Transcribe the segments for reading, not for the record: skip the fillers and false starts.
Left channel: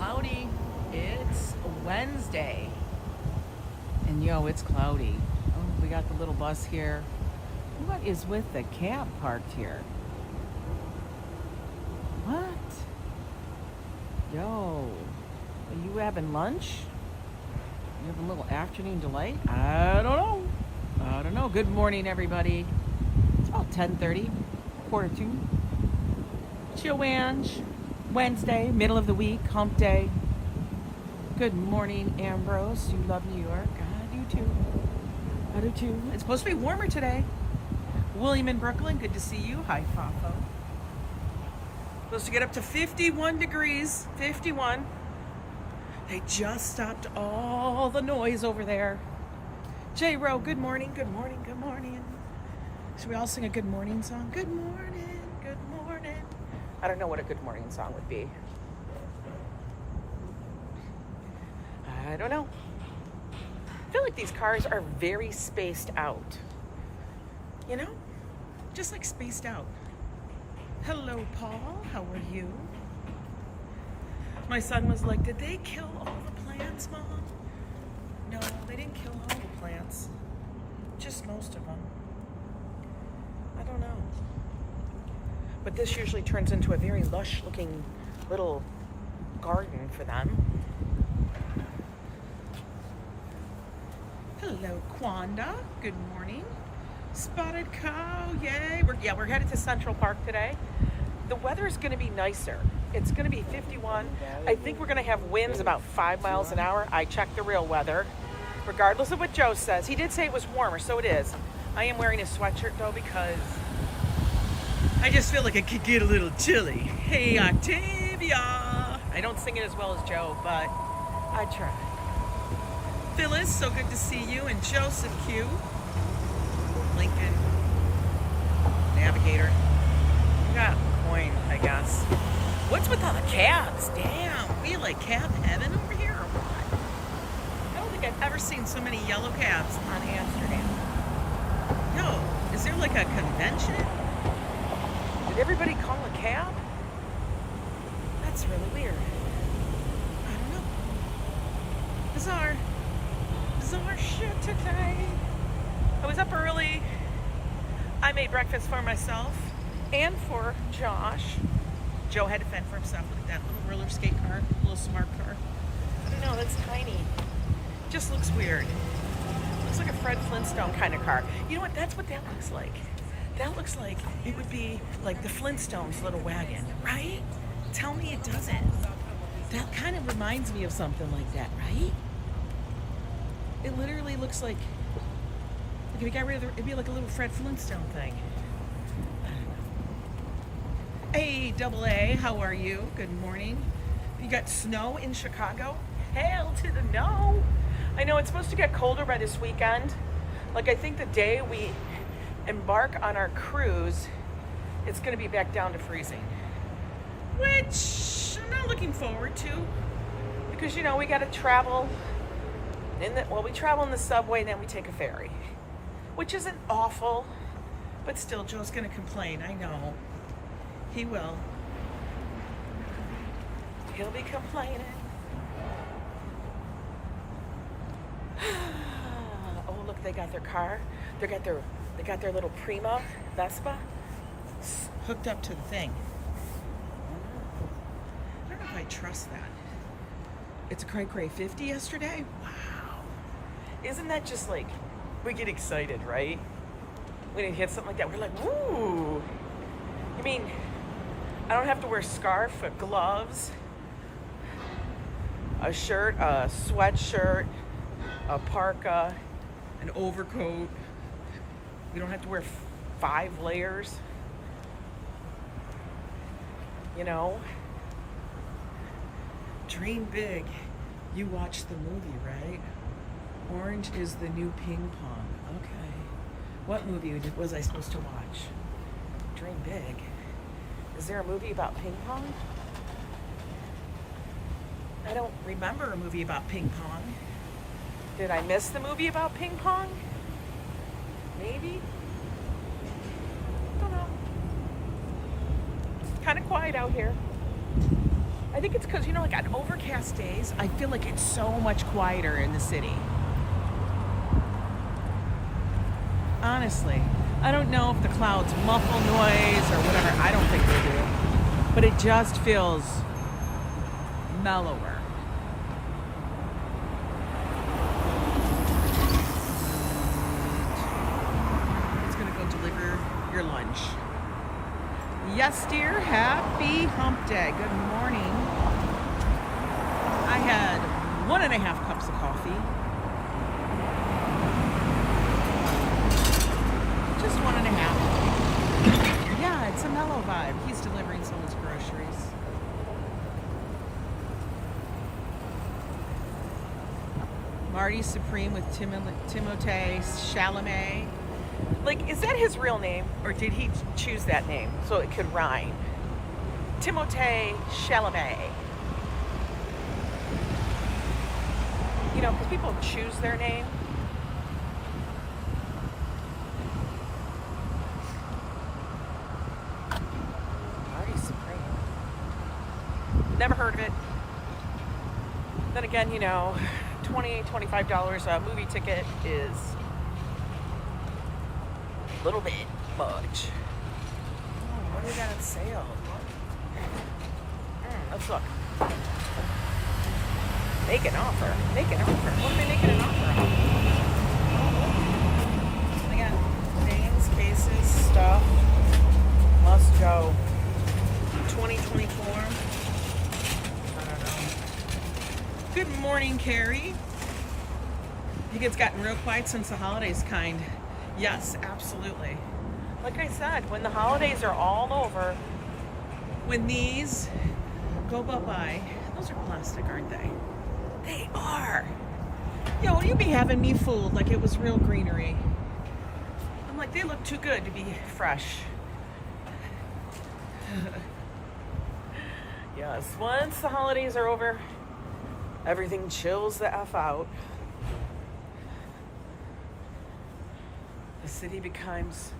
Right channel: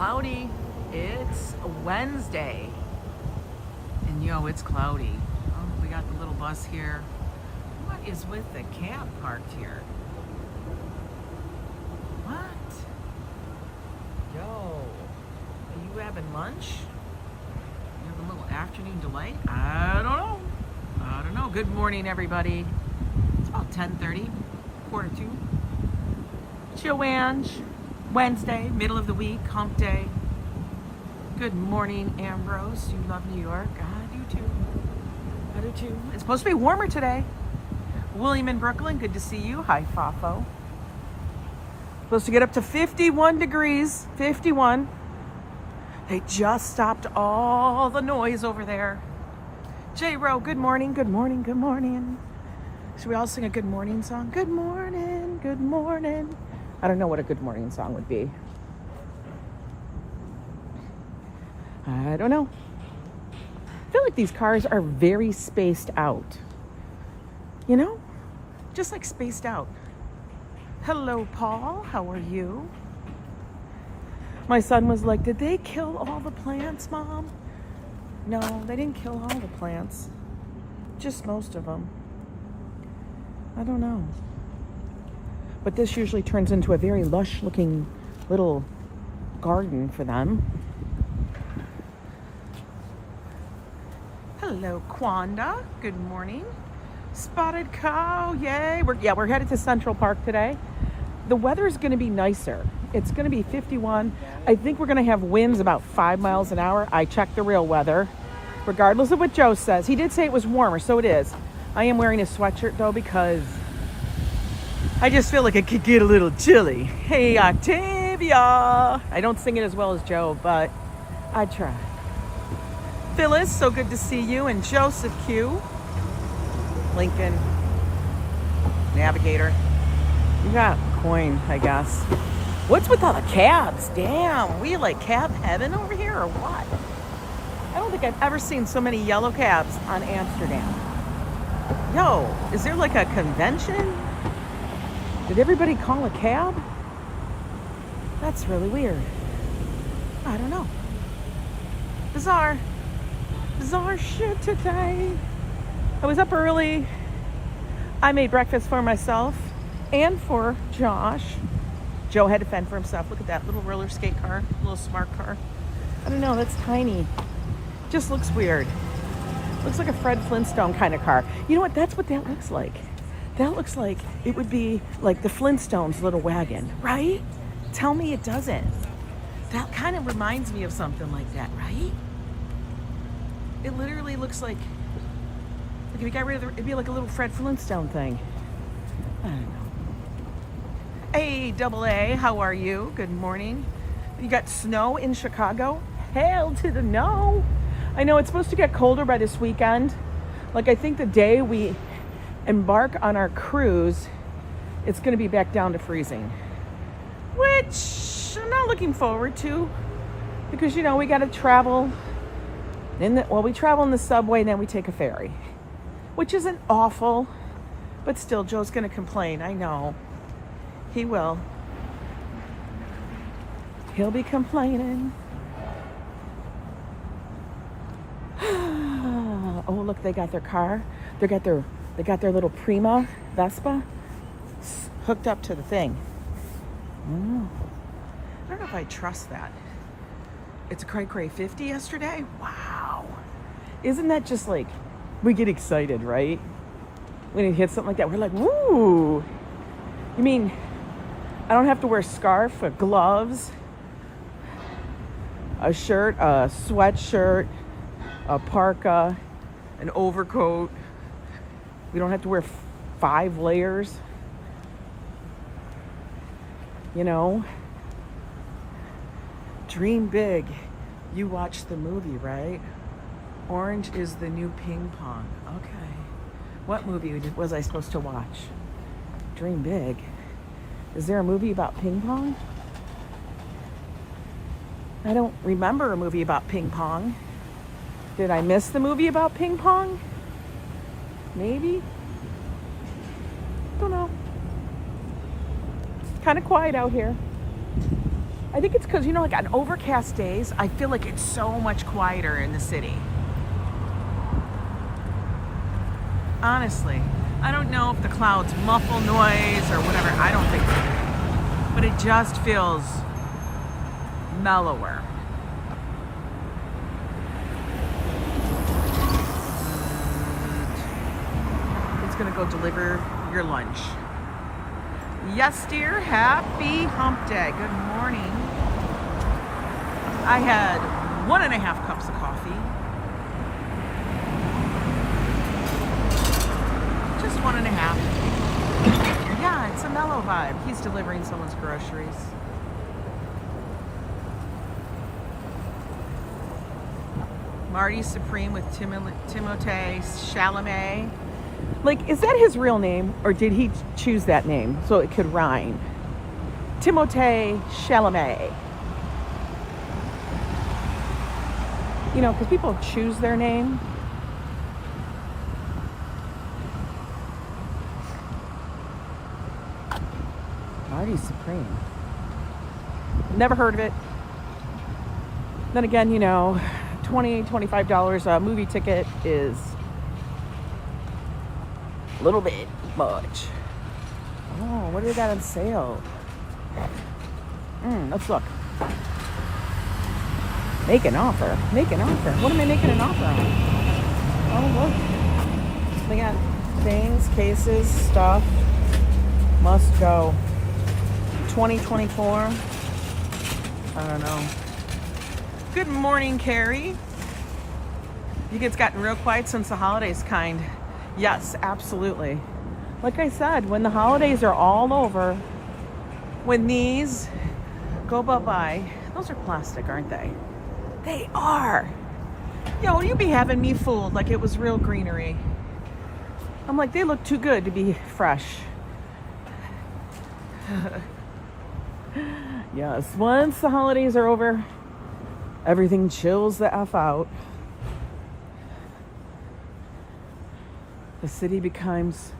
cloudy. It's Wednesday. And yo, it's cloudy. Oh, we got the little bus here. What is with the cab parked here? What? Yo, are you having lunch? You have a little afternoon delight? I don't know. Good morning, everybody. It's about 10:30, quarter to. It's Yo Ang, Wednesday, middle of the week, hump day. Good morning, Ambrose. You love New York. I do too. I do too. It's supposed to be warmer today. William in Brooklyn, good to see you. Hi, Fafo. Supposed to get up to 51 degrees. 51. They just stopped all the noise over there. J-Ro, good morning, good morning, good morning. Should we all sing a good morning song? Good morning, good morning. I don't know what a good morning song would be. I don't know. I feel like these cars are very spaced out. You know? Just like spaced out. Hello, Paul. How are you? My son was like, did they kill all the plants, Mom? No, they didn't kill all the plants. Just most of them. I don't know. But this usually turns into a very lush-looking little garden for them. Hello, Quanda. Good morning. Spotted cow, yay. We're headed to Central Park today. The weather's going to be nicer. It's going to be 51. I think we're going to have winds about 5 miles an hour. I checked the real weather, regardless of what Joe says. He did say it was warmer, so it is. I am wearing a sweatshirt, though, because I just feel like it could get a little chilly. Hey, Octavia. I don't sing it as well as Joe, but I try. Phyllis, so good to see you. And Joseph Q. Lincoln. Navigator. You got coin, I guess. What's with all the cabs? Damn, we like cab heaven over here or what? I don't think I've ever seen so many yellow cabs on Amsterdam. Yo, is there like a convention? Did everybody call a cab? That's really weird. I don't know. Bizarre shit today. I was up early. I made breakfast for myself and for Josh. Joe had to fend for himself. Look at that little roller skate car, little smart car. I don't know, that's tiny. Just looks weird. Looks like a Fred Flintstone kind of car. You know what? That's what that looks like. That looks like it would be like the Flintstones little wagon, right? Tell me it doesn't. That kind of reminds me of something like that, right? It literally looks like if you got rid of it'd be like a little Fred Flintstone thing. I don't know. Hey, Double A, how are you? Good morning. You got snow in Chicago? Hell to the no. I know it's supposed to get colder by this weekend. Like, I think the day we embark on our cruise, it's going to be back down to freezing. Which I'm not looking forward to. Because, you know, we got to travel. We travel in the subway and then we take a ferry. Which isn't awful. But still, Joe's going to complain. I know. He will. He'll be complaining. Oh, look, they got their car. They got their little Prima Vespa hooked up to the thing. I don't know if I trust that. It's a cray 50 yesterday. Wow. Isn't that just like, we get excited, right? When it hits something like that, we're like, woo. You mean I don't have to wear a scarf, or gloves, a shirt, a sweatshirt, a parka, an overcoat. We don't have to wear 5 layers. You know? Dream big. You watched the movie, right? Orange is the new ping pong. Okay. What movie was I supposed to watch? Dream big. Is there a movie about ping pong? I don't remember a movie about ping pong. Did I miss the movie about ping pong? Maybe? Don't know. Kind of quiet out here. I think it's because, you know, like on overcast days, I feel like it's so much quieter in the city. Honestly, I don't know if the clouds muffle noise or whatever. I don't think they do. But it just feels mellower. It's gonna go deliver your lunch. Yes, dear. Happy hump day. Good morning. I had 1.5 cups of coffee. Just 1.5. Yeah, it's a mellow vibe. He's delivering someone's groceries. Marty Supreme with Timothée Chalamet. Like, is that his real name, or did he choose that name so it could rhyme? Timothée Chalamet. You know, because people choose their name. Marty Supreme. Never heard of it. Then again, you know, $25 a movie ticket is a little bit much. Oh, what do they got on sale? Let's look. Make an offer. Make an offer. What am I making an offer on? Oh, look. They got things, cases, stuff. Must go. 2024. I don't know. Good morning, Carrie. You think it's gotten real quiet since the holidays, kind? Yes, absolutely. Like I said, when the holidays are all over, when these go bye-bye, those are plastic, aren't they? They are. Yo, you be having me fooled like it was real greenery. I'm like, they look too good to be fresh. Yes, once the holidays are over, everything chills the F out. The city becomes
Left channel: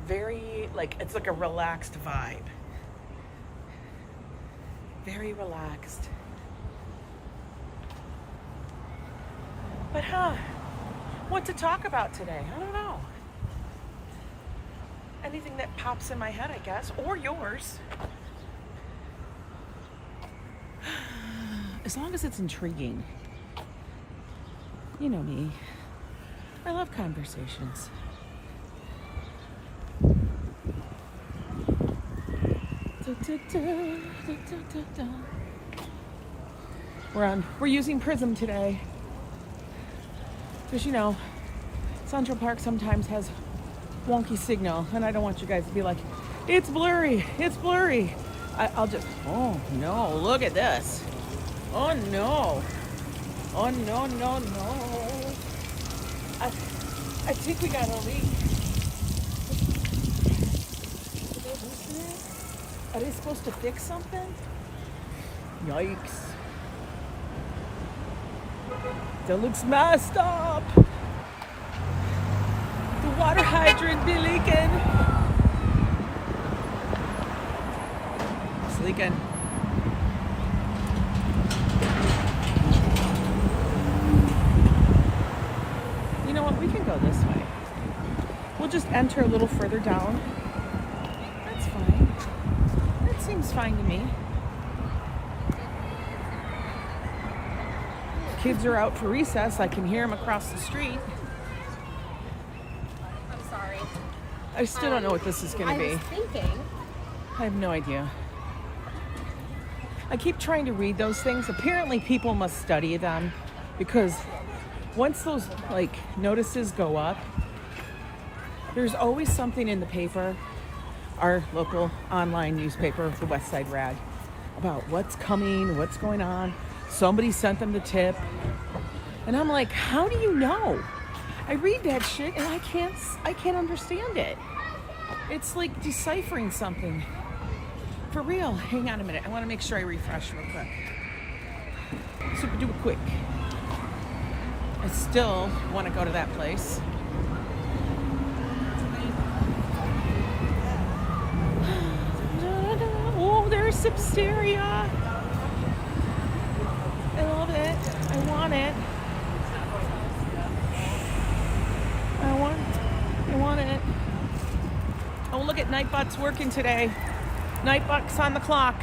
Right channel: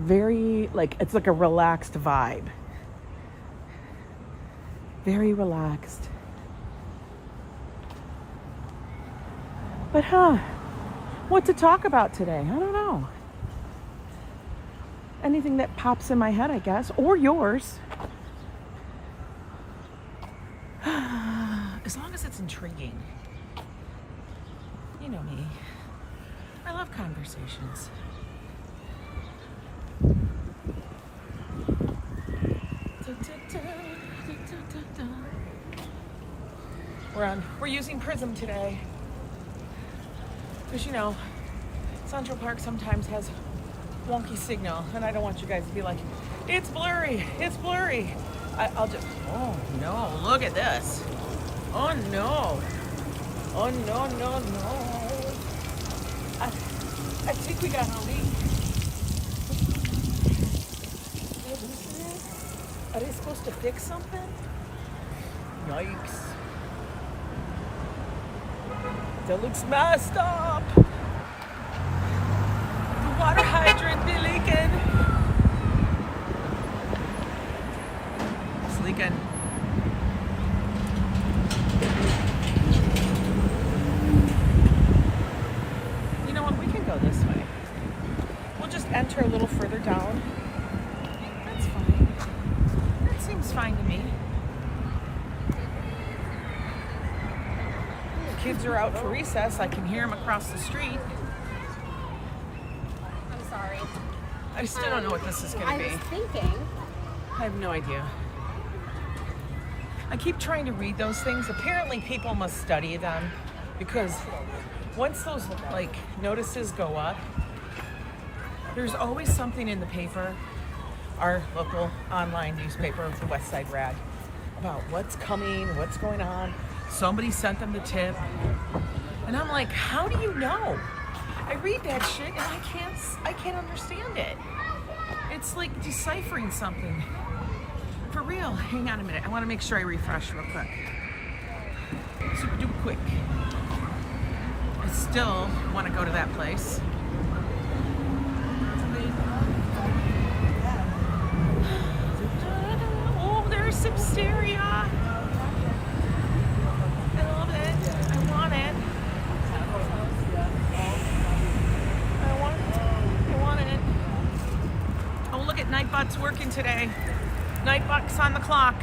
very, like, it's like a relaxed vibe. Very relaxed. But what to talk about today? I don't know. Anything that pops in my head, I guess, or yours. As long as it's intriguing. You know me. I love conversations. We're using Prism today. Because, you know, Central Park sometimes has wonky signal, and I don't want you guys to be like, it's blurry, it's blurry. I'll just, oh no, look at this. Oh no. Oh no, no, no. I think we got a leak. Are they supposed to fix something? Yikes. That looks messed up. The water hydrant be leaking. It's leaking. You know what? We can go this way. We'll just enter a little further down. That's fine. That seems fine to me. Kids are out for recess. I can hear them across the street. I'm sorry. I still don't know what this is going to be. I was thinking. I have no idea. I keep trying to read those things. Apparently people must study them, because once those like notices go up, there's always something in the paper, our local online newspaper, the West Side Rag, about what's coming, what's going on. Somebody sent them the tip. And I'm like, how do you know? I read that shit and I can't understand it. It's like deciphering something. For real. Hang on a minute. I want to make sure I refresh real quick. Super duper quick. I still want to go to that place. Oh, there's Sepsteria. I love it. I want it. I want it. Oh, look at Nightbot's working today. Nightbot's on the clock.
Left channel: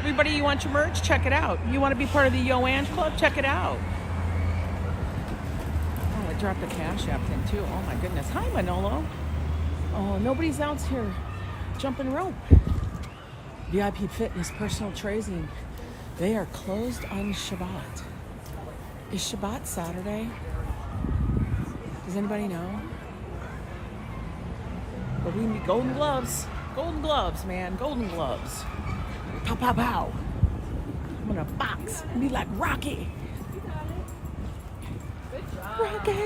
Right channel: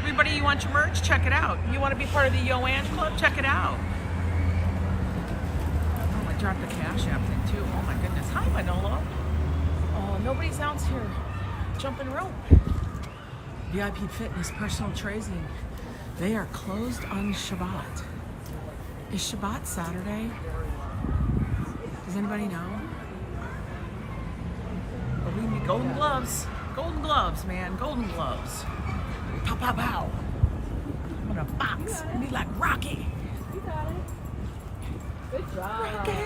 Everybody, you want your merch? Check it out. You want to be part of the Yo Ang Club? Check it out. Oh, I dropped the Cash App thing too. Oh my goodness. Hi, Manolo. Oh, nobody's else here. Jumping rope. VIP Fitness, personal training. They are closed on Shabbat. Is Shabbat Saturday? Does anybody know? But we need golden gloves. Golden gloves, man. Golden gloves. Pow, pow, pow. I'm gonna box and be like Rocky. You got it. Good job. Rocky.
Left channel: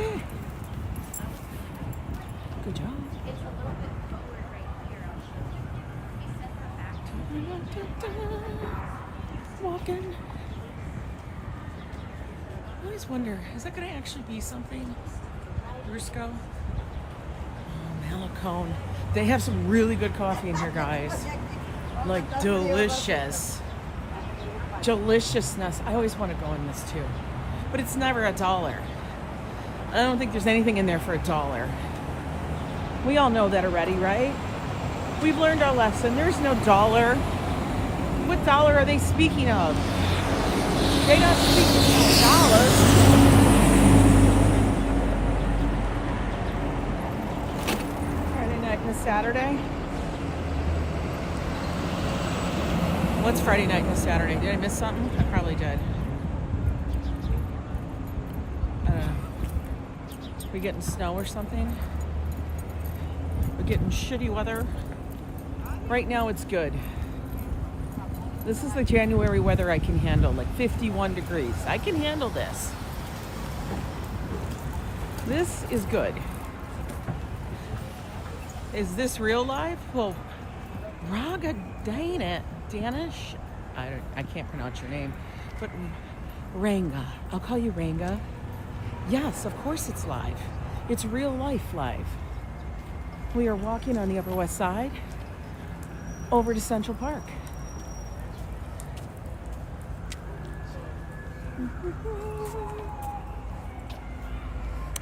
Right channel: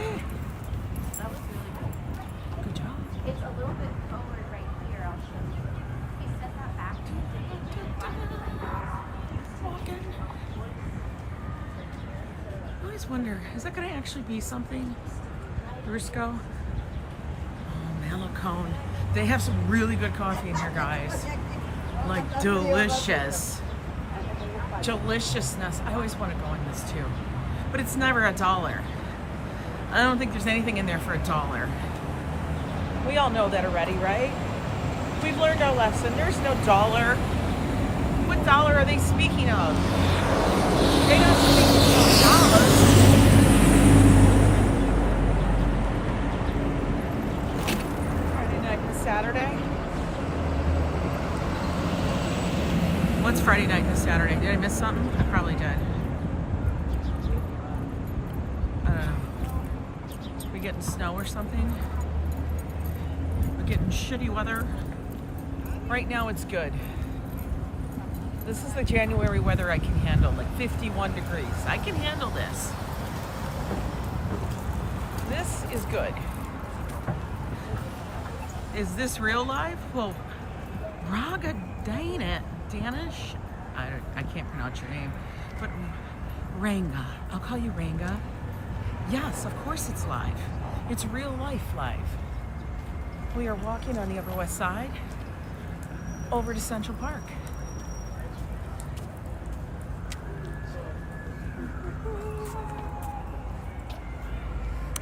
Good job. It's a little bit colder right here. I'll show you. We set that back. Walking. I always wonder, is that gonna actually be something? Brusco? Oh, Malacone. They have some really good coffee in here, guys. Like delicious. Deliciousness. I always want to go in this too. But it's never $1. I don't think there's anything in there for $1. We all know that already, right? We've learned our lesson. There's no dollar. What dollar are they speaking of? They're not speaking of dollars. Friday night and Saturday. What's Friday night and Saturday? Did I miss something? I probably did. I don't know. We getting snow or something? We're getting shitty weather. Right now it's good. This is the January weather I can handle, like 51 degrees. I can handle this. This is good. Is this real life? Well, Raga Danish? I can't pronounce your name, but Ranga. I'll call you Ranga. Yes, of course it's live. It's real life live. We are walking on the Upper West Side over to Central Park.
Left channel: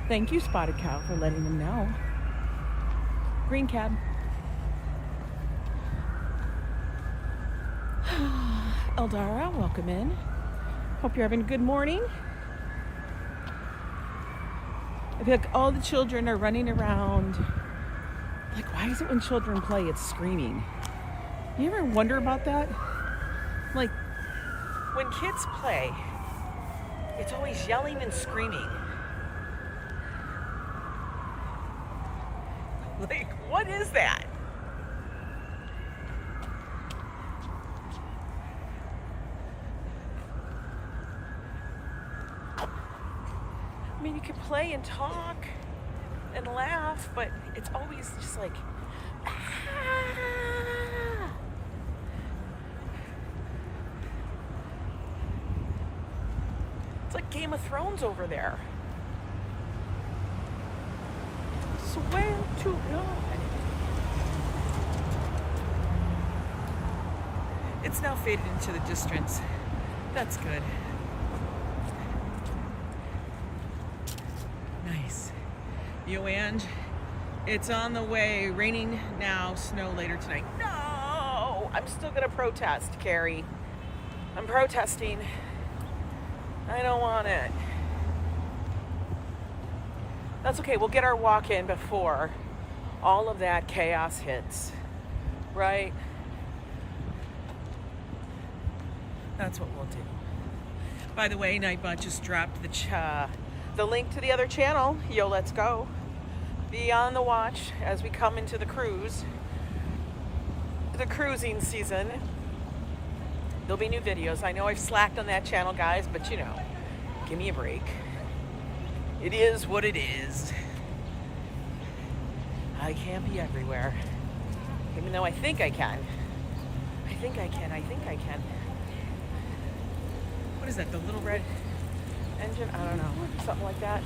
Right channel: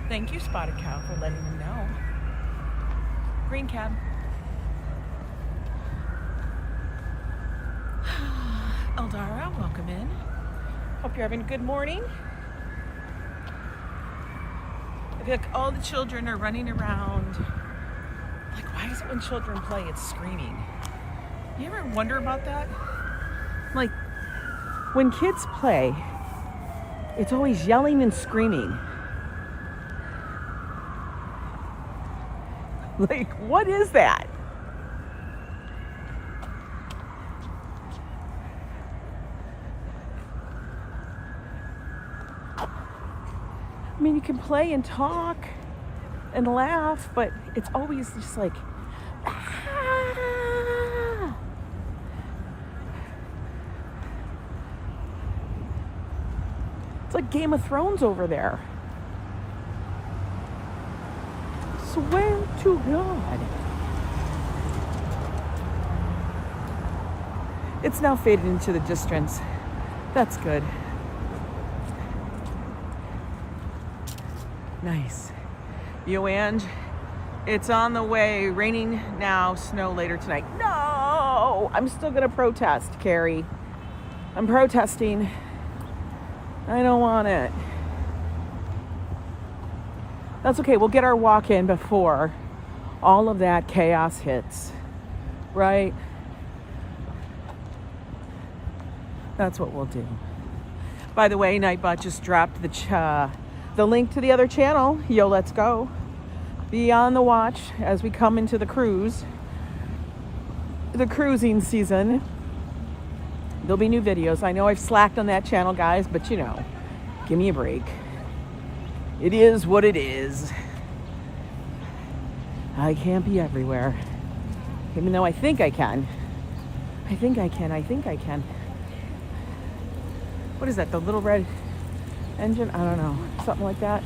Thank you, Spotted Cow, for letting me know. Green cab. Eldara, welcome in. Hope you're having a good morning. I feel like all the children are running around. Like, why is it when children play, it's screaming? You ever wonder about that? Like, when kids play, it's always yelling and screaming. Like, what is that? I mean, you can play and talk and laugh, but it's always just like, it's like Game of Thrones over there. Swear to God. It's now faded into the distance. That's good. Nice. Yo Ang, it's on the way. Raining now, snow later tonight. No! I'm still gonna protest, Carrie. I'm protesting. I don't want it. That's okay, we'll get our walk in before all of that chaos hits, right? That's what we'll do. By the way, Nightbot just dropped the link to the other channel, Yo Let's Go. Be on the watch as we come into the cruising season. There'll be new videos. I know I've slacked on that channel, guys, but you know, give me a break. It is what it is. I can't be everywhere. Even though I think I can. I think I can. What is that, the little red engine? I don't know. Something like that.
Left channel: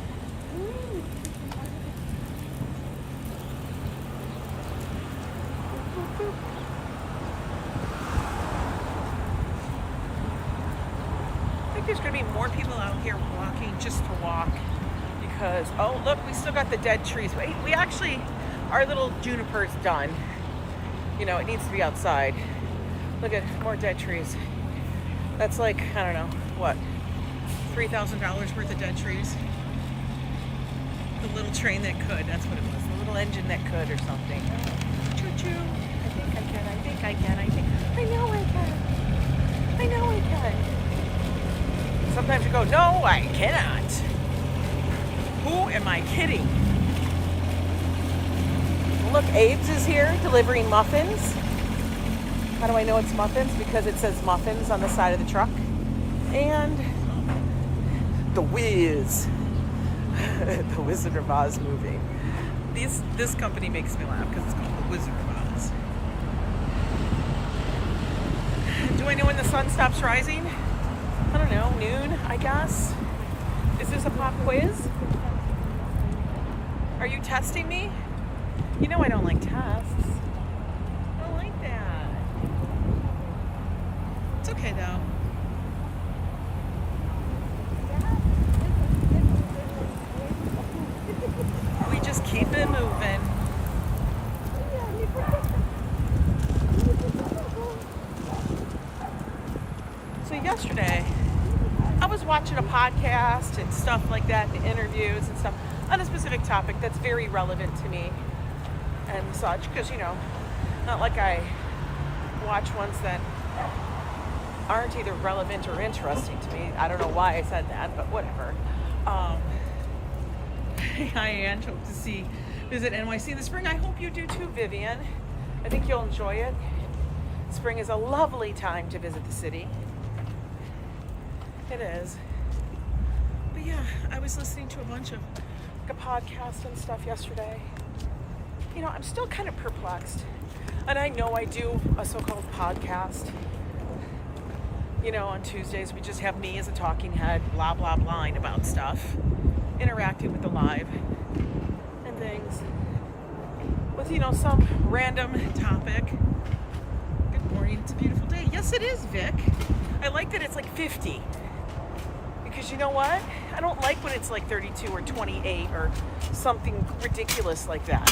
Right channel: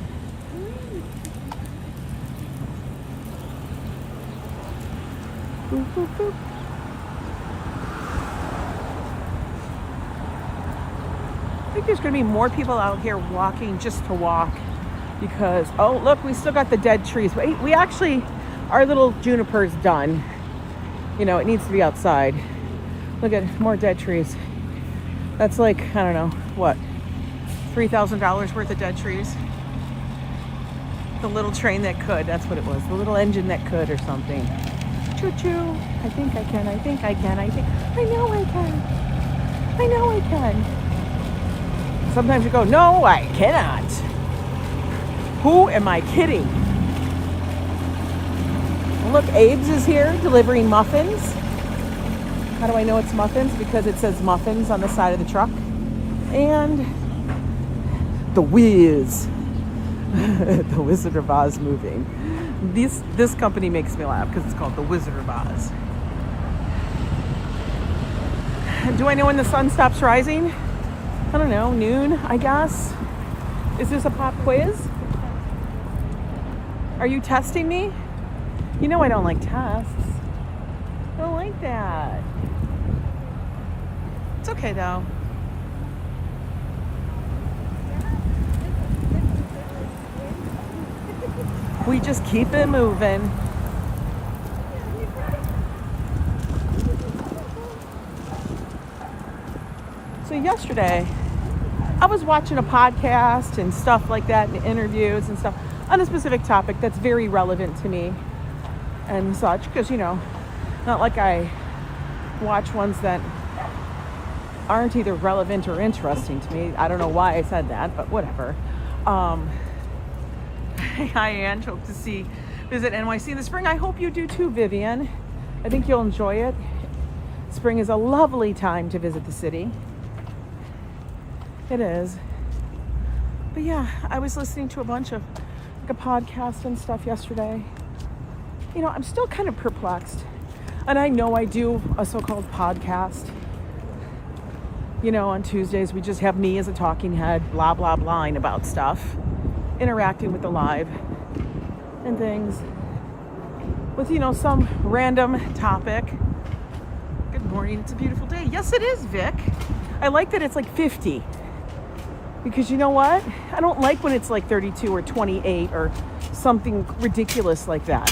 there's going to be more people out here walking just to walk because, oh, look, we still got the dead trees. We actually, our little juniper's done. You know, it needs to be outside. Look at more dead trees. That's like, I don't know, what, $3,000 worth of dead trees? The little train that could, that's what it was. The little engine that could or something. Choo-choo. I think I can, I think I can, I know I can. I know I can. Sometimes you go, no, I cannot. Who am I kidding? Look, Abe's is here delivering muffins. How do I know it's muffins? Because it says muffins on the side of the truck. And the Wiz. The Wizard of Oz moving. This company makes me laugh because it's called the Wizard of Oz. Do I know when the sun stops rising? I don't know, noon, I guess. Is this a pop quiz? Are you testing me? You know I don't like tests. I don't like that. It's okay though. We just keep it moving. So yesterday, I was watching a podcast and stuff like that, and interviews and stuff on a specific topic that's very relevant to me and such, because, you know, not like I watch ones that aren't either relevant or interesting to me. I don't know why I said that, but whatever. Hi, Ann. Hope to visit NYC in the spring. I hope you do too, Vivian. I think you'll enjoy it. Spring is a lovely time to visit the city. It is. But yeah, I was listening to a bunch of podcasts and stuff yesterday. You know, I'm still kind of perplexed. And I know I do a so-called podcast. You know, on Tuesdays, we just have me as a talking head, blah, blah, blahing about stuff. Interacting with the live and things. With, you know, some random topic. Good morning, it's a beautiful day. Yes, it is, Vic. I like that it's like 50. Because you know what? I don't like when it's like 32 or 28 or something ridiculous like that.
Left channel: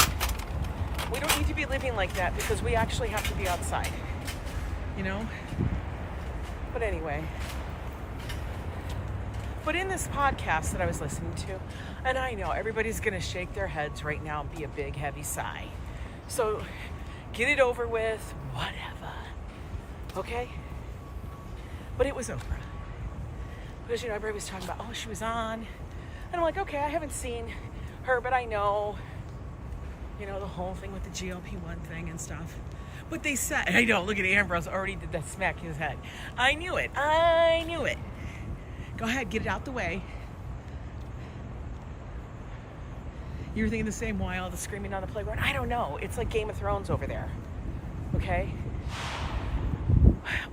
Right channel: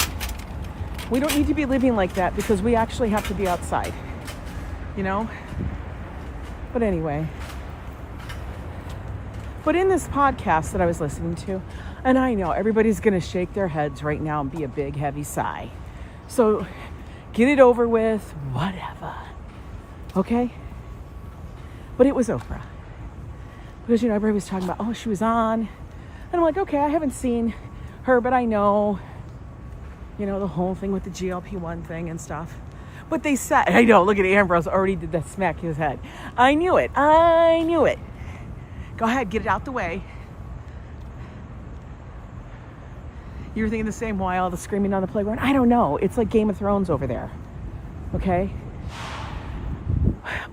We don't need to be living like that because we actually have to be outside. You know? But anyway. But in this podcast that I was listening to, and I know everybody's going to shake their heads right now and be a big heavy sigh. So get it over with, whatever. Okay? But it was Oprah. Because, you know, everybody was talking about, oh, she was on. And I'm like, okay, I haven't seen her, but I know, you know, the whole thing with the GLP-1 thing and stuff. But they said, I know, look at Ambrose, already did that smack his head. I knew it. I knew it. Go ahead, get it out the way. You were thinking the same why all the screaming on the playground? I don't know. It's like Game of Thrones over there. Okay?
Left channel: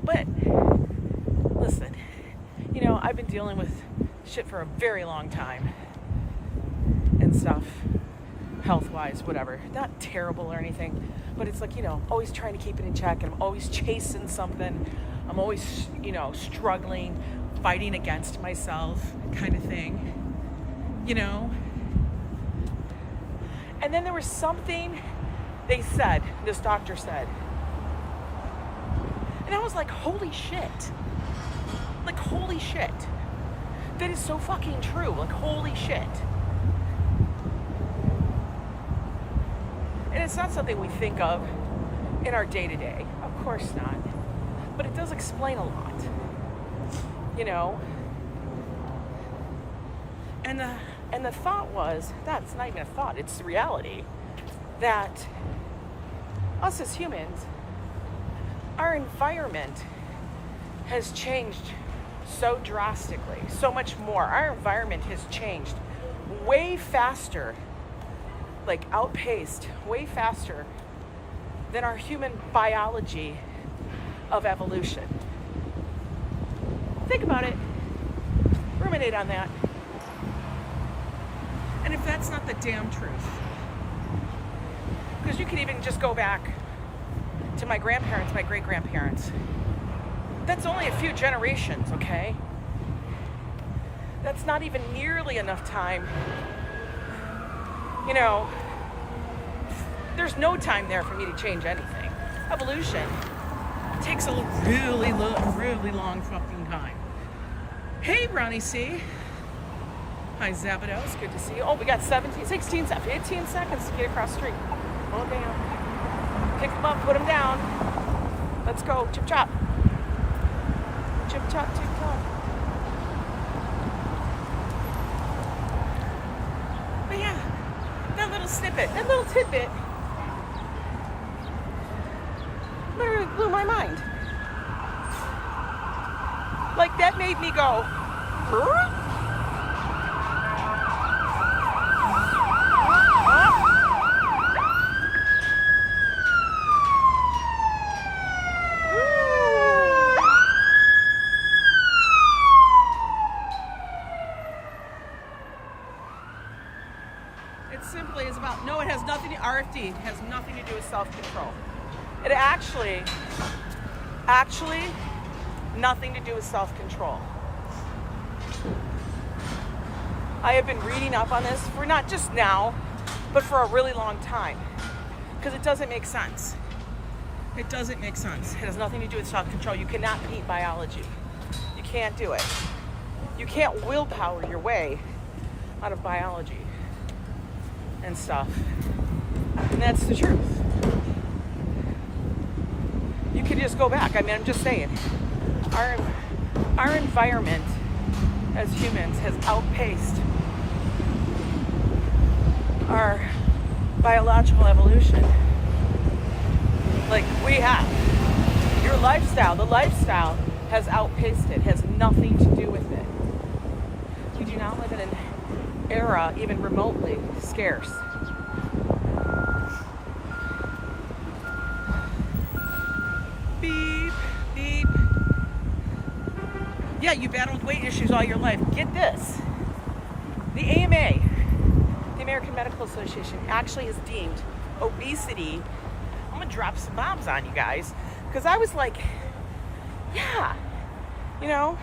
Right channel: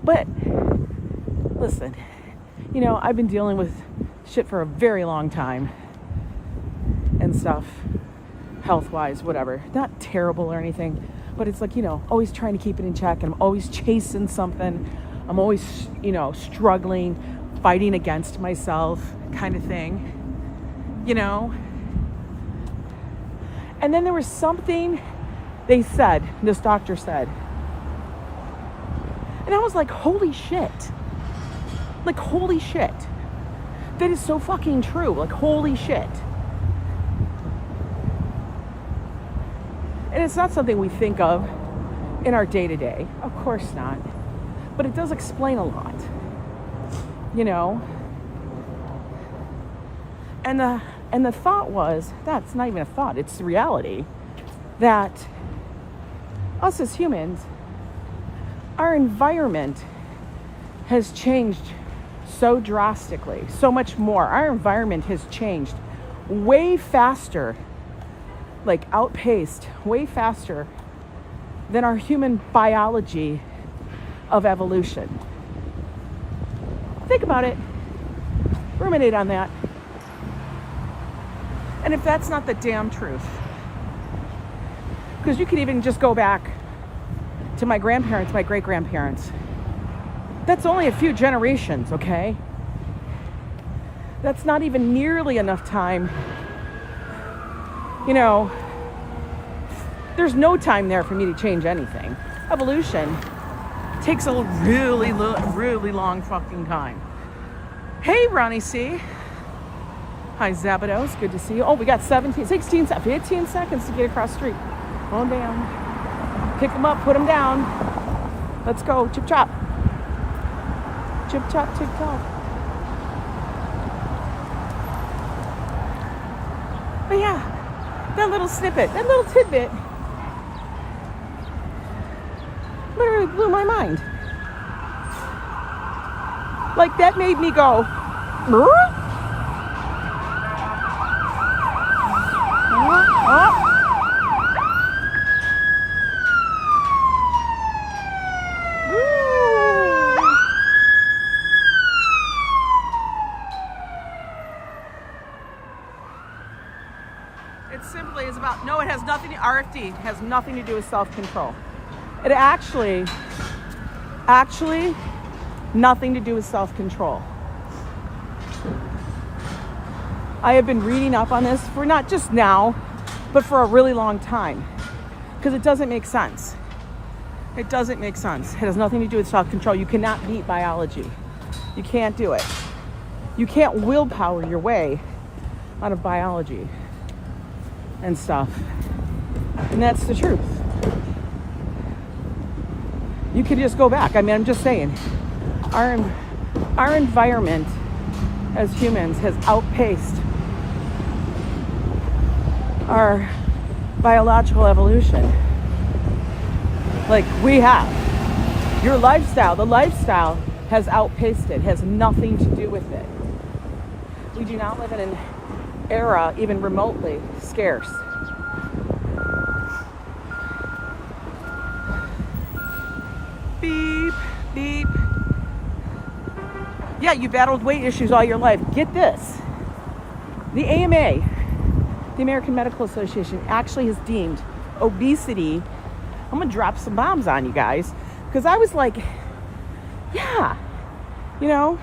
But, listen. You know, I've been dealing with shit for a very long time and stuff, health-wise, whatever. Not terrible or anything, but it's like, you know, always trying to keep it in check. I'm always chasing something. I'm always, you know, struggling, fighting against myself kind of thing, you know. And then there was something they said, this doctor said, and I was like, holy shit. Like, holy shit. That is so fucking true. Like, holy shit. And it's not something we think of in our day-to-day. Of course not. But it does explain a lot. You know? And the thought was, that's not even a thought, it's the reality, that us as humans, our environment has changed so drastically, so much more. Our environment has changed way faster, like outpaced way faster than our human biology of evolution. Think about it. Ruminate on that. And if that's not the damn truth, because you could even just go back to my grandparents, my great-grandparents. That's only a few generations, okay? That's not even nearly enough time. You know, there's no time there for me to change anything. Evolution takes a really long fucking time. Hey, Ronnie C. Hi, Szabados. Good to see you. Oh, we got 15 seconds to get across the street. Oh, damn. Pick them up, put them down. Let's go. Chip chop. Chip chop, chip chop. But yeah, that little snippet, that little tidbit literally blew my mind. Like, that made me go, "Huh?" It simply is about, no, it has nothing, RFD has nothing to do with self-control. It actually nothing to do with self-control. I have been reading up on this for not just now, but for a really long time, because it doesn't make sense. It doesn't make sense. It has nothing to do with self-control. You cannot beat biology. You can't do it. You can't willpower your way out of biology and stuff. And that's the truth. You can just go back. I mean, I'm just saying, our environment as humans has outpaced our biological evolution. Like, we have. Your lifestyle, the lifestyle has outpaced it, has nothing to do with it. We do not live in an era even remotely scarce. Beep, beep. Yeah, you battled weight issues all your life. Get this. The AMA, the American Medical Association, actually has deemed obesity, I'm gonna drop some bombs on you guys, because I was like, yeah, you know,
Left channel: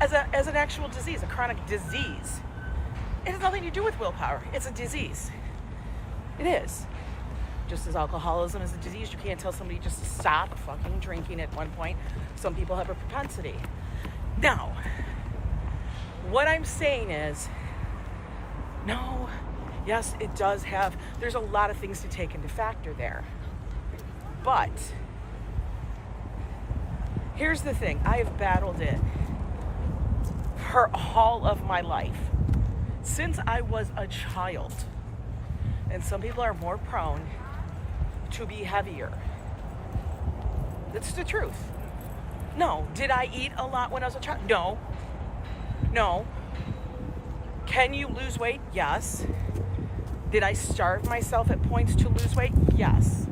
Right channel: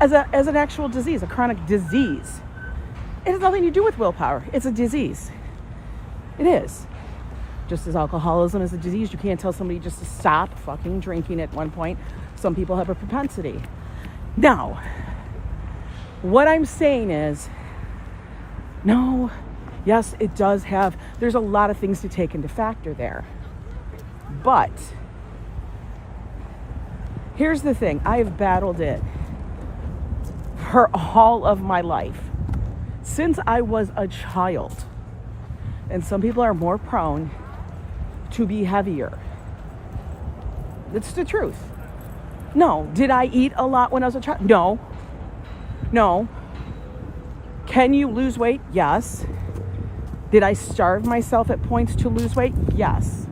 as an actual disease, a chronic disease. It has nothing to do with willpower. It's a disease. It is. Just as alcoholism is a disease, you can't tell somebody just to stop fucking drinking at one point. Some people have a propensity. Now, what I'm saying is, no, yes, it does have, there's a lot of things to take into factor there. But here's the thing, I have battled it for all of my life. Since I was a child. And some people are more prone to be heavier. It's the truth. No. Did I eat a lot when I was a child? No. No. Can you lose weight? Yes. Did I starve myself at points to lose weight? Yes.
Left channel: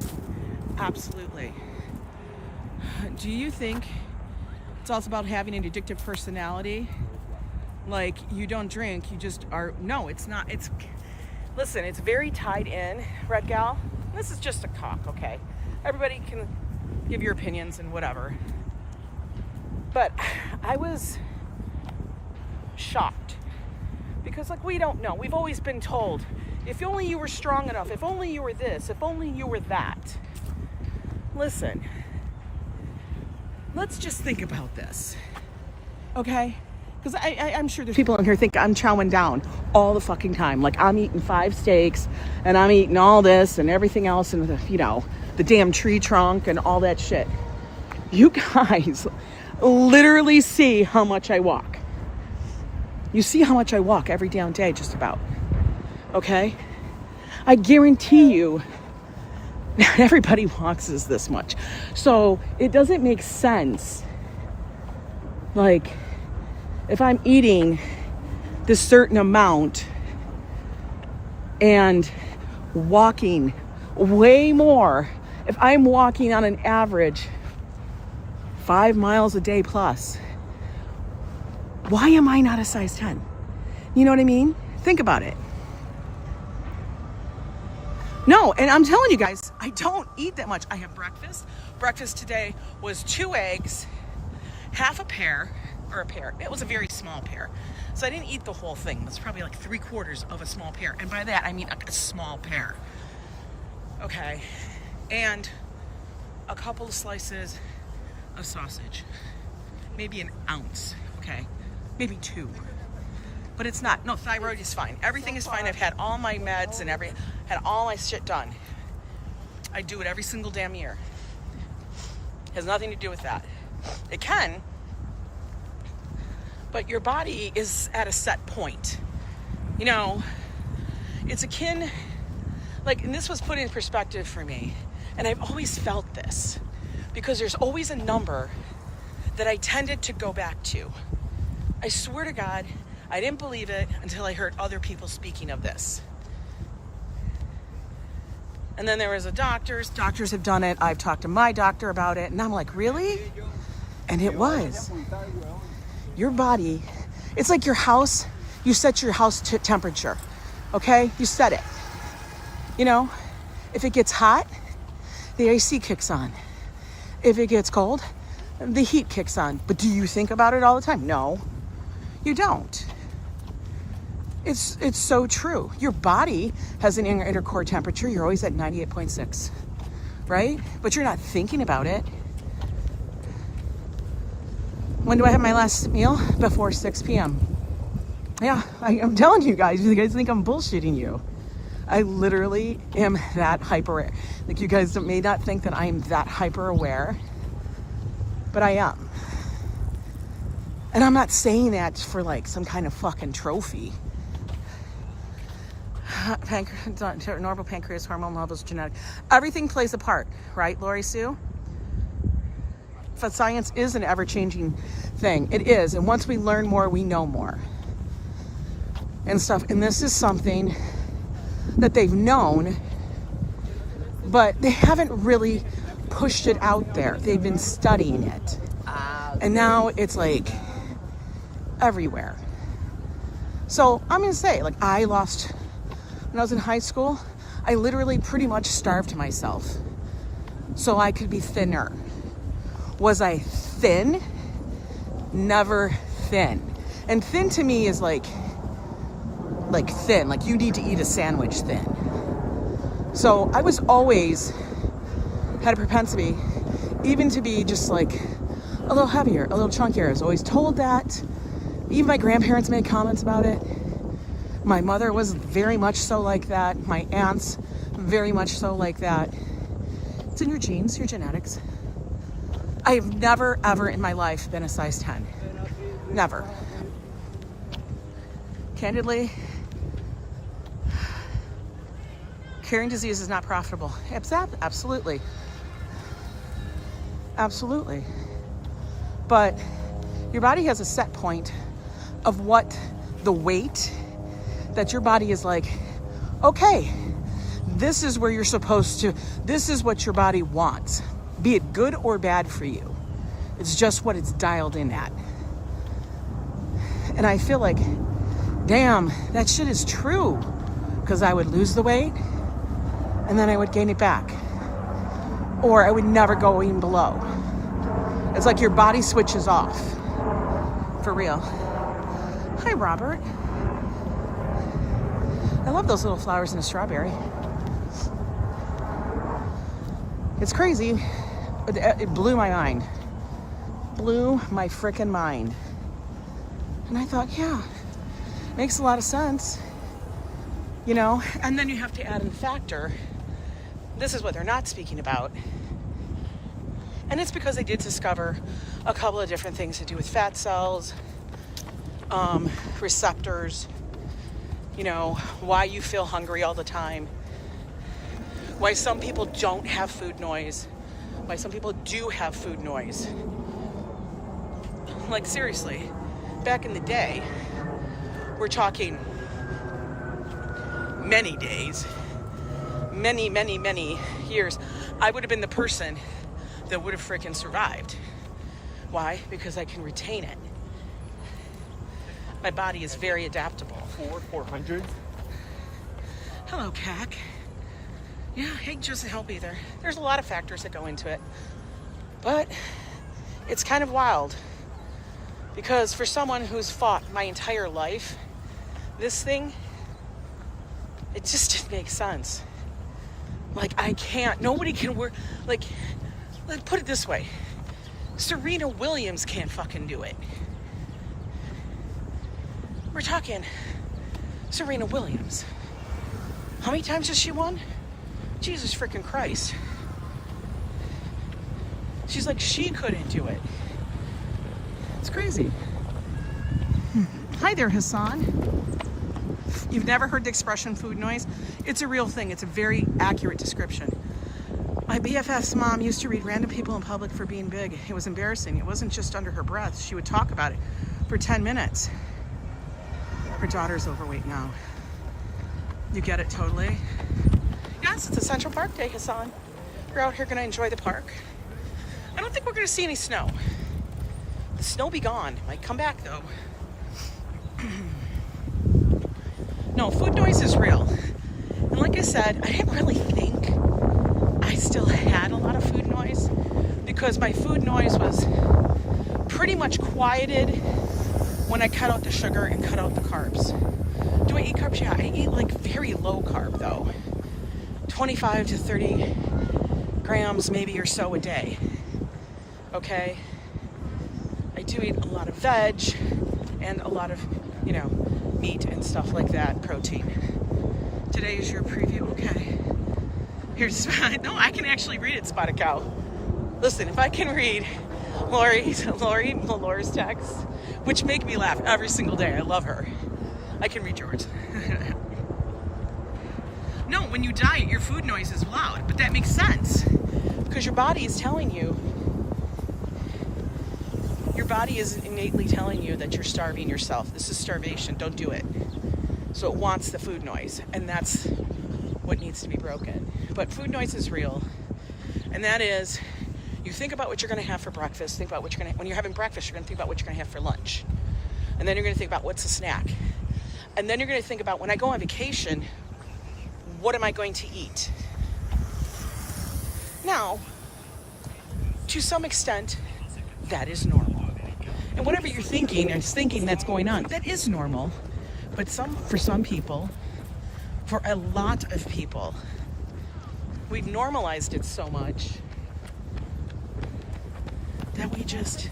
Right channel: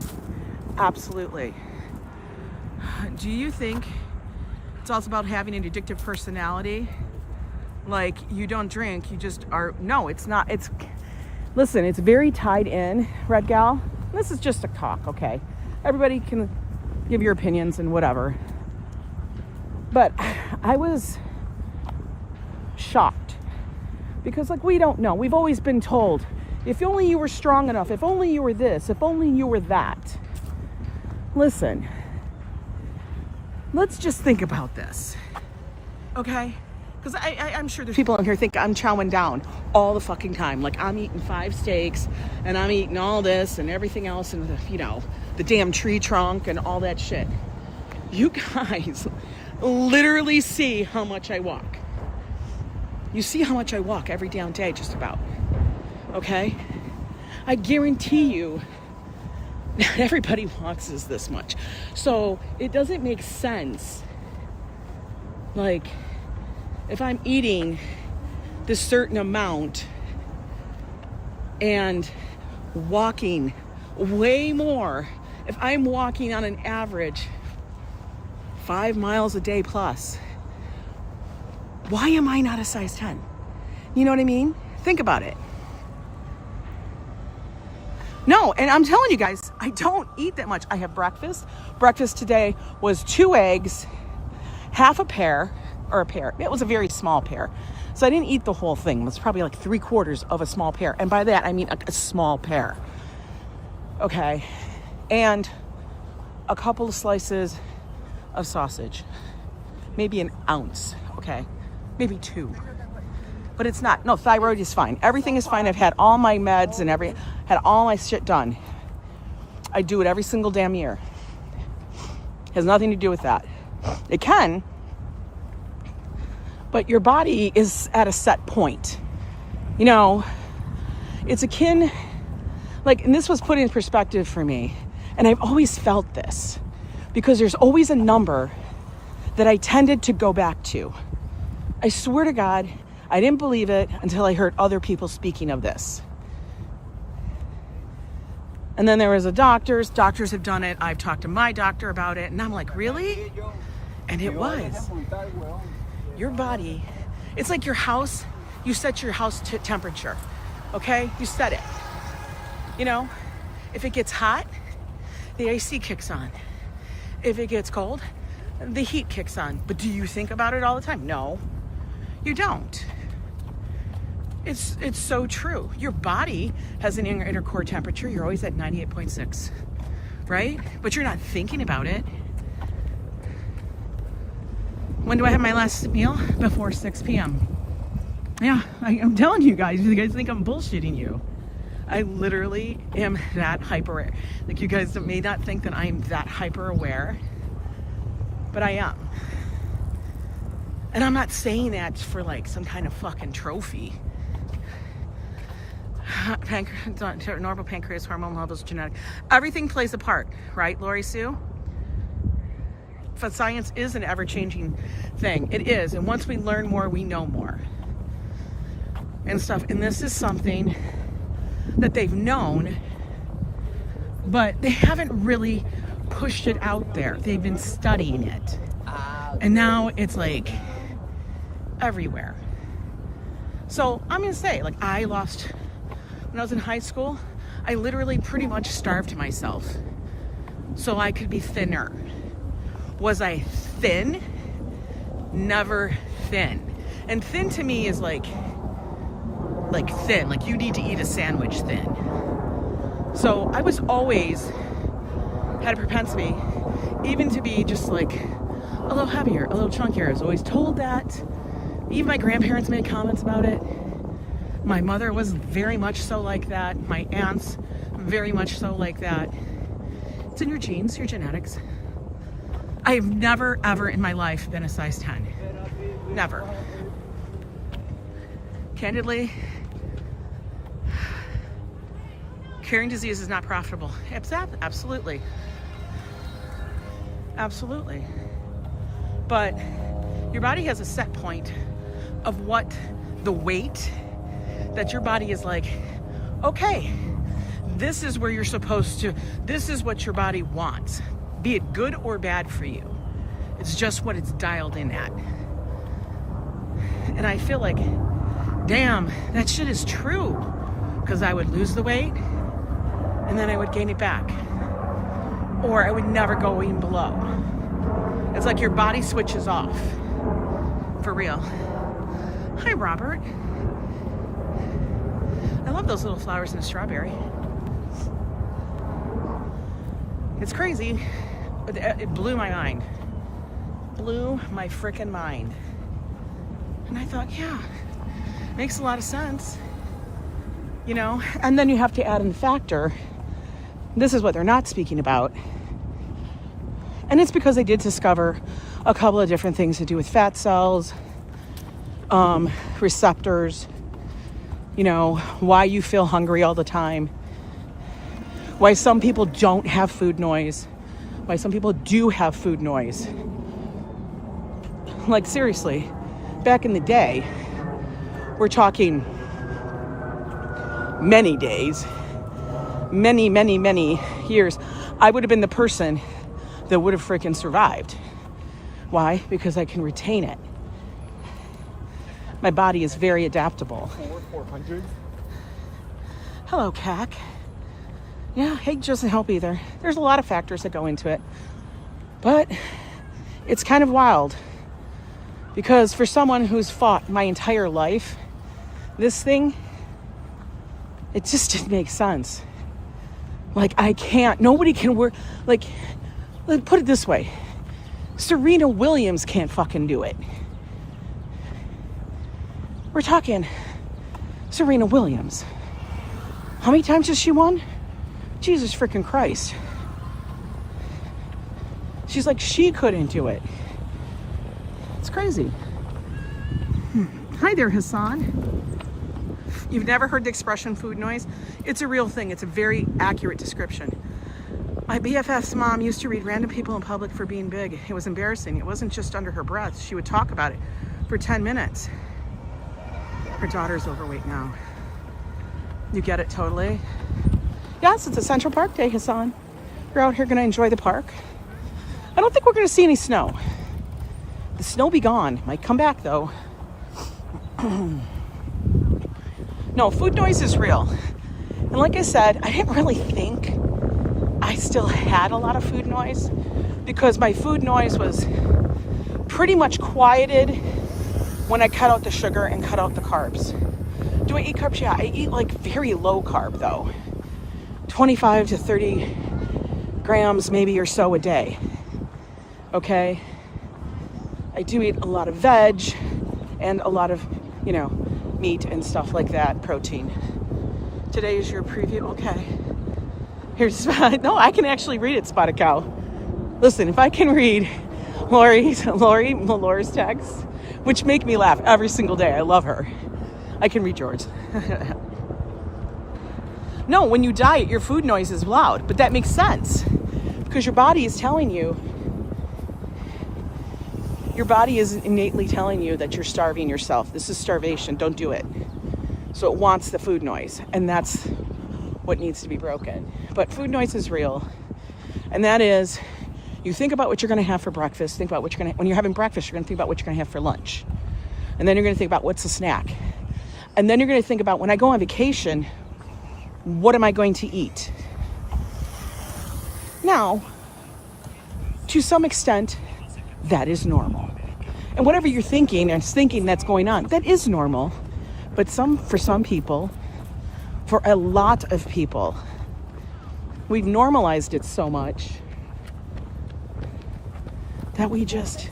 Absolutely. Do you think it's also about having an addictive personality? Like, you don't drink, you just are. No, it's not. It's, listen, it's very tied in, Red Gal. This is just a talk, okay? Everybody can give your opinions and whatever. But I was shocked because, like, we don't know. We've always been told, if only you were strong enough, if only you were this, if only you were that. Listen, let's just think about this, okay? Because I'm sure there's people in here think I'm chowing down all the fucking time. Like, I'm eating 5 steaks and I'm eating all this and everything else and, you know, the damn tree trunk and all that shit. You guys literally see how much I walk. You see how much I walk every damn day, just about. Okay? I guarantee you, not everybody walks this much. So it doesn't make sense. Like, if I'm eating this certain amount and walking way more, if I'm walking on an average 5 miles a day plus, why am I not a size 10? You know what I mean? Think about it. No, and I'm telling you guys, I don't eat that much. I have breakfast. Breakfast today was 2 eggs, half a pear, or a pear. It was a very small pear. So I didn't eat the whole thing. It was probably like 3/4 of a small pear. And by that, I mean a small pear. Okay. And a couple of slices of sausage. Maybe an ounce, okay? Maybe 2. But it's not. No, thyroid is fine. Everything is fine. I've had all my meds and had all my shit done. I do it every single damn year. Has nothing to do with that. It can, but your body is at a set point. You know, it's akin, like, and this was put in perspective for me, and I've always felt this, because there's always a number that I tended to go back to. I swear to God, I didn't believe it until I heard other people speaking of this. And then there was doctors have done it. I've talked to my doctor about it, and I'm like, really? And it was. Your body, it's like your house, you set your house to temperature, okay? You set it. You know, if it gets hot, the AC kicks on. If it gets cold, the heat kicks on. But do you think about it all the time? No, you don't. It's so true. Your body has an inner core temperature. You're always at 98.6, right? But you're not thinking about it. When do I have my last meal? Before 6 p.m. Yeah, I'm telling you guys think I'm bullshitting you. I literally am that hyper. Like, you guys may not think that I'm that hyper aware, but I am. And I'm not saying that for like some kind of fucking trophy. Normal pancreas, hormone levels, genetic. Everything plays a part, right, Lori Sue? But science is an ever-changing thing. It is. And once we learn more, we know more. And stuff. And this is something that they've known, but they haven't really pushed it out there. They've been studying it. And now it's like everywhere. So I'm going to say, like, I lost, when I was in high school, I literally pretty much starved myself so I could be thinner. Was I thin? Never thin. And thin to me is like thin, like you need to eat a sandwich thin. So I was always, had a propensity even to be just like a little heavier, a little chunkier. I was always told that. Even my grandparents made comments about it. My mother was very much so like that. My aunts, very much so like that. It's in your genes, your genetics. I have never, ever in my life been a size 10. Never. Candidly, carrying disease is not profitable. Absolutely. Absolutely. But your body has a set point of what the weight that your body is like, okay, this is where you're supposed to, this is what your body wants. Be it good or bad for you. It's just what it's dialed in at. And I feel like, damn, that shit is true. Because I would lose the weight and then I would gain it back. Or I would never go even below. It's like your body switches off. For real. Hi, Robert. I love those little flowers in a strawberry. It's crazy. It blew my mind. Blew my frickin' mind. And I thought, yeah, makes a lot of sense. You know, and then you have to add in the factor. This is what they're not speaking about. And it's because they did discover a couple of different things to do with fat cells, receptors, you know, why you feel hungry all the time, why some people don't have food noise, why some people do have food noise. Like, seriously, back in the day, we're talking many days, many years, I would have been the person that would have freaking survived. Why? Because I can retain it. My body is very adaptable. 400. Hello, CAC. Yeah, age doesn't help either. There's a lot of factors that go into it. But it's kind of wild Because for someone who's fought my entire life, this thing, it just didn't make sense. Like, I can't, nobody can work, like, put it this way. Serena Williams can't fucking do it. We're talking Serena Williams. How many times has she won? Jesus freaking Christ. She's like, she couldn't do it. It's crazy. Hi there, Hassan. You've never heard the expression food noise? It's a real thing. It's a very accurate description. My BFF's mom used to read random people in public for being big. It was embarrassing. It wasn't just under her breath. She would talk about it for 10 minutes. Her daughter's overweight now. You get it totally? Yes, it's a Central Park day, Hassan. You're out here gonna enjoy the park. I don't think we're gonna see any snow. The snow be gone. Might come back though. No, food noise is real. And like I said, I didn't really think I still had a lot of food noise because my food noise was pretty much quieted when I cut out the sugar and cut out the carbs. Do I eat carbs? Yeah, I eat like very low carb though. 25 to 30 grams maybe or so a day. Okay? I do eat a lot of veg and a lot of, you know, meat and stuff like that, protein. Today is your preview. Okay. Here's, no, I can actually read it, Spotted Cow. Listen, if I can read Lori's texts, which make me laugh every single day. I love her. I can read yours. No, when you diet, your food noise is loud, but that makes sense because your body is telling you, your body is innately telling you that you're starving yourself. This is starvation. Don't do it. So it wants the food noise, and that's what needs to be broken. But food noise is real, and that is, you think about what you're going to have for breakfast. Think about what you're going to, when you're having breakfast, you're going to think about what you're going to have for lunch, and then you're going to think about what's a snack, and then you're going to think about, when I go on vacation, what am I going to eat? Now, to some extent, that is normal. And whatever you're thinking and thinking that's going on, that is normal. But for some people, for a lot of people, we've normalized it so much that we just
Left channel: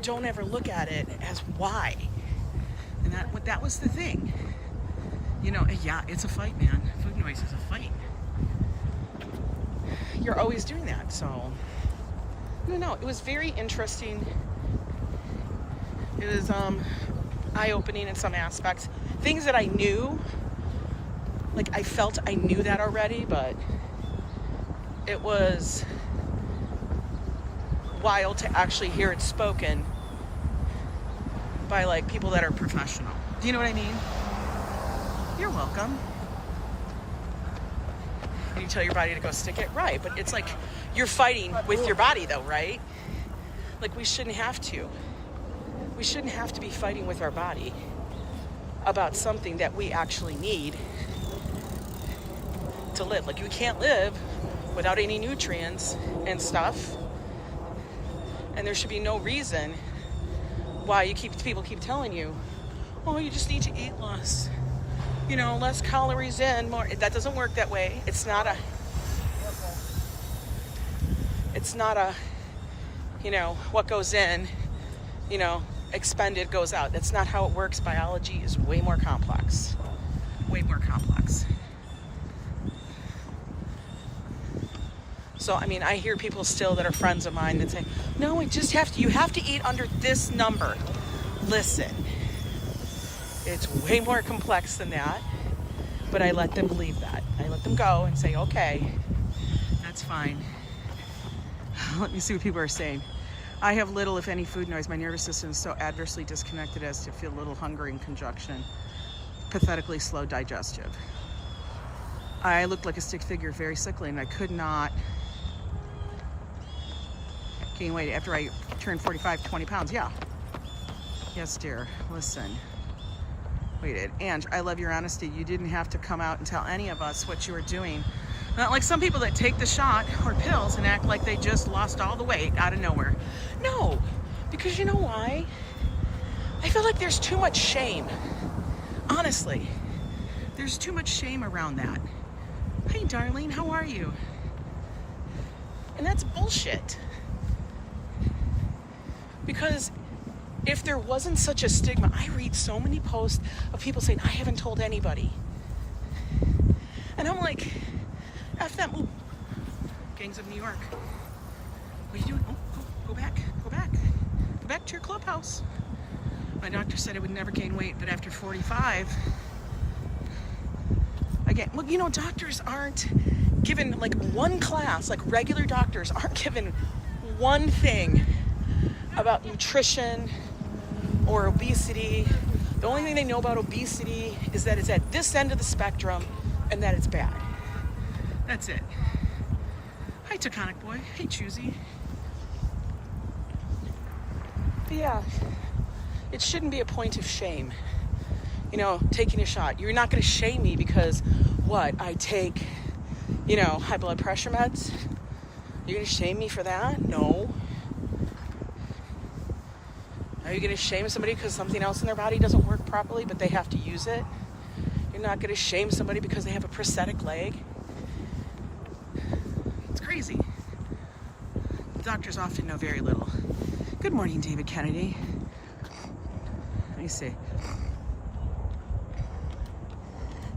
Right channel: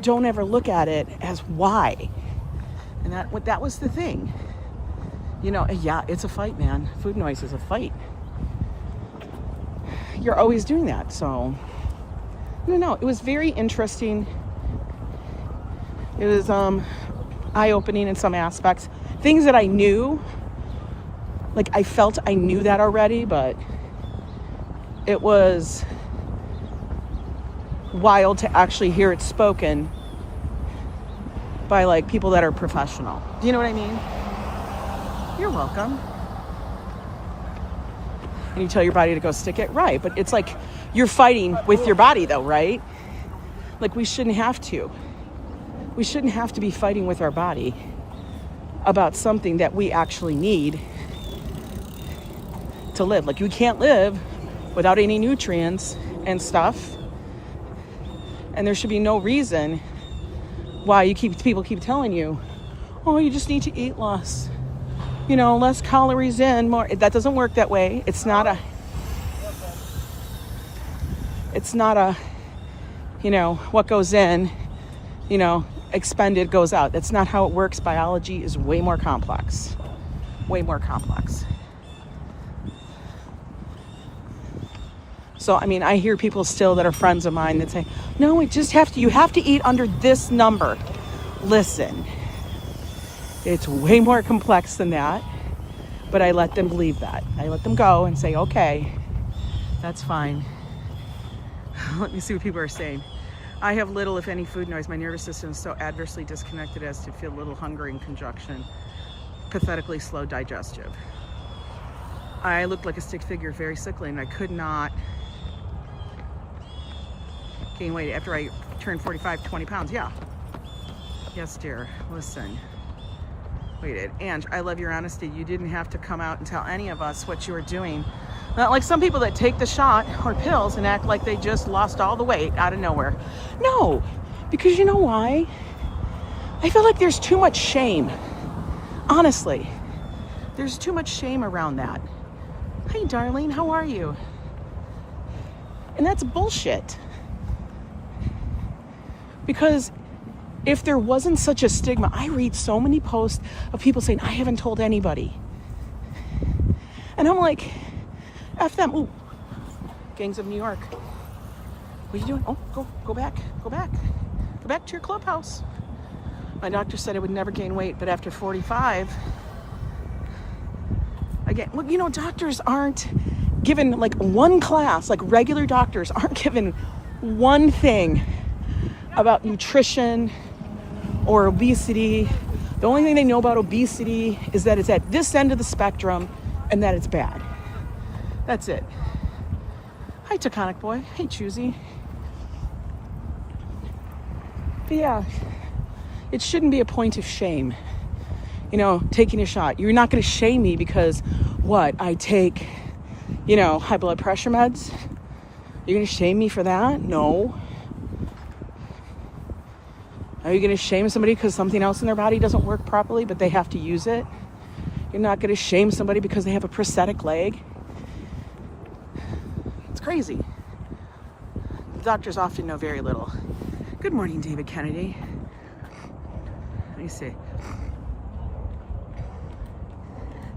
don't ever look at it as why. And that was the thing. You know, yeah, it's a fight, man. Food noise is a fight. You're always doing that, so I don't know. It was very interesting. It was eye-opening in some aspects. Things that I knew, like I felt I knew that already, but it was wild to actually hear it spoken by like people that are professional. Do you know what I mean? You're welcome. You tell your body to go stick it, right? But it's like you're fighting with your body though, right? Like we shouldn't have to. We shouldn't have to be fighting with our body about something that we actually need to live. Like you can't live without any nutrients and stuff. And there should be no reason why people keep telling you, oh, you just need to eat less. You know, less calories in, more. That doesn't work that way. It's not a, you know, what goes in, you know, expended goes out. That's not how it works. Biology is way more complex. Way more complex. So, I mean, I hear people still that are friends of mine that say, no, you have to eat under this number. Listen, it's way more complex than that, but I let them believe that. I let them go and say, okay, that's fine. Let me see what people are saying. I have little, if any, food noise. My nervous system is so adversely disconnected as to feel little hunger in conjunction. Pathetically slow digestive. I looked like a stick figure, very sickly, and I could not gain weight after I turned 45, 20 pounds. Yeah. Yes, dear. Listen. Wait, Ange, I love your honesty. You didn't have to come out and tell any of us what you were doing. Not like some people that take the shot or pills and act like they just lost all the weight out of nowhere. No, because you know why? I feel like there's too much shame. Honestly, there's too much shame around that. Hey, darling, how are you? And that's bullshit. Because if there wasn't such a stigma, I read so many posts of people saying, I haven't told anybody. And I'm like, F them. Ooh. Gangs of New York. What are you doing? Oh, go back. Go back to your clubhouse. My doctor said I would never gain weight, but after 45, again, well, you know, doctors aren't given like one class, like regular doctors aren't given one thing about nutrition or obesity. The only thing they know about obesity is that it's at this end of the spectrum and that it's bad. That's it. Hi, Taconic Boy. Hey, Choosy. But yeah, it shouldn't be a point of shame. You know, taking a shot. You're not going to shame me because, what, I take, you know, high blood pressure meds? You're going to shame me for that? No. Are you going to shame somebody because something else in their body doesn't work properly, but they have to use it? You're not going to shame somebody because they have a prosthetic leg? It's crazy. Doctors often know very little. Good morning, David Kennedy. Let me see.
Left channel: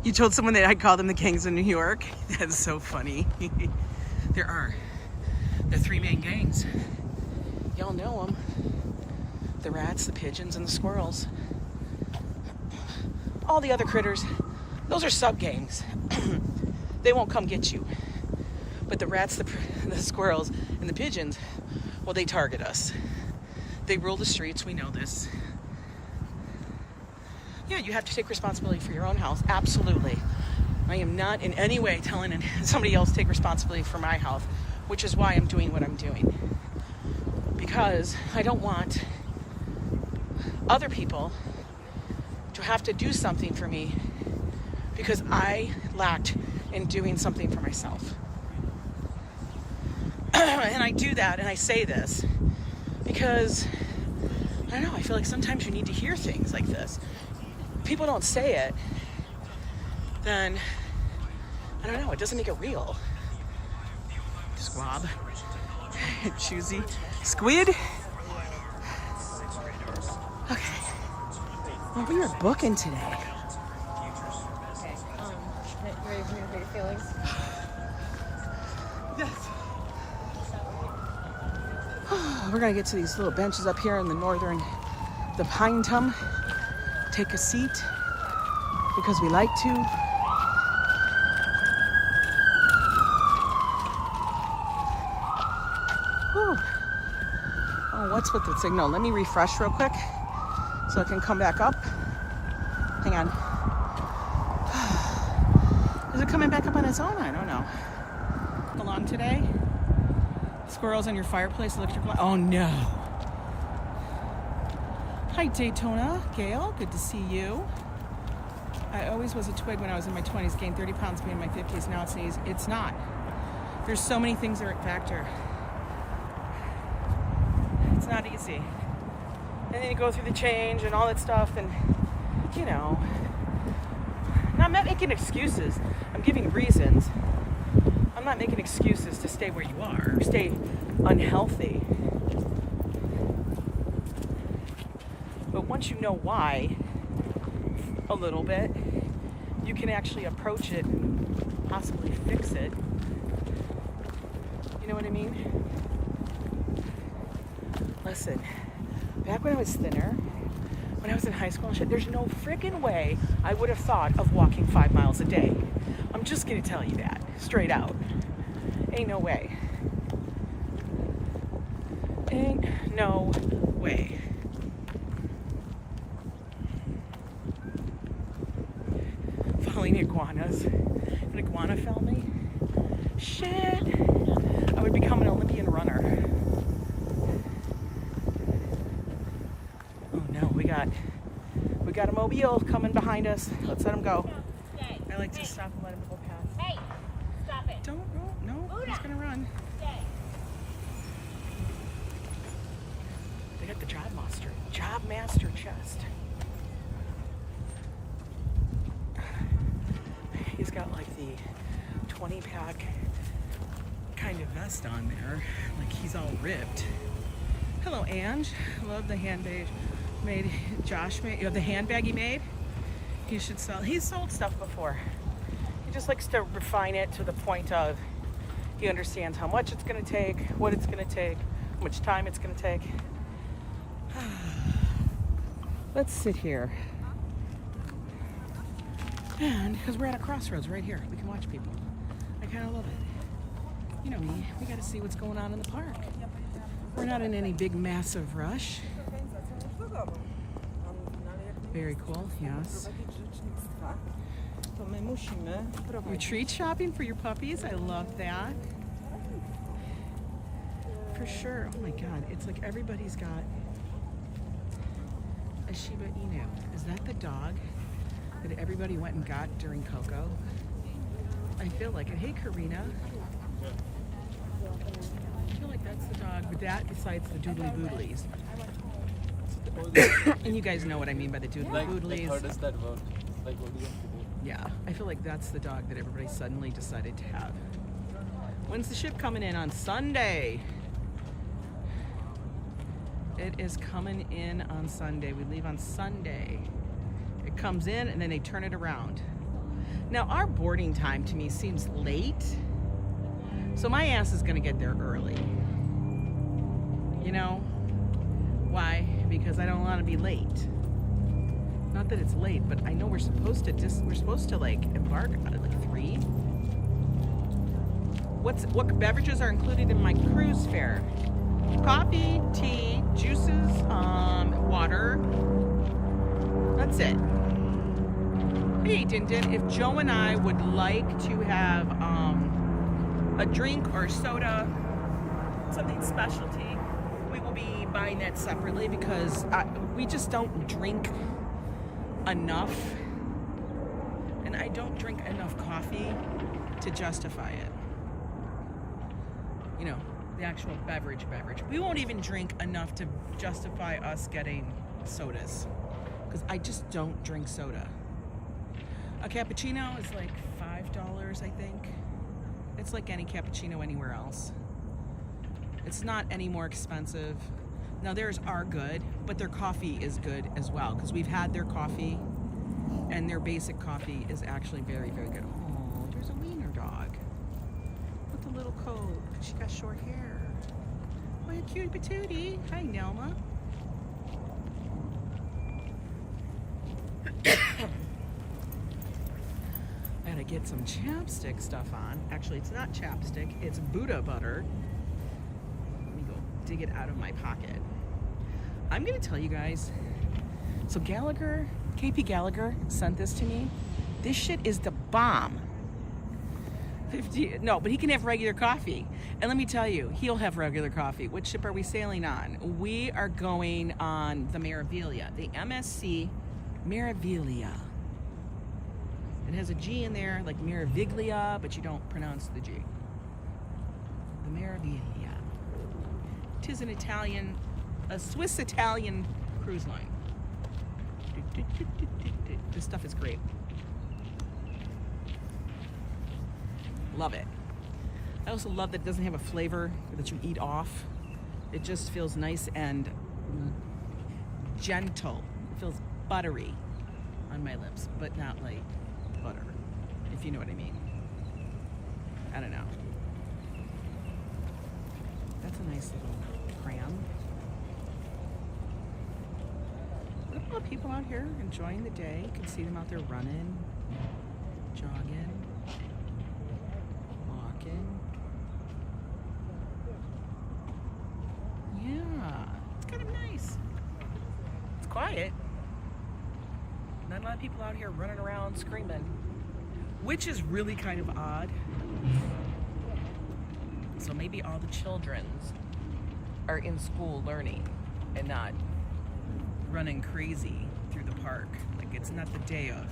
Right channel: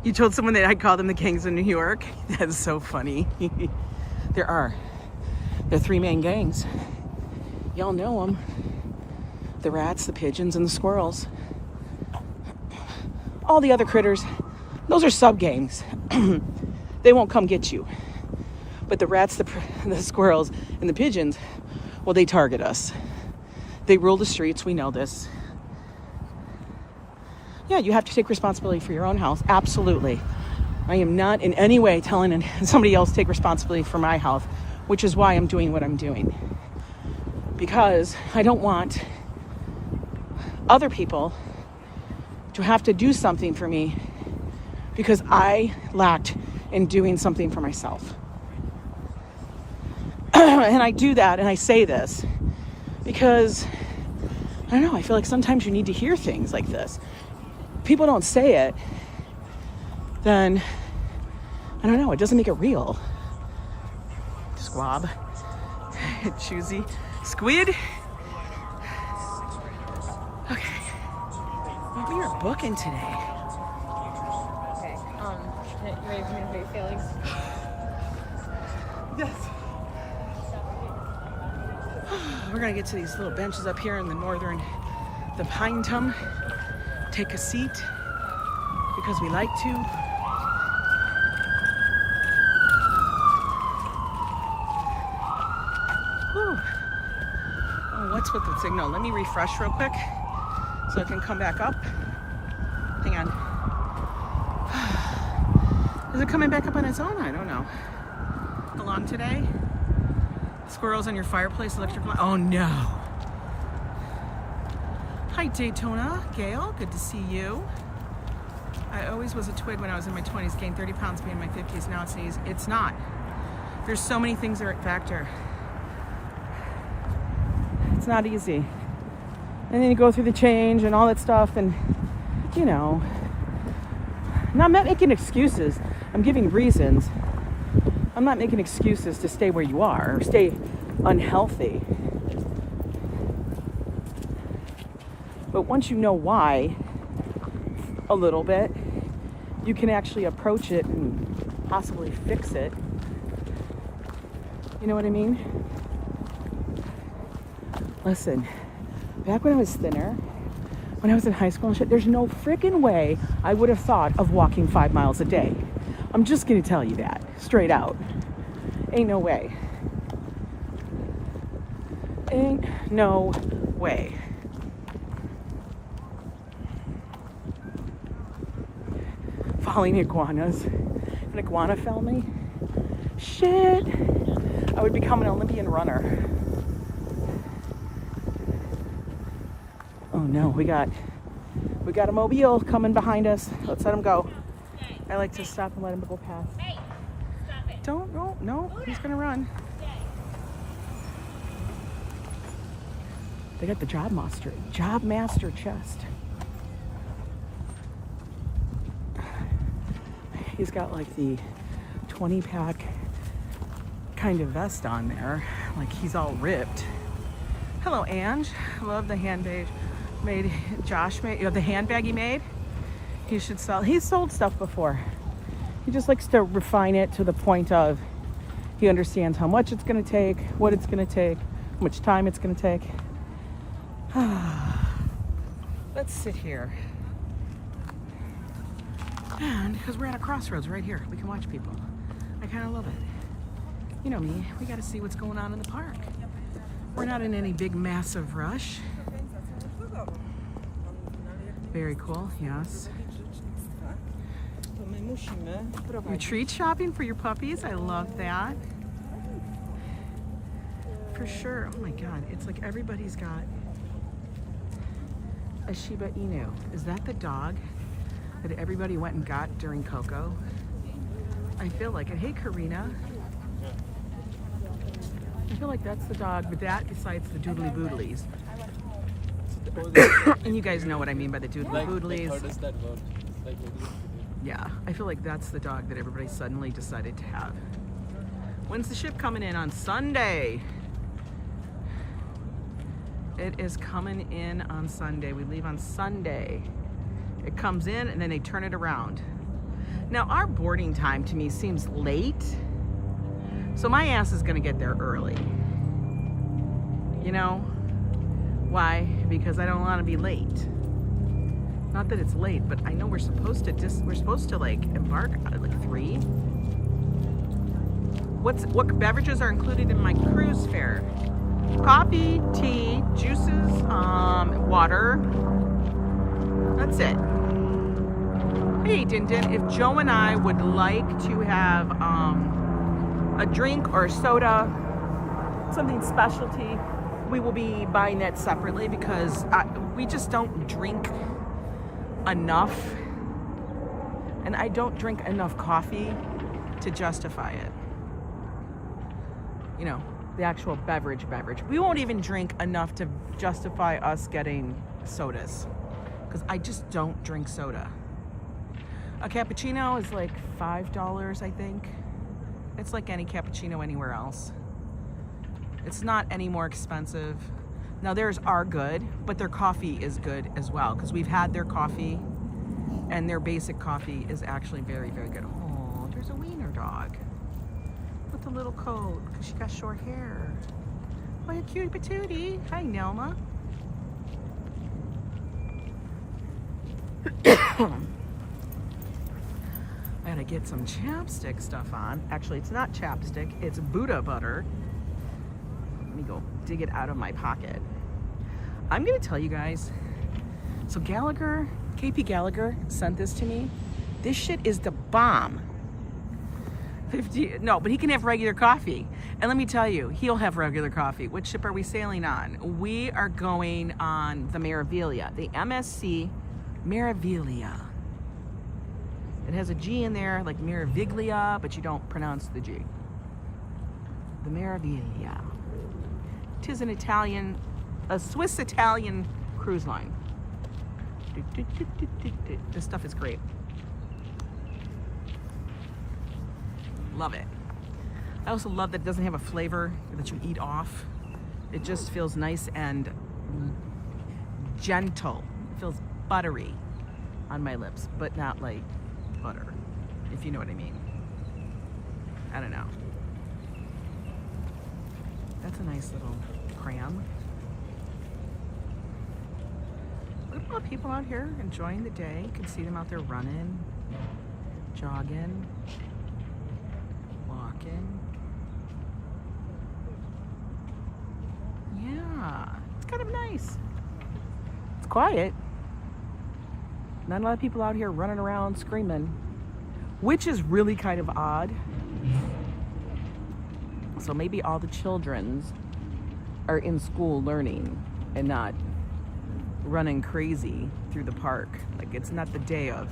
You told someone that I'd call them the Gangs of New York? That's so funny. They're three-man gangs. Y'all know them. The rats, the pigeons, and the squirrels. All the other critters, those are sub-gangs. They won't come get you. But the rats, the squirrels, and the pigeons, well, they target us. They rule the streets, we know this. Yeah, you have to take responsibility for your own health, absolutely. I am not in any way telling somebody else to take responsibility for my health, which is why I'm doing what I'm doing. Because I don't want other people to have to do something for me because I lacked in doing something for myself. And I do that and I say this because, I don't know, I feel like sometimes you need to hear things like this. If people don't say it, then, I don't know, it doesn't make it real. Squab. Choosy. Squid. Okay. Well, we were booking today. Okay. You ready for me to get your feelings? Yes. We're gonna get to these little benches up here in the pine tum. Take a seat because we like to. Whew. Oh, what's with the signal? Let me refresh real quick so I can come back up. Hang on. Is it coming back up on its own? I don't know. Along today? Squirrels on your fireplace, electric light. Oh no. Hi Daytona, Gail, good to see you. I always was a twig when I was in my 20s, gained 30 pounds being in my 50s, now it's easy. It's not. There's so many things that are at factor. It's not easy. And then you go through the change and all that stuff and, you know, now I'm not making excuses. I'm giving reasons. I'm not making excuses to stay where you are or stay unhealthy. But once you know why a little bit, you can actually approach it and possibly fix it. You know what I mean? Listen, back when I was thinner, when I was in high school and shit, there's no freaking way I would have thought of walking 5 miles a day. I'm just gonna tell you that, straight out. Ain't no way. Ain't no way. Falling iguanas. An iguana fell me? Shit. I would become an Olympian runner. Oh no, we got a mobile coming behind us. Let's let him go. I like to stop and let him go past. Hey, stop it. Don't go. No, he's gonna run. They got the Job Master chest. He's got like the 20-pack kind of vest on there. Like he's all ripped. Hello, Ange. I love the handbag Josh made. You know, the handbag he made. He should sell. He's sold stuff before. He just likes to refine it to the point of he understands how much it's going to take, what it's going to take, how much time it's going to take. Let's sit here. And because we're at a crossroads right here, we can watch people. I kind of love it. You know me, we got to see what's going on in the park. We're not in any big massive rush. Very cool, yes. Retreat shopping for your puppies, I love that. For sure. Oh my God, it's like everybody's got a Shiba Inu. Is that the dog that everybody went and got during Koko? I feel like it. Hey, Karina. I feel like that's the dog, but that besides the doodly boodlies. And you guys know what I mean by the doodly boodlies. How does that work? Like, what do you have to do? Yeah, I feel like that's the dog that everybody suddenly decided to have. When's the ship coming in? On Sunday. It is coming in on Sunday. We leave on Sunday. It comes in and then they turn it around. Now our boarding time to me seems late. So my ass is gonna get there early. You know? Why? Because I don't want to be late. Not that it's late, but I know we're supposed to like embark at like 3. What beverages are included in my cruise fare? Coffee, tea, juices, water. That's it. Hey, Din Din, if Joe and I would like to have a drink or a soda, something specialty, we will be buying that separately because we just don't drink enough, and I don't drink enough coffee to justify it. You know, the actual beverage. We won't even drink enough to justify us getting sodas because I just don't drink soda. A cappuccino is like $5, I think. It's like any cappuccino anywhere else. It's not any more expensive. Now theirs are good, but their coffee is good as well because we've had their coffee and their basic coffee is actually very, very good. Oh, there's a wiener dog with a little coat because she got short hair. Oh, you cutie patootie. Hi, Nelma. I gotta get some chapstick stuff on. Actually, it's not chapstick, it's Buddha butter. Let me go dig it out of my pocket. I'm gonna tell you guys, so Gallagher, KP Gallagher sent this to me. This shit is the bomb. No, but he can have regular coffee. And let me tell you, he'll have regular coffee. Which ship are we sailing on? We are going on the Meraviglia, the MSC Meraviglia. It has a G in there, like Meraviglia, but you don't pronounce the G. The Meraviglia. Tis an Italian, a Swiss-Italian cruise line. This stuff is great. Love it. I also love that it doesn't have a flavor that you eat off. It just feels nice and gentle. It feels buttery on my lips, but not like butter, if you know what I mean. I don't know. That's a nice little cram. Look at all the people out here enjoying the day. You can see them out there running, jogging, walking. Yeah, it's kind of nice. It's quiet. Not a lot of people out here running around screaming, which is really kind of odd. So maybe all the children's are in school learning and not running crazy through the park. Like it's not the day of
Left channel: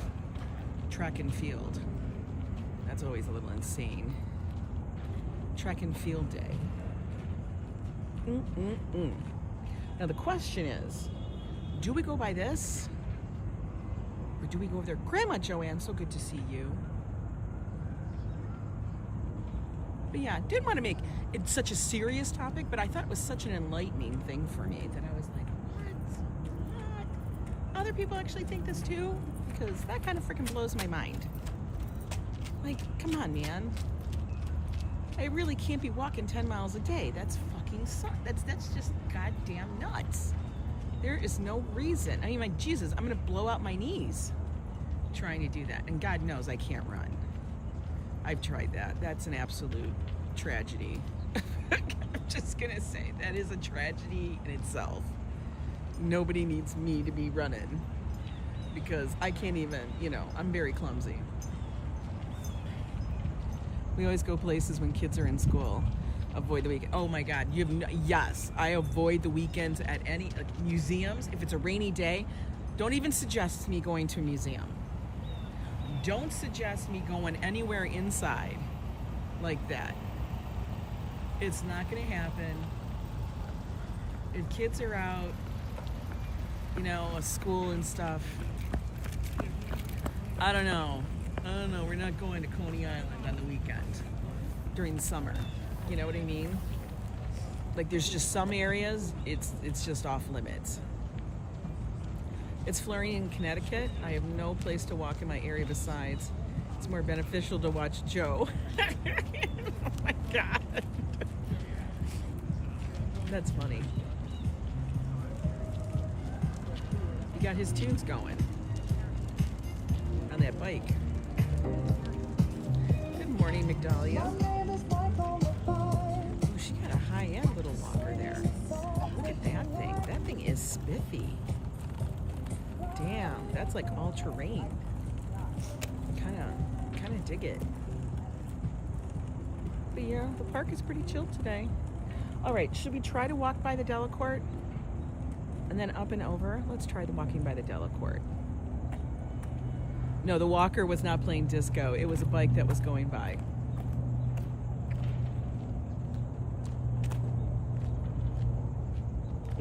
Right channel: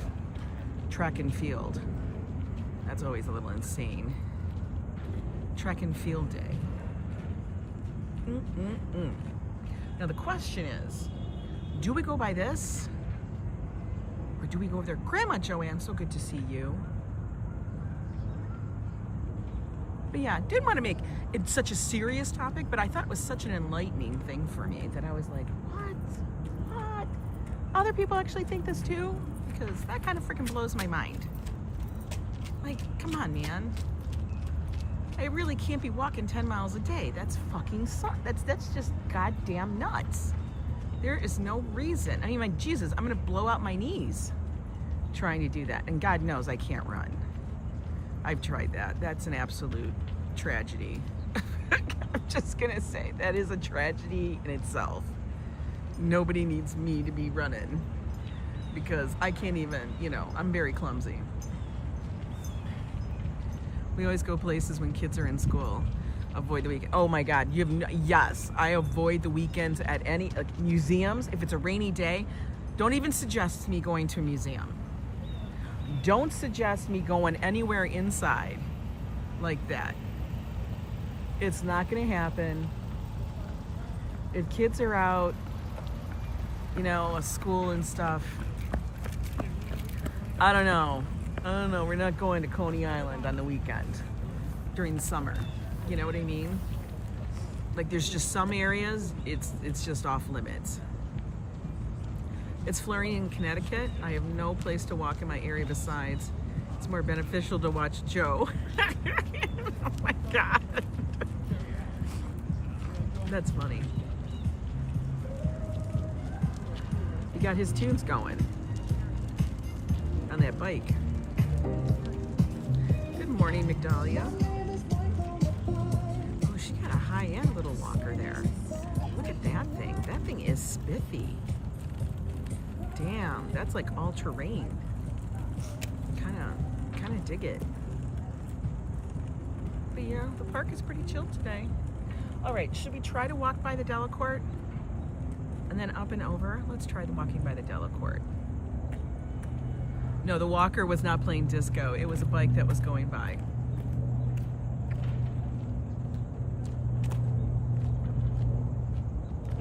track and field. That's always a little insane. Track and field day. Now the question is, do we go by this? Or do we go over there? Grandma Joanne, so good to see you. But yeah, didn't want to make it such a serious topic, but I thought it was such an enlightening thing for me that I was like, what? Other people actually think this too? Because that kind of freaking blows my mind. Like, come on, man. I really can't be walking 10 miles a day. That's fucking that's just goddamn nuts. There is no reason. I mean, like, Jesus, I'm gonna blow out my knees trying to do that. And God knows I can't run. I've tried that. That's an absolute tragedy. I'm just gonna say, that is a tragedy in itself. Nobody needs me to be running because I can't even, you know, I'm very clumsy. We always go places when kids are in school. Avoid the weekend. Oh my God, you have no, yes, I avoid the weekends at any museums. If it's a rainy day, don't even suggest me going to a museum. Don't suggest me going anywhere inside like that. It's not gonna happen. If kids are out, you know, school and stuff, I don't know, we're not going to Coney Island on the weekend during the summer. You know what I mean? Like, there's just some areas, it's just off limits. It's flurry in Connecticut. I have no place to walk in my area besides. It's more beneficial to watch Joe. Oh my God. That's funny. He got his tunes going on that bike. Good morning, Migdalia. Oh, she got a high-end little walker there. Look at that thing. That thing is spiffy. Damn, that's like all-terrain. Kind of dig it. But yeah, the park is pretty chill today. All right, should we try to walk by the Delacorte? And then up and over? Let's try the walking by the Delacorte. No, the walker was not playing disco. It was a bike that was going by.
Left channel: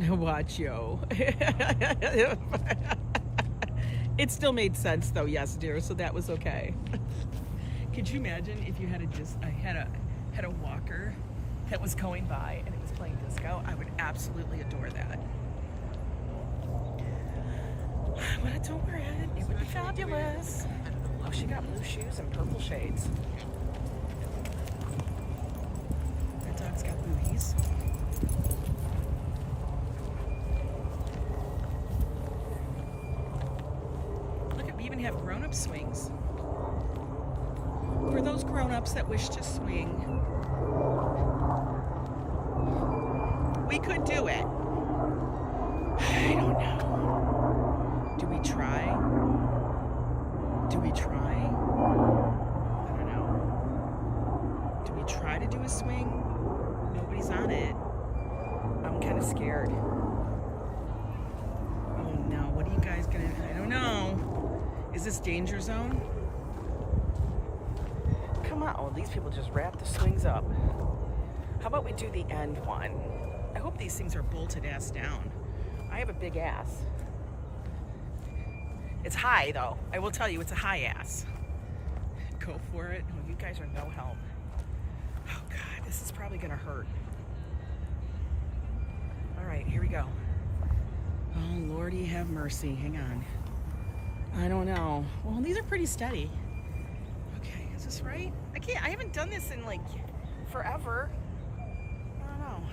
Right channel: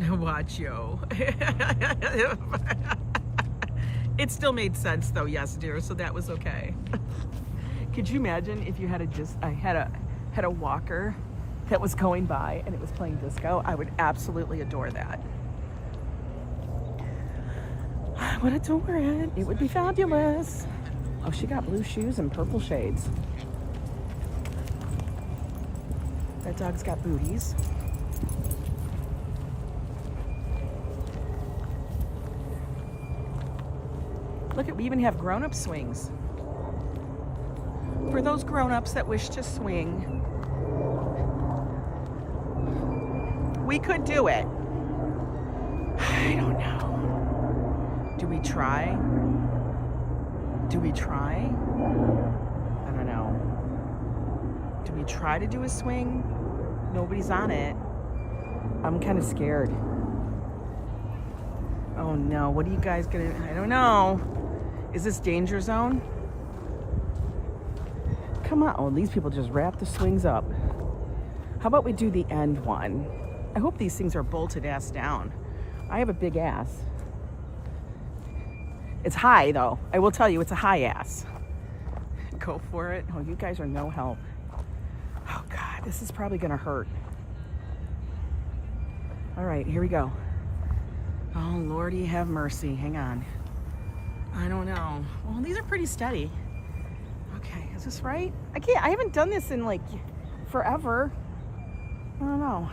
Watch Yo. It still made sense though, yes, dear. So that was okay. Could you imagine if you had a walker that was going by and it was playing disco? I would absolutely adore that. I would adore it. It would be fabulous. Oh, she got blue shoes and purple shades. That dog's got booties. Look at, we even have grown-up swings. For those grown-ups that wish to swing, we could do it. I don't know. Do we try? Do we try? I don't know. Do we try to do a swing? Nobody's on it. I'm kind of scared. Oh no, what are you guys gonna, I don't know. Is this danger zone? Come on. Oh, these people just wrap the swings up. How about we do the end one? I hope these things are bolted ass down. I have a big ass. It's high though. I will tell you, it's a high ass. Go for it. Oh, you guys are no help. Oh God, this is probably gonna hurt. All right, here we go. Oh Lordy have mercy. Hang on. I don't know. Well, these are pretty steady. Okay, is this right? I haven't done this in like forever. I don't know.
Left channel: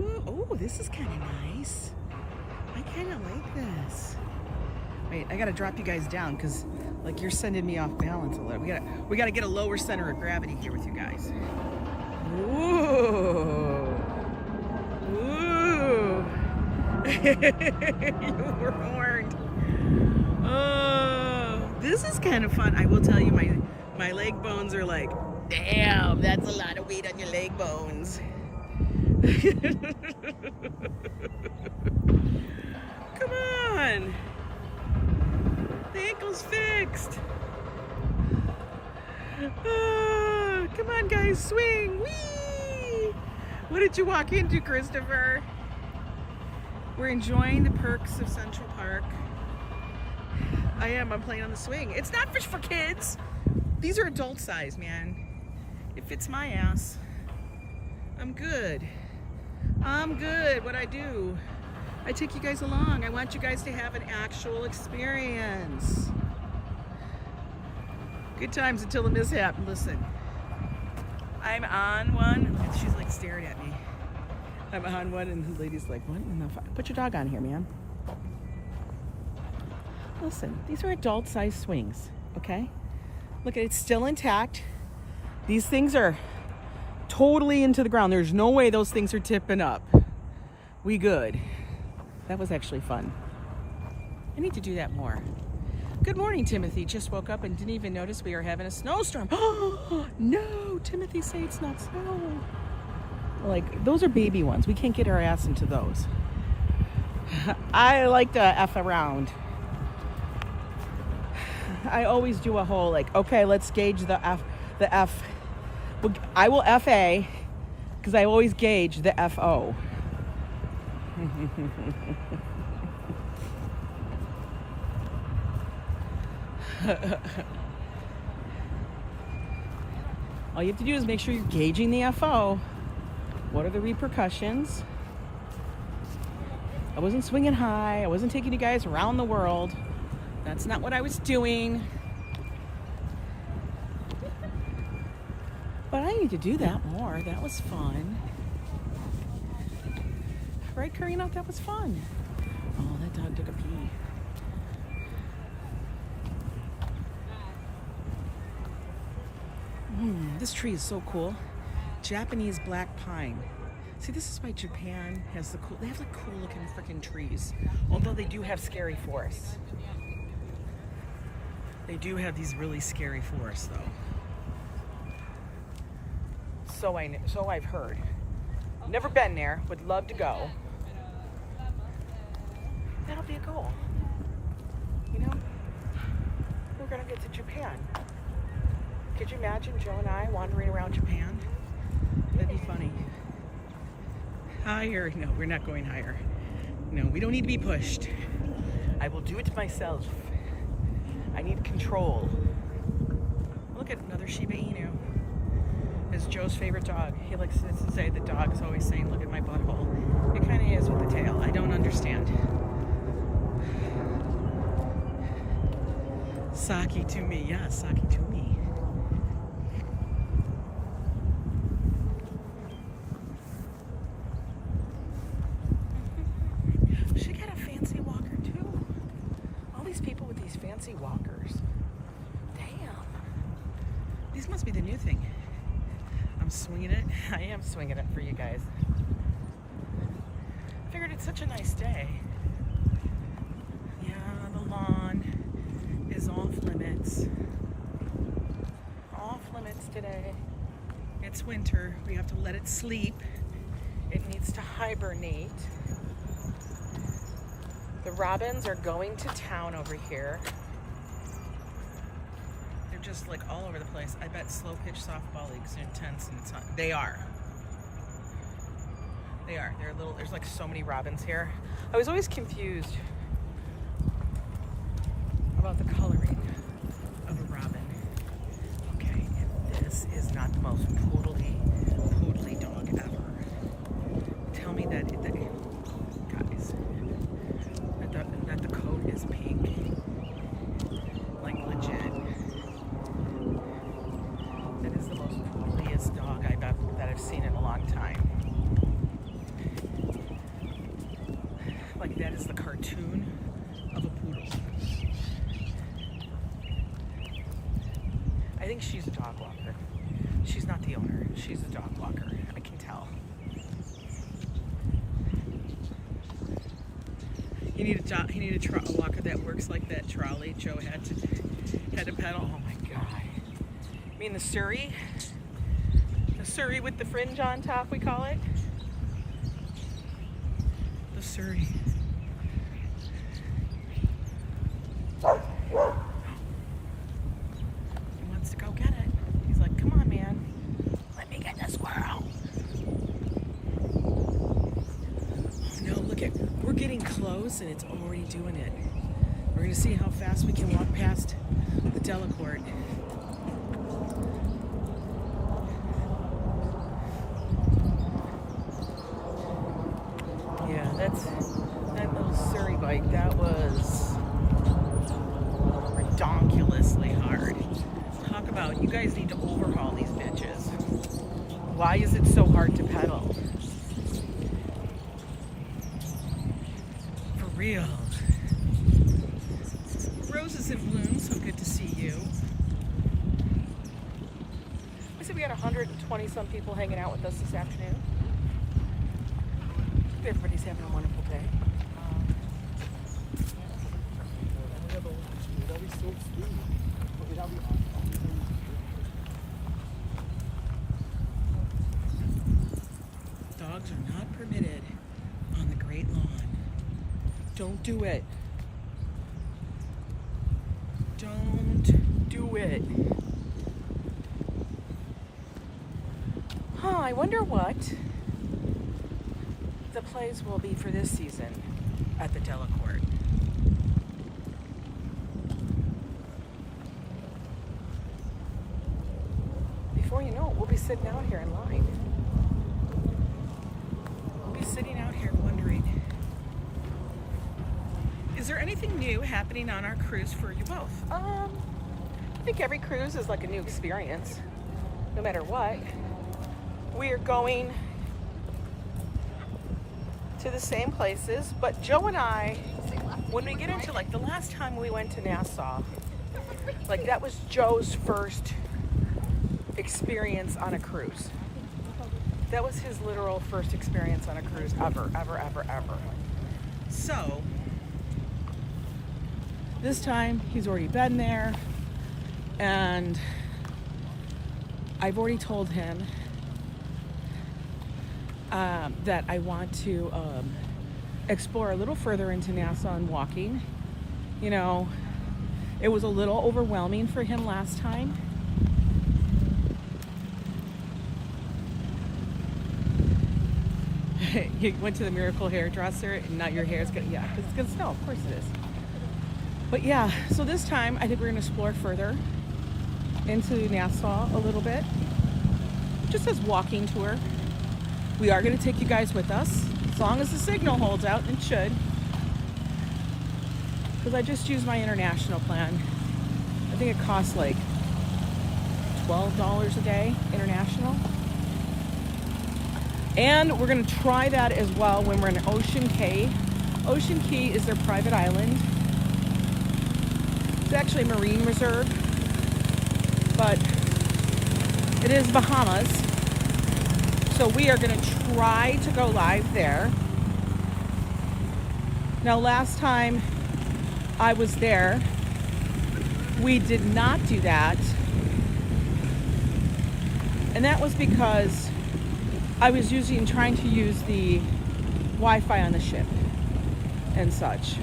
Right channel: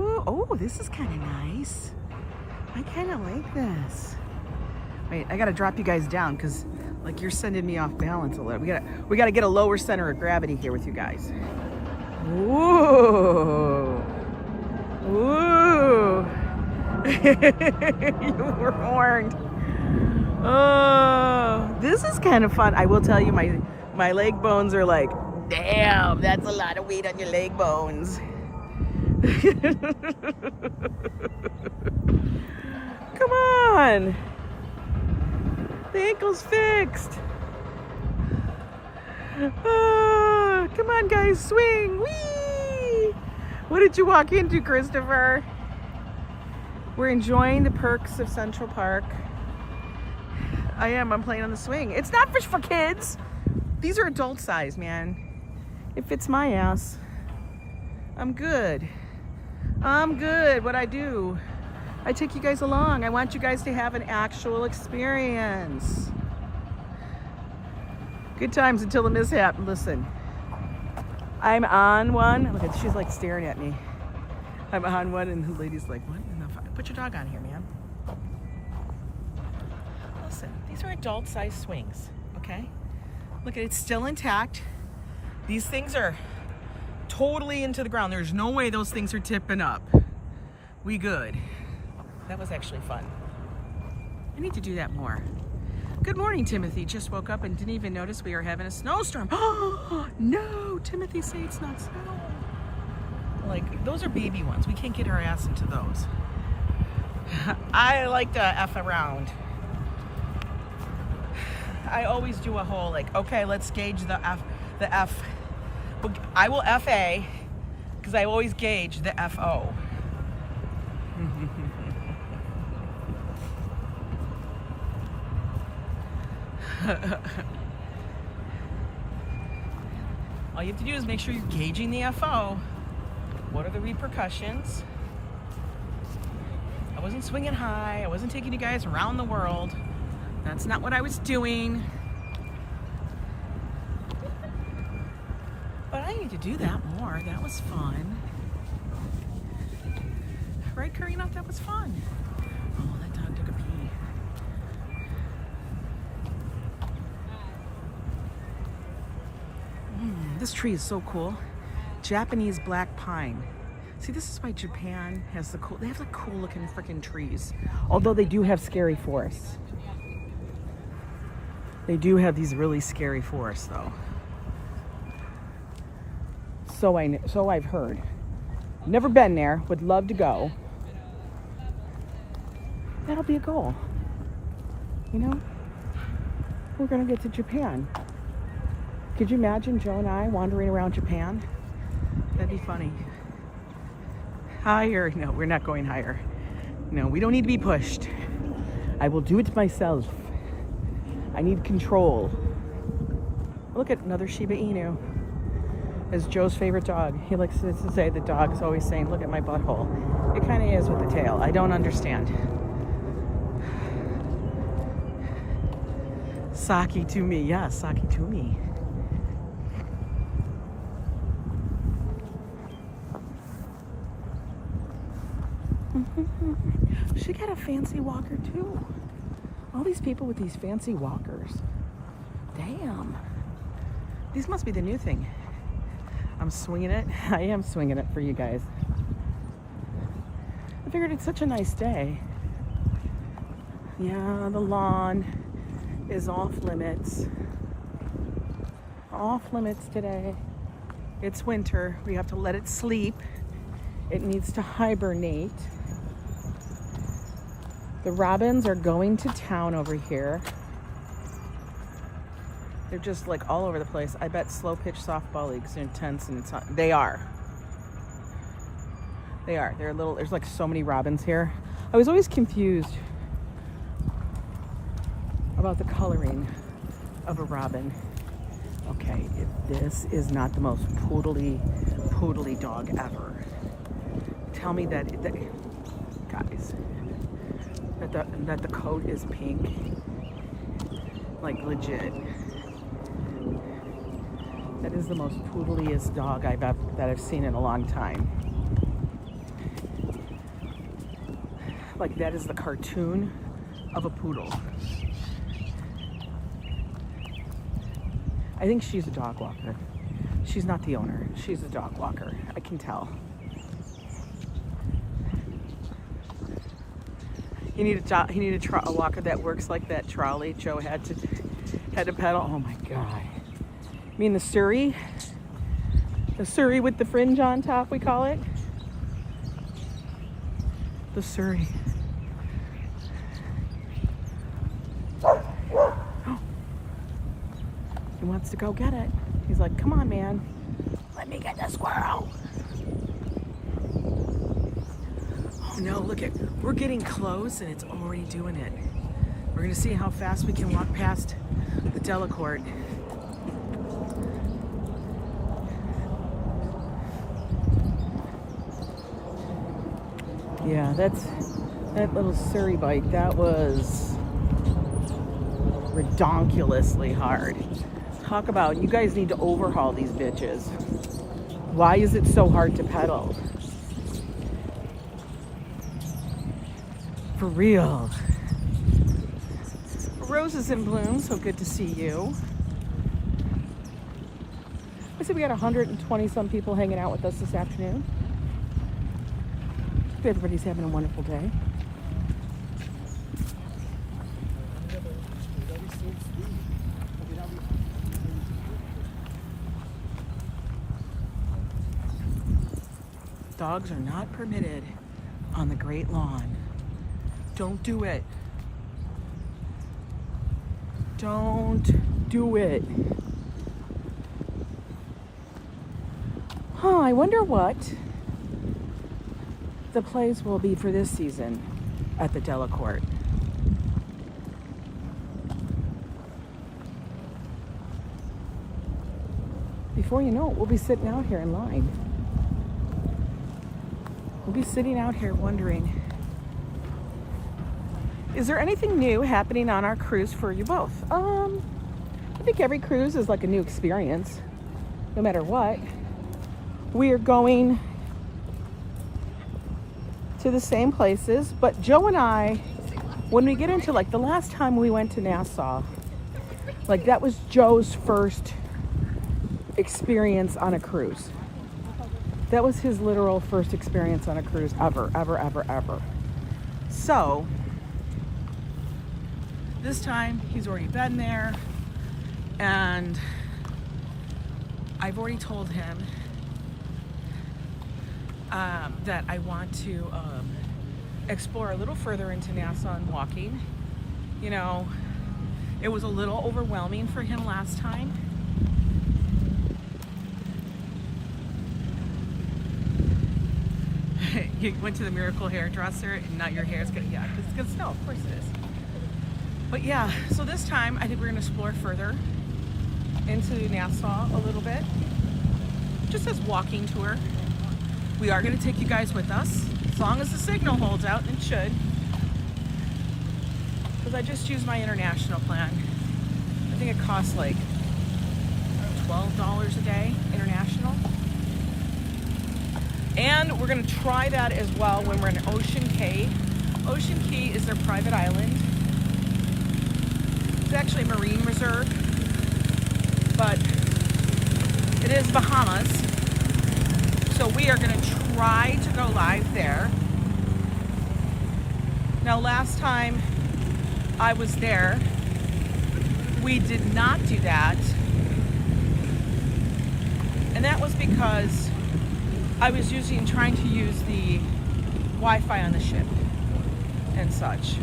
Ooh, oh, this is kind of nice. I kind of like this. Wait, I gotta drop you guys down because like you're sending me off balance a little. We gotta get a lower center of gravity here with you guys. Whoa. Woo. You were warned. Oh, this is kind of fun. I will tell you, my leg bones are like, damn, that's a lot of weight on your leg bones. Come on. The ankle's fixed. Oh, come on, guys, swing. Whee! What did you walk into, Christopher? We're enjoying the perks of Central Park. I'm playing on the swing. It's not for kids. These are adult size, man. It fits my ass. I'm good. I'm good. What I do, I take you guys along. I want you guys to have an actual experience. Good times until the mishap. Listen, I'm on one. Look, she's like staring at me. I'm on one and the lady's like, what in the fuck? Put your dog on here, man. Listen, these are adult size swings, okay? Look, it's still intact. These things are totally into the ground. There's no way those things are tipping up. We good. That was actually fun. I need to do that more. Good morning, Timothy. Just woke up and didn't even notice we were having a snowstorm. Oh, no, Timothy, say it's not snow. Like, those are baby ones. We can't get our ass into those. I like to F around. I always do a whole, like, okay, let's gauge the F. I will FA, because I always gauge the FO. All you have to do is make sure you're gauging the FO. What are the repercussions? I wasn't swinging high. I wasn't taking you guys around the world. That's not what I was doing. But I need to do that more. That was fun. Right, Karina? That was fun. Oh, that dog took a pee. This tree is so cool. Japanese black pine. See, this is why Japan has they have like cool looking freaking trees. Although they do have scary forests. They do have these really scary forests though. So I've heard. Never been there, would love to go. That'll be a goal. You know? We're gonna get to Japan. Could you imagine Joe and I wandering around Japan? That'd be funny. Higher? No, we're not going higher. No, we don't need to be pushed. I will do it myself. I need control. Look at another Shiba Inu. It's Joe's favorite dog. He likes to say the dog is always saying, look at my butthole. It kind of is with the tail. I don't understand. Saki to me. Yeah, Saki to me. She got a fancy walker too. All these people with these fancy walkers. Damn. These must be the new thing. I'm swinging it. I am swinging it for you guys. I figured it's such a nice day. Yeah, the lawn is off limits. Off limits today. It's winter. We have to let it sleep. It needs to hibernate. The robins are going to town over here. They're just like all over the place. I bet slow pitch softball leagues are intense and it's not. They are. They are. They're little. There's like so many robins here. I was always confused about the coloring of a robin. Okay, this is not the most poodly dog ever. Tell me that, guys, that the coat is pink, like legit. That is the most poodliest dog that I've seen in a long time. Like that is the cartoon of a poodle. I think she's a dog walker. She's not the owner. She's a dog walker. I can tell. You need a walker that works like that trolley Joe had to pedal. Oh my god! You mean the Surrey? The Surrey with the fringe on top, we call it. The Surrey. He wants to go get it. He's like, come on, man. Let me get the squirrel. Oh no, look at We're getting close and it's already doing it. We're gonna see how fast we can walk past the Delacorte. Yeah, that little Surrey bike, that was redonkulously hard. Talk about, you guys need to overhaul these bitches. Why is it so hard to pedal? For real. Roses in bloom, so good to see you. I said we got 120 some people hanging out with us this afternoon. Hope everybody's having a wonderful day. Dogs are not permitted on the Great Lawn. Don't do it. Don't do it. Huh, I wonder what the plays will be for this season at the Delacorte. Before you know it, we'll be sitting out here in line. We'll be sitting out here wondering, is there anything new happening on our cruise for you both? I think every cruise is like a new experience, no matter what. We are going to the same places, but Joe and I, when we get into like the last time we went to Nassau, like that was Joe's first experience on a cruise. That was his literal first experience on a cruise ever. So, this time he's already been there, and I've already told him that I want to explore a little further into Nassau and walking. You know, it was a little overwhelming for him last time. You went to the Miracle hairdresser and not your hair is gonna, yeah, it's gonna snow, of course it is. But yeah, so this time I think we're gonna explore further into Nassau a little bit. Just as walking tour. We are gonna take you guys with us, as long as the signal holds out, and should. Because I just used my international plan. I think it costs like $12 a day, international. And we're gonna try that as well when we're in Ocean Cay. Ocean Cay is their private island. It's actually a marine reserve, but it is Bahamas. So we are gonna try to go live there. Now last time I was there, we did not do that. And that was because I was trying to use the Wi-Fi on the ship and such.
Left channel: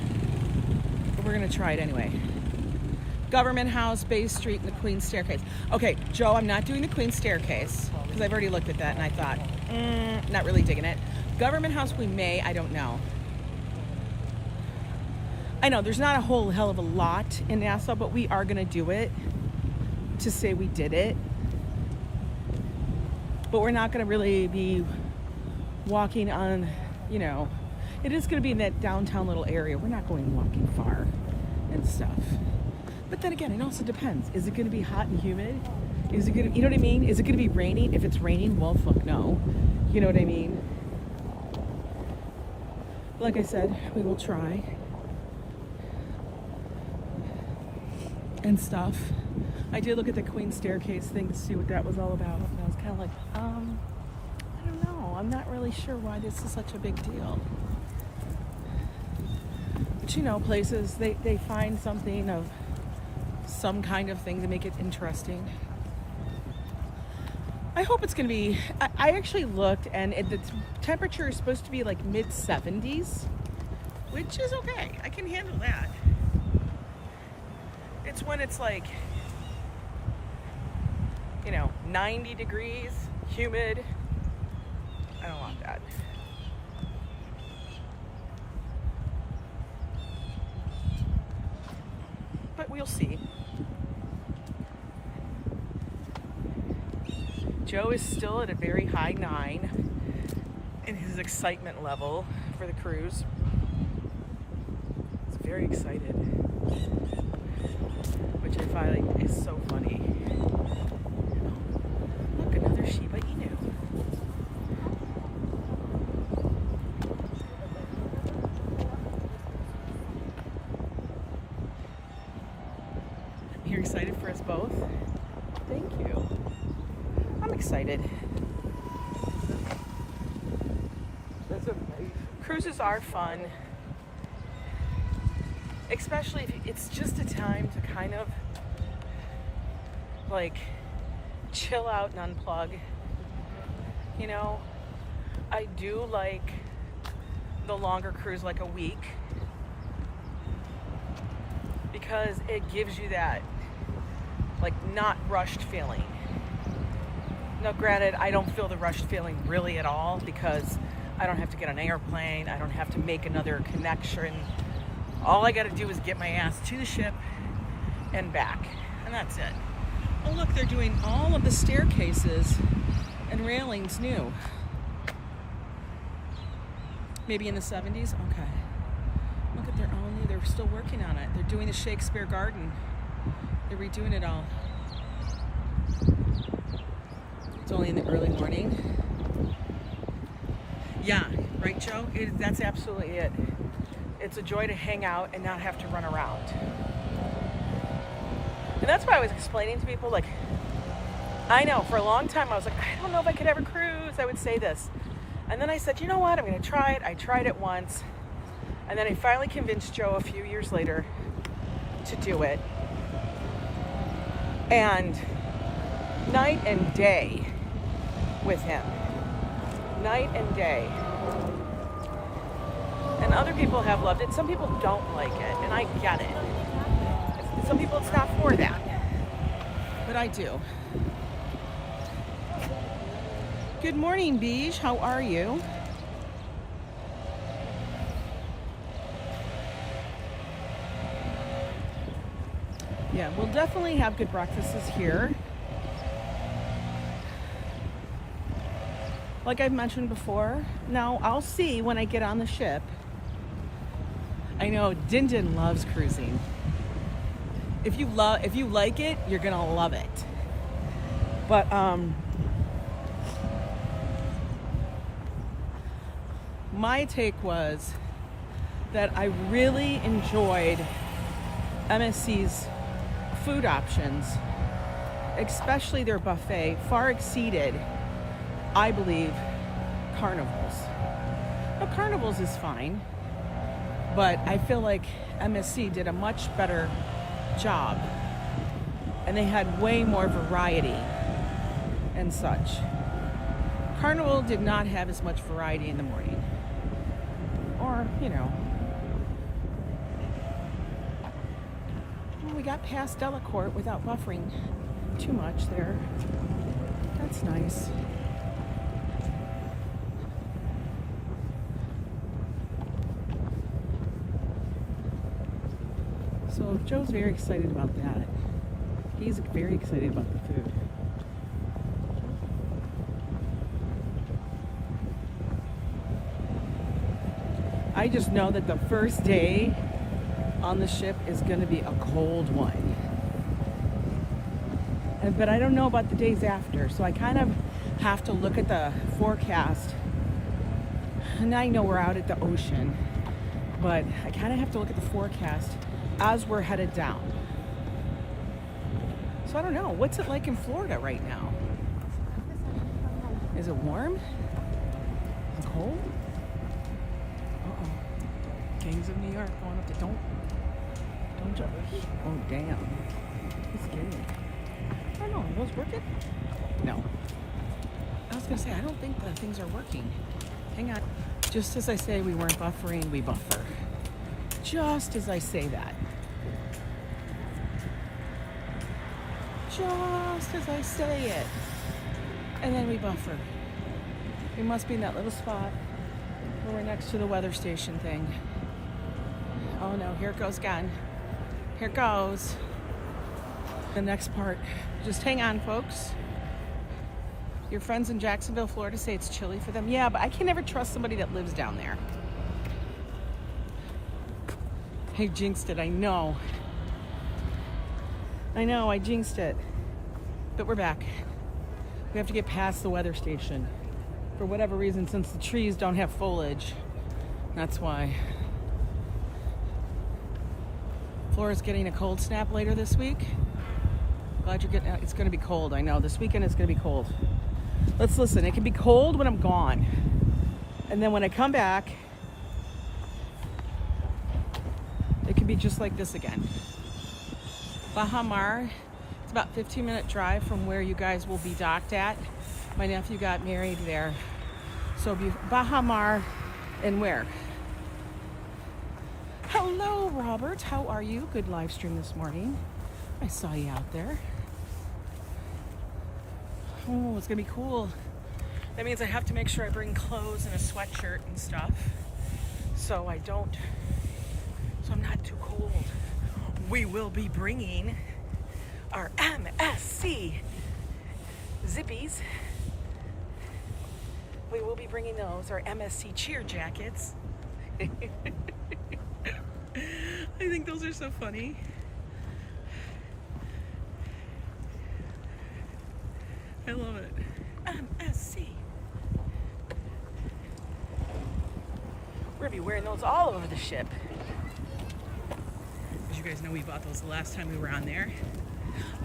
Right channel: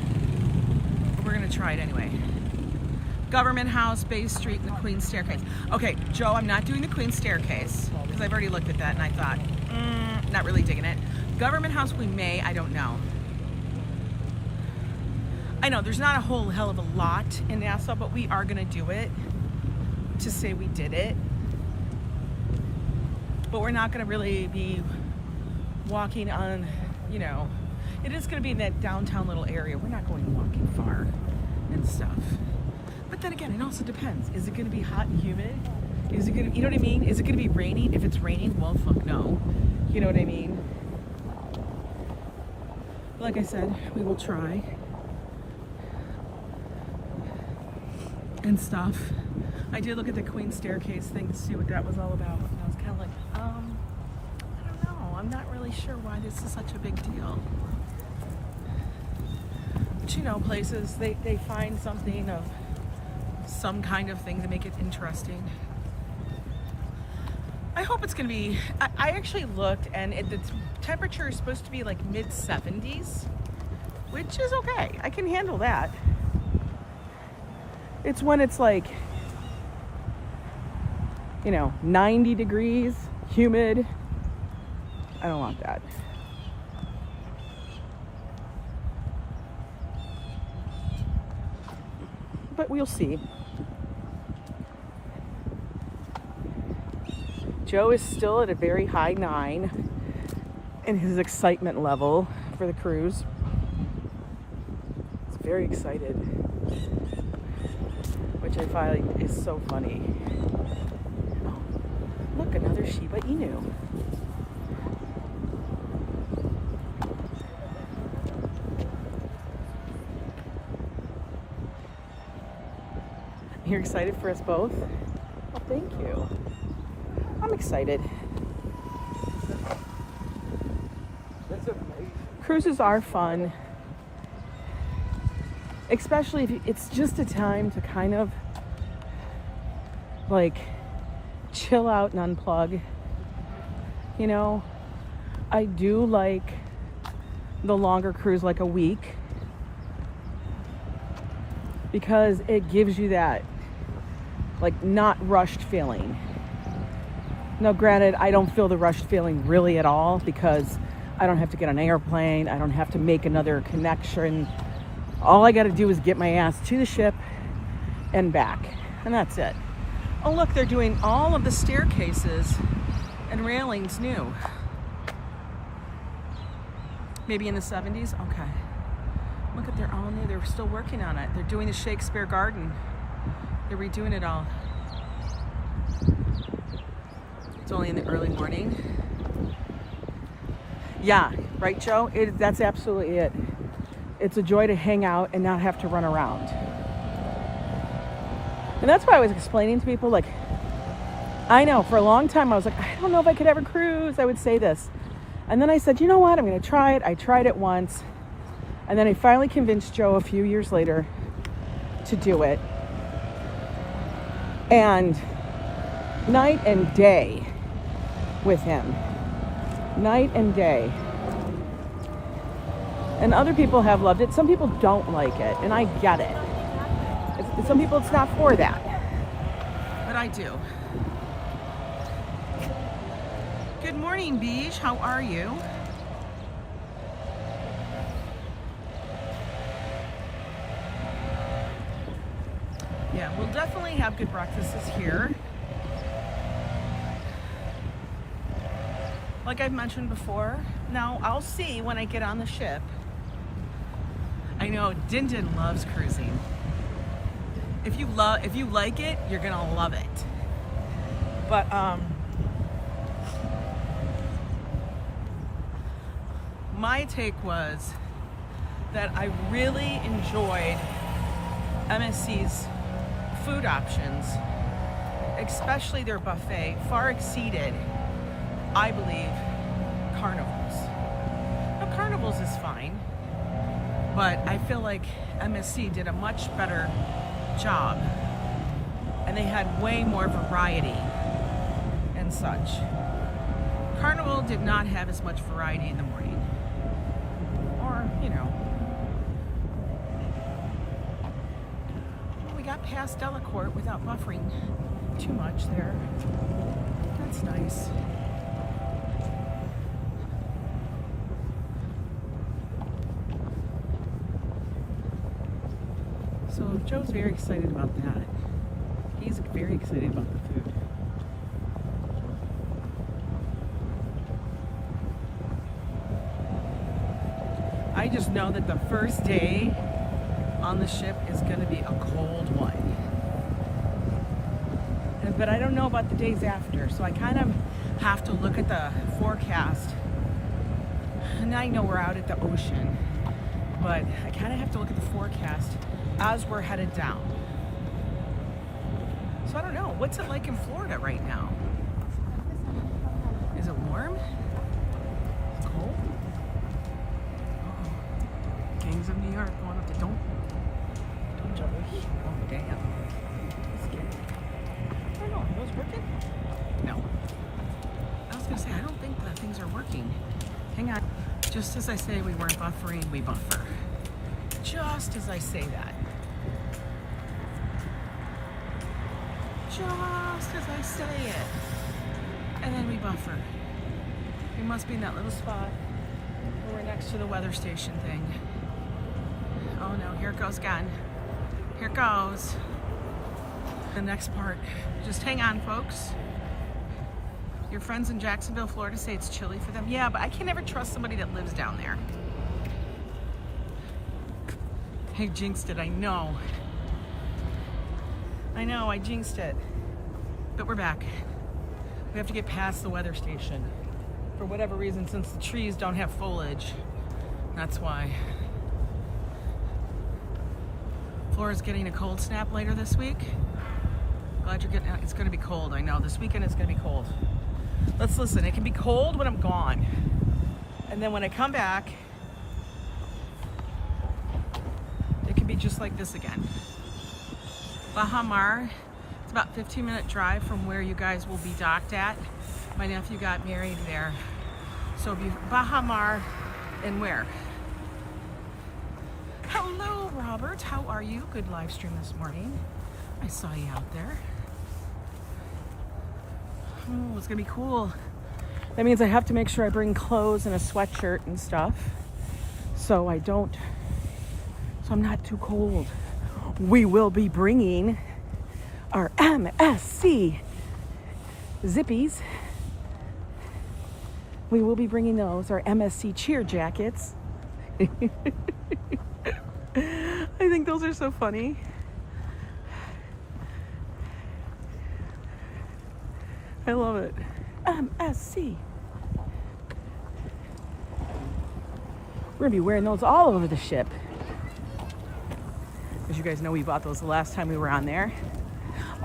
But we're gonna try it anyway. Government House, Bay Street, and the Queen's Staircase. Okay, Joe, I'm not doing the Queen's Staircase because I've already looked at that and I thought, not really digging it. Government House, we may, I don't know. I know there's not a whole hell of a lot in Nassau, but we are gonna do it to say we did it. But we're not gonna really be walking on, you know, it is gonna be in that downtown little area. We're not going walking far and stuff. But then again, it also depends. Is it gonna be hot and humid? Is it gonna, you know what I mean? Is it gonna be raining? If it's raining, well, fuck no. You know what I mean? Like I said, we will try. And stuff. I did look at the Queen's Staircase thing to see what that was all about. And I was kind of like, I don't know. I'm not really sure why this is such a big deal. But you know, places, they find something of some kind of thing to make it interesting. I hope it's gonna be, I actually looked and the temperature is supposed to be like mid-70s, which is okay. I can handle that. It's when it's like, you know, 90 degrees, humid. I don't want that. but we'll see. Joe is still at a very high 9 in his excitement level for the cruise. He's very excited, which I find is so funny. Look, another Shiba Inu. You're excited for us both? Thank you. I'm excited. Cruises are fun, especially if it's just a time to kind of like chill out and unplug. You know, I do like the longer cruise, like a week, because it gives you that like not rushed feeling. Now granted, I don't feel the rushed feeling really at all, because I don't have to get on an airplane, I don't have to make another connection. All I gotta do is get my ass to the ship and back, and that's it. Oh look, they're doing all of the staircases and railings new. Maybe in the 70s? Okay. Look at, they're all new, they're still working on it. They're doing the Shakespeare Garden. They're redoing it all. It's only in the early morning. Yeah, right, Joe? That's absolutely it. It's a joy to hang out and not have to run around. And that's why I was explaining to people, like, I know for a long time I was like, I don't know if I could ever cruise. I would say this. And then I said, you know what? I'm going to try it. I tried it once. And then I finally convinced Joe a few years later to do it. And night and day with him. Night and day. And other people have loved it. Some people don't like it, and I get it. Some people, it's not for that. But I do. Good morning, Beige. How are you? Yeah, we'll definitely have good breakfasts here. Like I've mentioned before. Now, I'll see when I get on the ship. I know Din Din loves cruising. If you like it, you're gonna love it. But my take was that I really enjoyed MSC's food options, especially their buffet, far exceeded, I believe, Carnival's. Now, Carnival's is fine, but I feel like MSC did a much better job, and they had way more variety and such. Carnival did not have as much variety in the morning, or, you know. Well, we got past Delacorte without buffering too much there. That's nice. So Joe's very excited about that. He's very excited about the food. I just know that the first day on the ship is going to be a cold one. But I don't know about the days after, so I kind of have to look at the forecast. And I know we're out at the ocean, but I kind of have to look at the forecast as we're headed down. So I don't know, what's it like in Florida right now? Is it warm? Is it cold? Uh-oh. Gangs of New York going up to don't jump. Oh damn. It's scary. I don't know, are those working? No. I was gonna say, I don't think the things are working. Hang on. Just as I say we weren't buffering, we buffer. Just as I say that. Just as I say it. And then we buffer. We must be in that little spot where we're next to the weather station thing. Oh no, here it goes again. Here goes the next part. Just hang on, folks. Your friends in Jacksonville, Florida say it's chilly for them. Yeah, but I can never trust somebody that lives down there. I jinxed it, I know. I know, I jinxed it. But we're back. We have to get past the weather station. For whatever reason, since the trees don't have foliage. That's why. Flora's getting a cold snap later this week. Glad you're getting, it's gonna be cold, I know. This weekend it's gonna be cold. Let's listen, it can be cold when I'm gone. And then when I come back, it can be just like this again. Baha Mar, it's about a 15-minute drive from where you guys will be docked at. My nephew got married there. So Baha Mar and where? Hello, Robert. How are you? Good live stream this morning. I saw you out there. Oh, it's gonna be cool. That means I have to make sure I bring clothes and a sweatshirt and stuff so I'm not too cold. We will be bringing our MSC zippies. We will be bringing those, our MSC cheer jackets. I think those are so funny. I love it. MSC. We're gonna be wearing those all over the ship. As you guys know, we bought those the last time we were on there.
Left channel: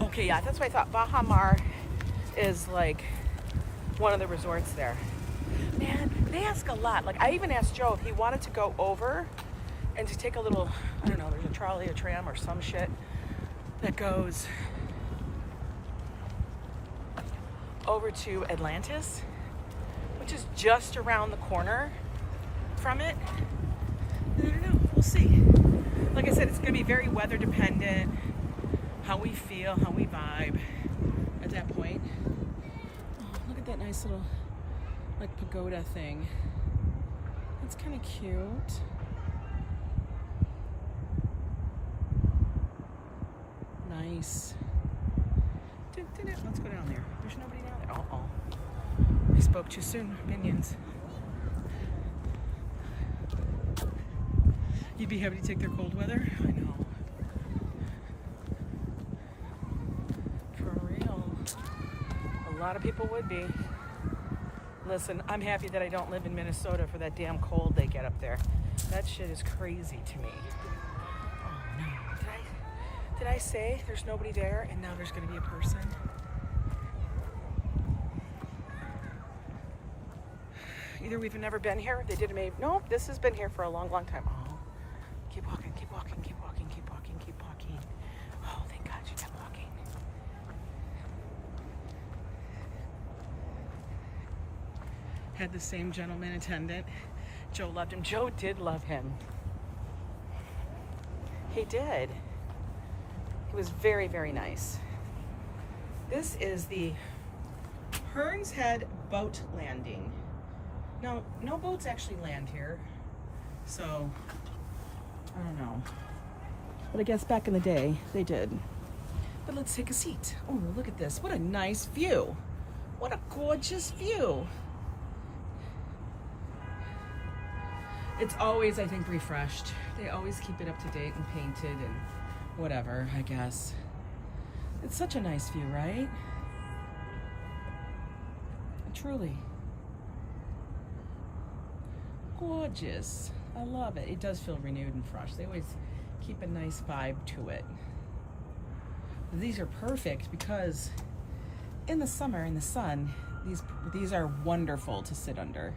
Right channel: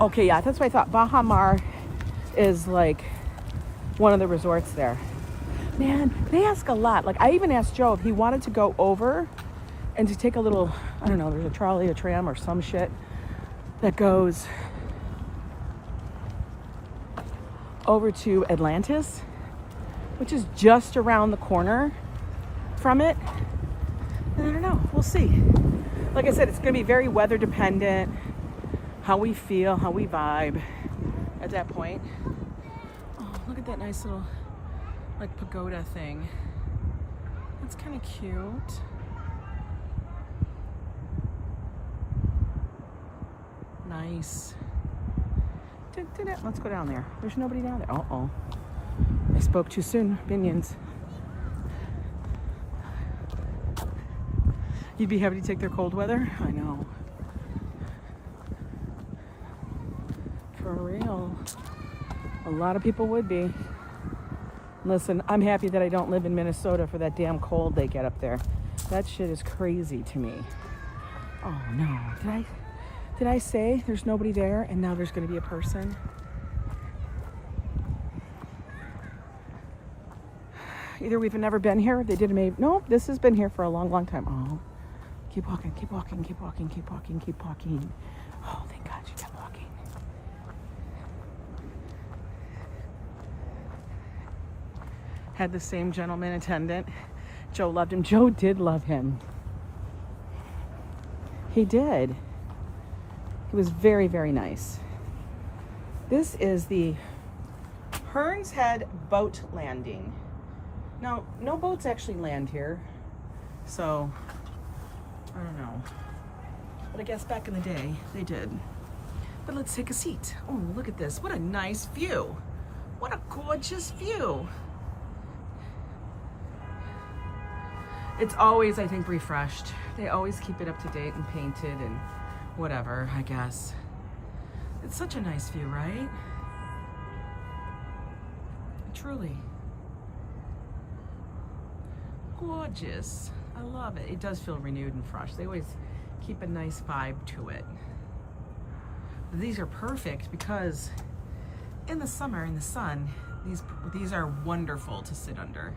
Okay, yeah, that's what I thought. Baha Mar is like one of the resorts there. Man, they ask a lot. Like, I even asked Joe if he wanted to go over and to take a little, I don't know, there's a trolley, a tram, or some shit that goes over to Atlantis, which is just around the corner from it. And I don't know, we'll see. Like I said, it's gonna be very weather dependent, how we feel, how we vibe at that point. Oh, look at that nice little, like, pagoda thing. That's kind of cute. Nice. Let's go down there. There's nobody down there. Uh-oh. I spoke too soon, minions. You'd be happy to take their cold weather? I know. For real. A lot of people would be. Listen, I'm happy that I don't live in Minnesota for that damn cold they get up there. That shit is crazy to me. Oh no. Did I say there's nobody there and now there's gonna be a person? Either we've never been here, they did maybe. No, this has been here for a long, long time. Oh, keep walking, keep walking, keep walking, keep walking, keep walking. Oh, thank God you kept walking. Had the same gentleman attendant. Joe loved him. Joe did love him. He did. He was very, very nice. This is the Hearns Head boat landing. Now, no boats actually land here, so I don't know. But I guess back in the day, they did. But let's take a seat. Oh, look at this. What a nice view. What a gorgeous view. It's always, I think, refreshed. They always keep it up to date and painted and whatever, I guess. It's such a nice view, right? Truly. Gorgeous. I love it. It does feel renewed and fresh. They always keep a nice vibe to it. These are perfect because in the summer, in the sun, these are wonderful to sit under.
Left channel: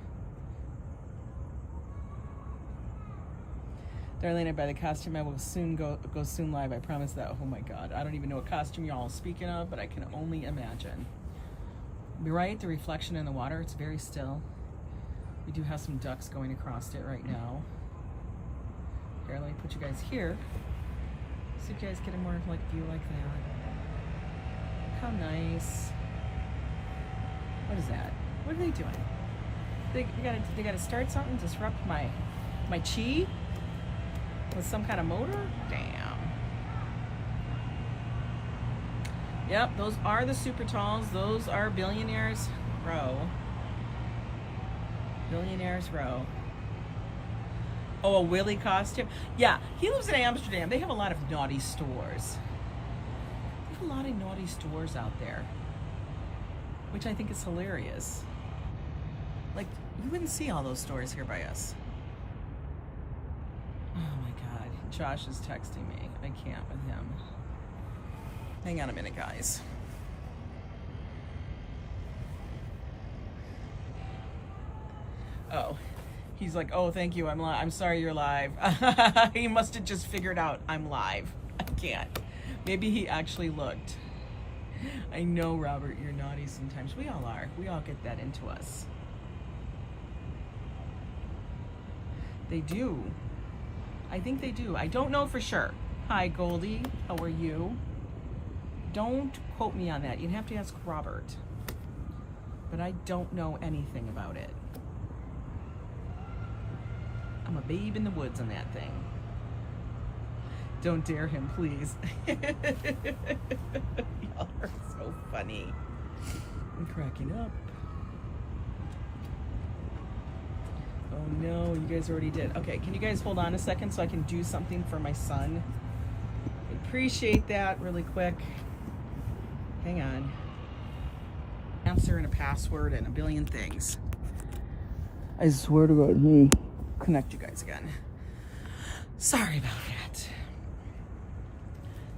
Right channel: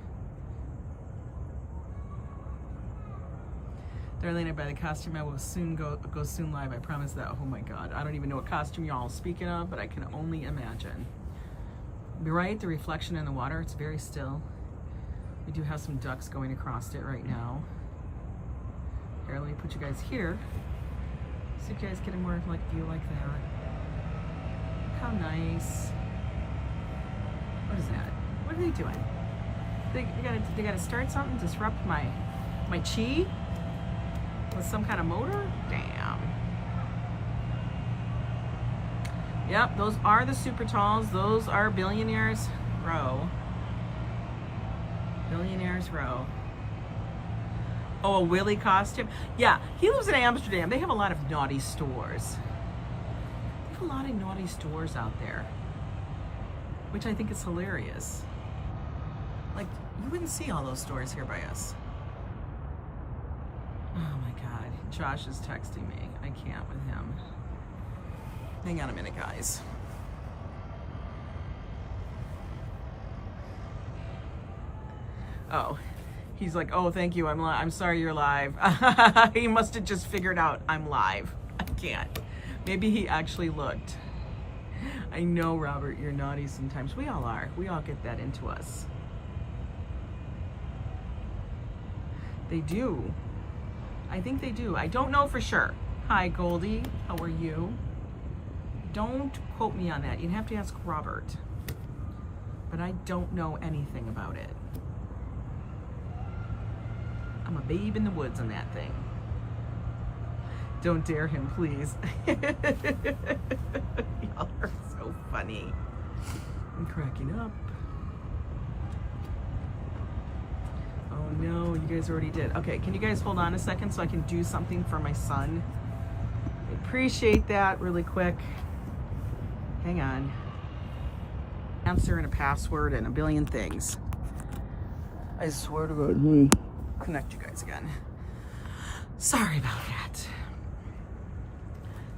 Darlene, by the costume, I will soon go soon live. I promise that. Oh my God, I don't even know what costume y'all are speaking of, but I can only imagine. You're right, the reflection in the water, it's very still. We do have some ducks going across it right now. Here, let me put you guys here. So you guys get a more of like view like that. How nice. What is that? What are they doing? They gotta start something, disrupt my chi with some kind of motor? Damn. Yep, those are the super talls. Those are Billionaires Row. Billionaires Row. Oh, a Willy costume? Yeah, he lives in Amsterdam. They have a lot of naughty stores. They have a lot of naughty stores out there, which I think is hilarious. Like, you wouldn't see all those stores here by us. Oh my God, Josh is texting me. I can't with him. Hang on a minute, guys. Oh, he's like, oh, thank you, I'm sorry you're live. He must have just figured out I'm live. I can't. Maybe he actually looked. I know, Robert, you're naughty sometimes. We all are. We all get that into us. They do. I think they do. I don't know for sure. Hi, Goldie. How are you? Don't quote me on that. You'd have to ask Robert. But I don't know anything about it. I'm a babe in the woods on that thing. Don't dare him, please. Y'all are so funny. I'm cracking up. Oh no, you guys already did. Okay, can you guys hold on a second so I can do something for my son? I appreciate that really quick. Hang on. Answer and a password and a billion things. I swear to God, let me connect you guys again. Sorry about that.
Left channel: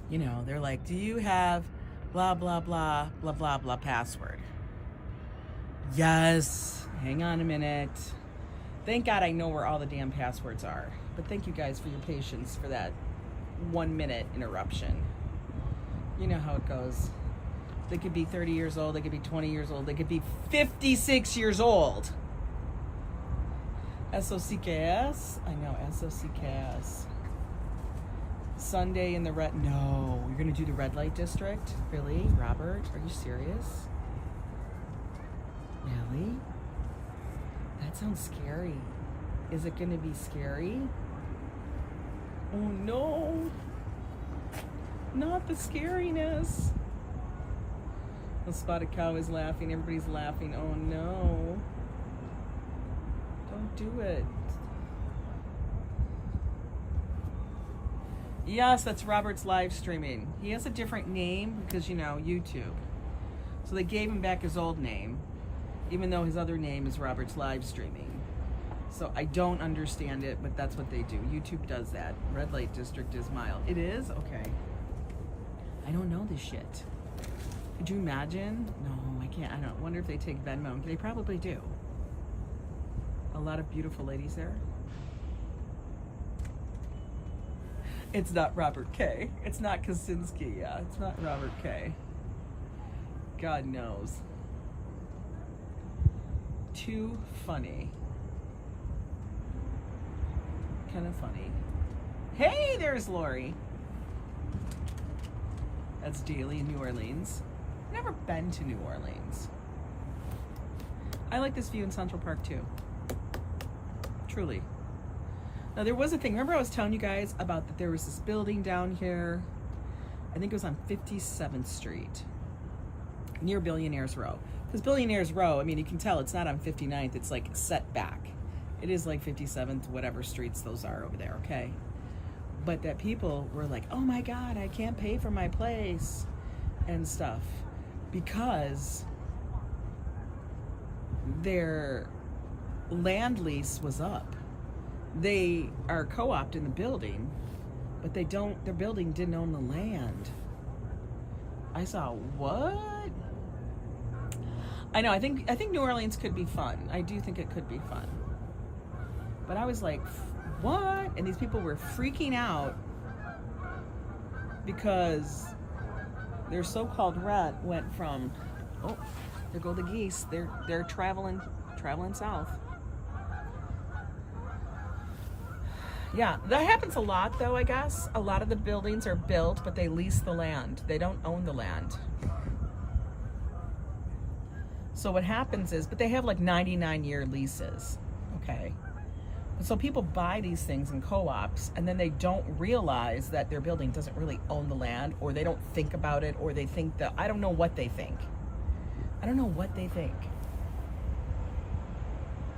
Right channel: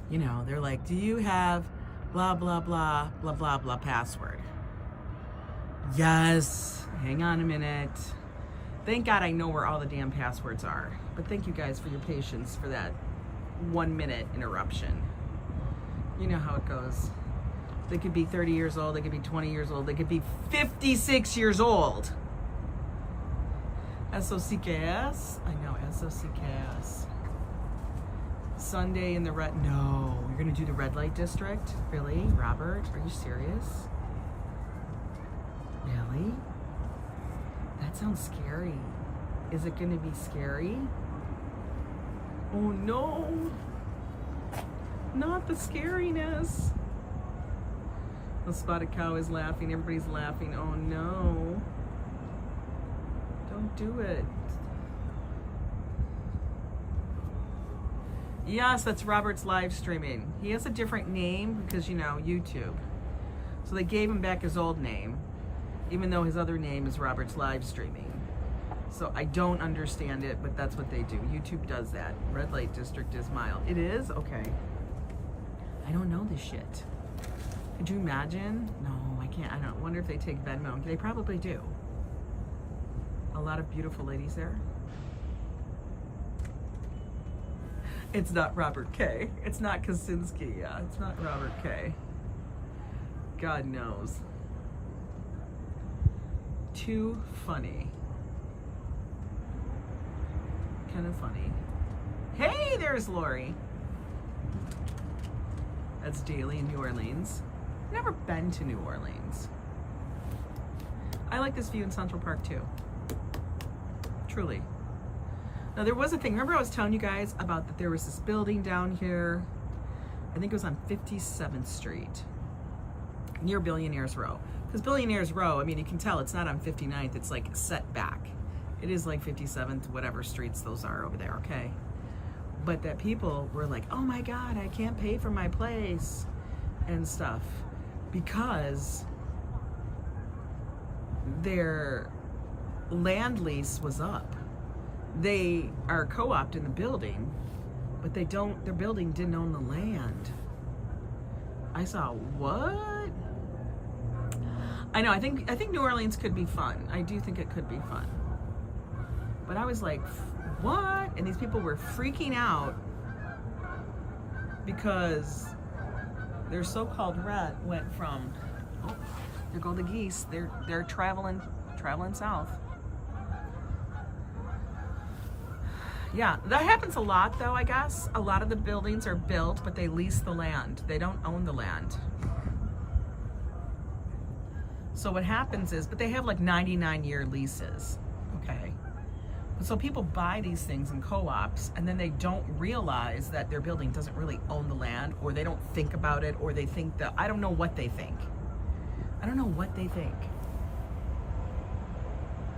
You know, they're like, do you have blah, blah, blah, blah, blah, blah password? Yes. Hang on a minute. Thank God I know where all the damn passwords are. But thank you guys for your patience for that 1 minute interruption. You know how it goes. They could be 30 years old, they could be 20 years old, they could be 56 years old. SOCKS? I know, SOCKS. Sunday in the red, no. You're gonna do the red light district? Really, Robert? Are you serious? Really? That sounds scary. Is it gonna be scary? Oh no. Not the scariness. The spotted cow is laughing. Everybody's laughing. Oh no. Don't do it. Yes, that's Robert's live streaming. He has a different name because, you know, YouTube. So they gave him back his old name, even though his other name is Robert's live streaming. So I don't understand it, but that's what they do. YouTube does that. Red light district is mild. It is? Okay. I don't know this shit. Could you imagine? No, I can't. I don't wonder if they take Venmo. They probably do. A lot of beautiful ladies there. It's not Robert K. It's not Kosinski. Yeah, it's not Robert K. God knows. Too funny. Kind of funny. Hey, there's Lori. That's daily in New Orleans. Never been to New Orleans. I like this view in Central Park too. Truly. Now there was a thing, remember I was telling you guys about that there was this building down here, I think it was on 57th Street, near Billionaires Row. Because Billionaires Row, I mean, you can tell it's not on 59th, it's like set back. It is like 57th, whatever streets those are over there, okay? But that people were like, oh my God, I can't pay for my place and stuff because their land lease was up. They are co-opted in the building, but they don't, their building didn't own the land. I saw, what? I know, I think New Orleans could be fun. I do think it could be fun. But I was like, what? And these people were freaking out because their so-called red went from, oh, there go the geese. They're traveling south. Yeah, that happens a lot though, I guess. A lot of the buildings are built, but they lease the land. They don't own the land. So what happens is, but they have like 99-year leases, okay? So people buy these things in co-ops and then they don't realize that their building doesn't really own the land, or they don't think about it, or they think that, I don't know what they think. I don't know what they think.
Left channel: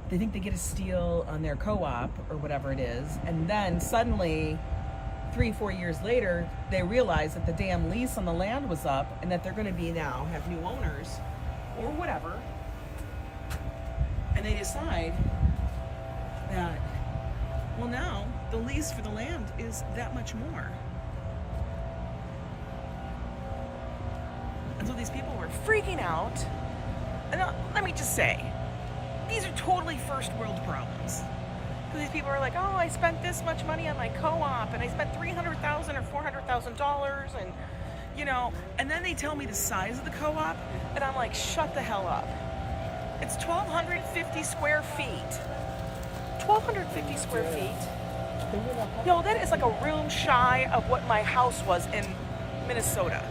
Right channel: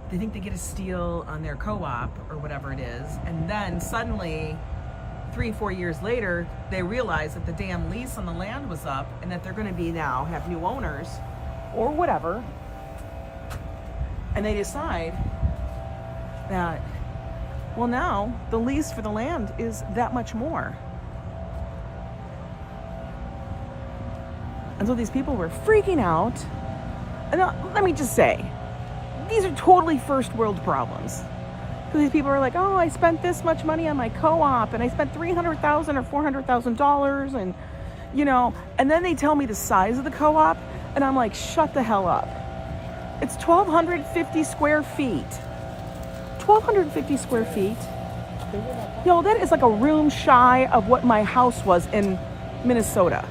They think they get a steal on their co-op or whatever it is, and then suddenly 3-4 years later they realize that the damn lease on the land was up and that they're going to be now have new owners or whatever, and they decide that, well, now the lease for the land is that much more. And so these people were freaking out. And let me just say, these are totally first world problems. So these people are like, oh, I spent this much money on my co-op, and I spent $300,000 or $400,000, and you know, and then they tell me the size of the co-op, and I'm like, shut the hell up. It's 1,250 square feet. 1,250 square feet. Yo, that is like a room shy of what my house was in Minnesota.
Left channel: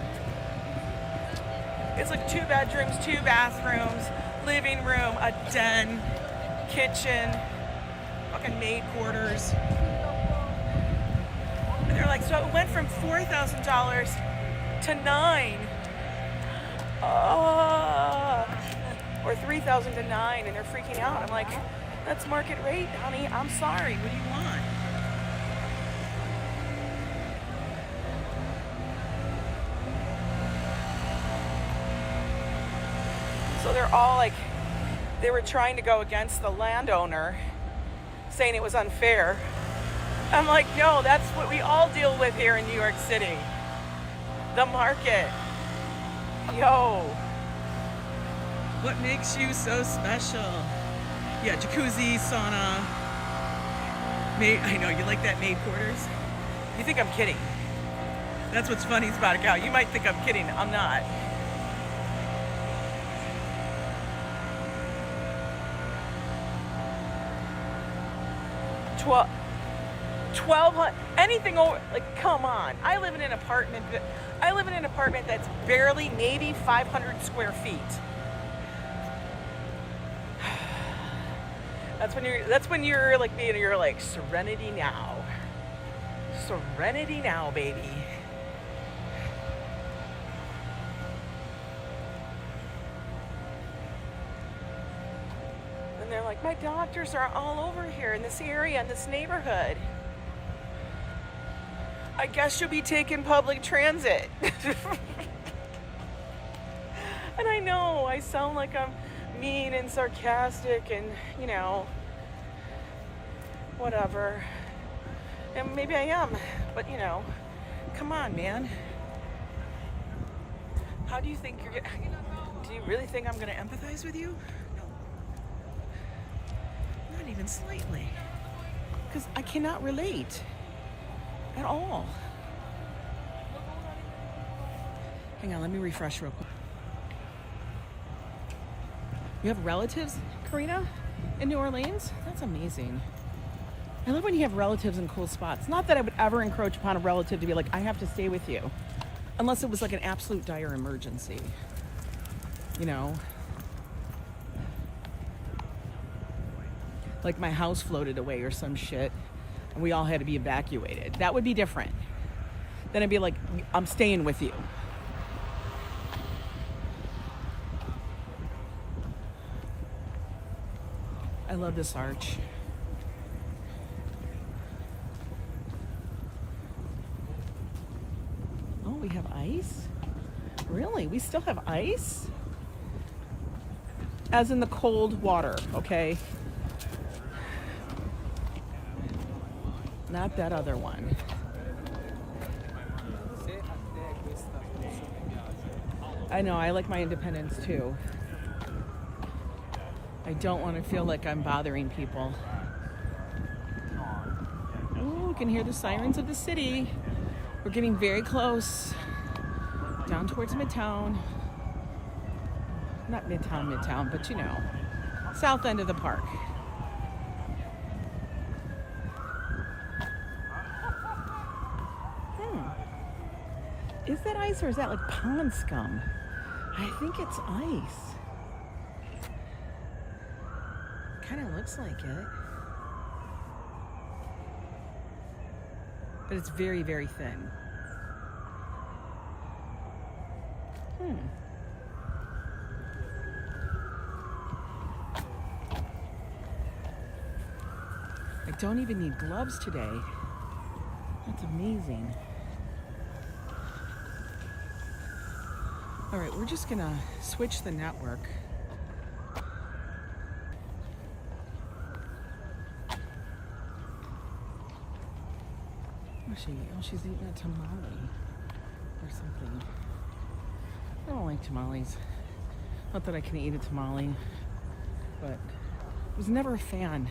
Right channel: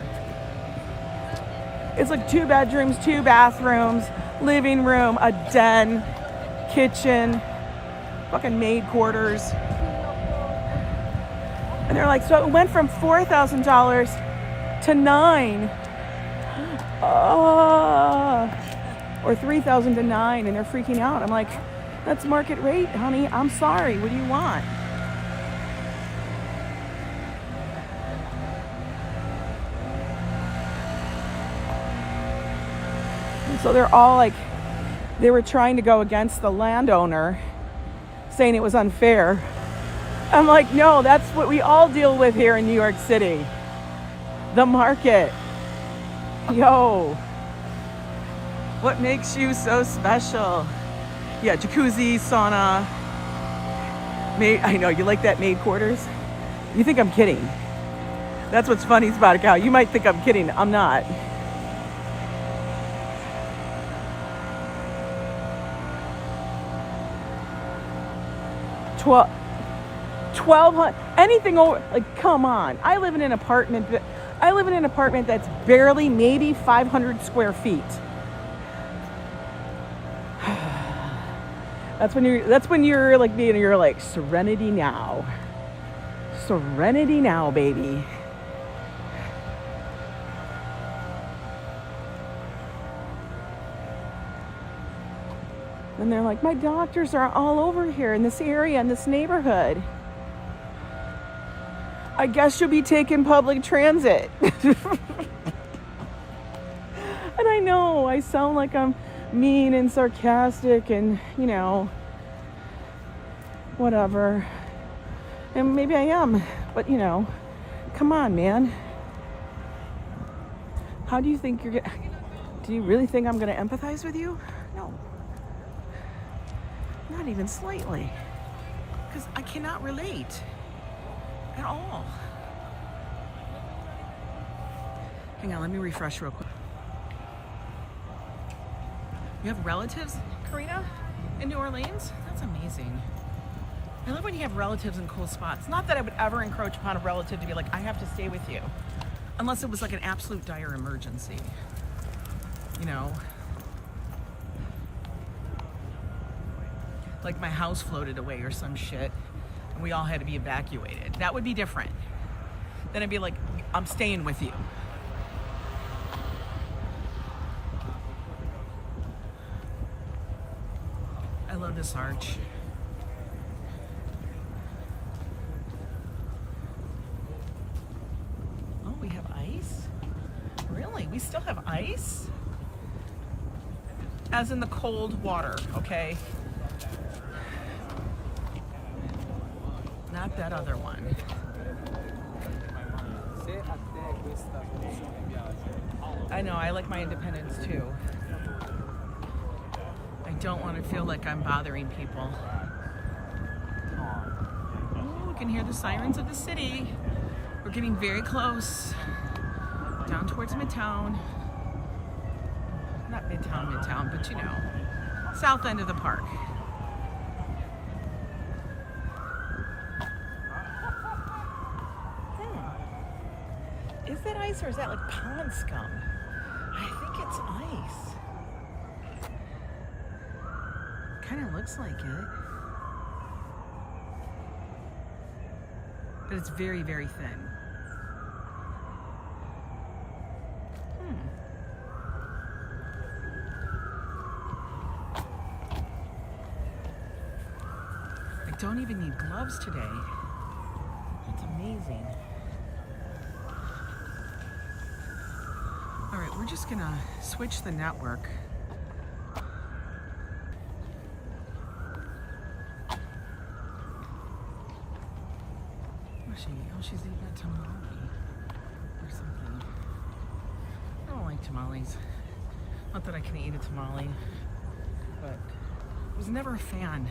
It's like 2 bedrooms, 2 bathrooms, living room, a den, kitchen, fucking maid quarters. And they're like, so it went from $4,000 to $9,000. Or $3,000 to $9,000, and they're freaking out. I'm like, that's market rate, honey. I'm sorry. What do you want? And so they're all like, they were trying to go against the landowner, saying it was unfair. I'm like, no, that's what we all deal with here in New York City. The market. Yo. What makes you so special? Yeah, jacuzzi, sauna. Maid, I know, you like that maid quarters? You think I'm kidding. That's what's funny about it, Gal. You might think I'm kidding. I'm not. $1,200, anything over, like, come on. I live in an apartment that's barely maybe 500 square feet. That's when you're like being, you're like, serenity now. Serenity now, baby. And they're like, my doctors are all over here in this area, in this neighborhood. I guess you'll be taking public transit. And I know I sound like I'm mean and sarcastic and, you know, whatever. And maybe I am, but you know, come on, man. How do you think you're gonna, do you really think I'm gonna empathize with you? No. Not even slightly. Because I cannot relate at all. Hang on, let me refresh real quick. You have relatives, Karina, in New Orleans? That's amazing. I love when you have relatives in cool spots. Not that I would ever encroach upon a relative to be like, I have to stay with you. Unless it was like an absolute dire emergency. You know? Like my house floated away or some shit, and we all had to be evacuated. That would be different. Then I'd be like, I'm staying with you. I love this arch. Oh, we have ice? Really? We still have ice? As in the cold water, okay? Not that other one. I know, I like my independence too. I don't want to feel like I'm bothering people. Ooh, we can hear the sirens of the city. We're getting very close. Down towards Midtown. Not Midtown, but you know. South end of the park. Is that ice or is that like pond scum? I think it's ice. Kind of looks like it. but it's very, very thin. I don't even need gloves today. That's amazing. All right, we're just gonna switch the network. She's eating a tamale or something. I don't like tamales. Not that I can eat a tamale, but I was never a fan.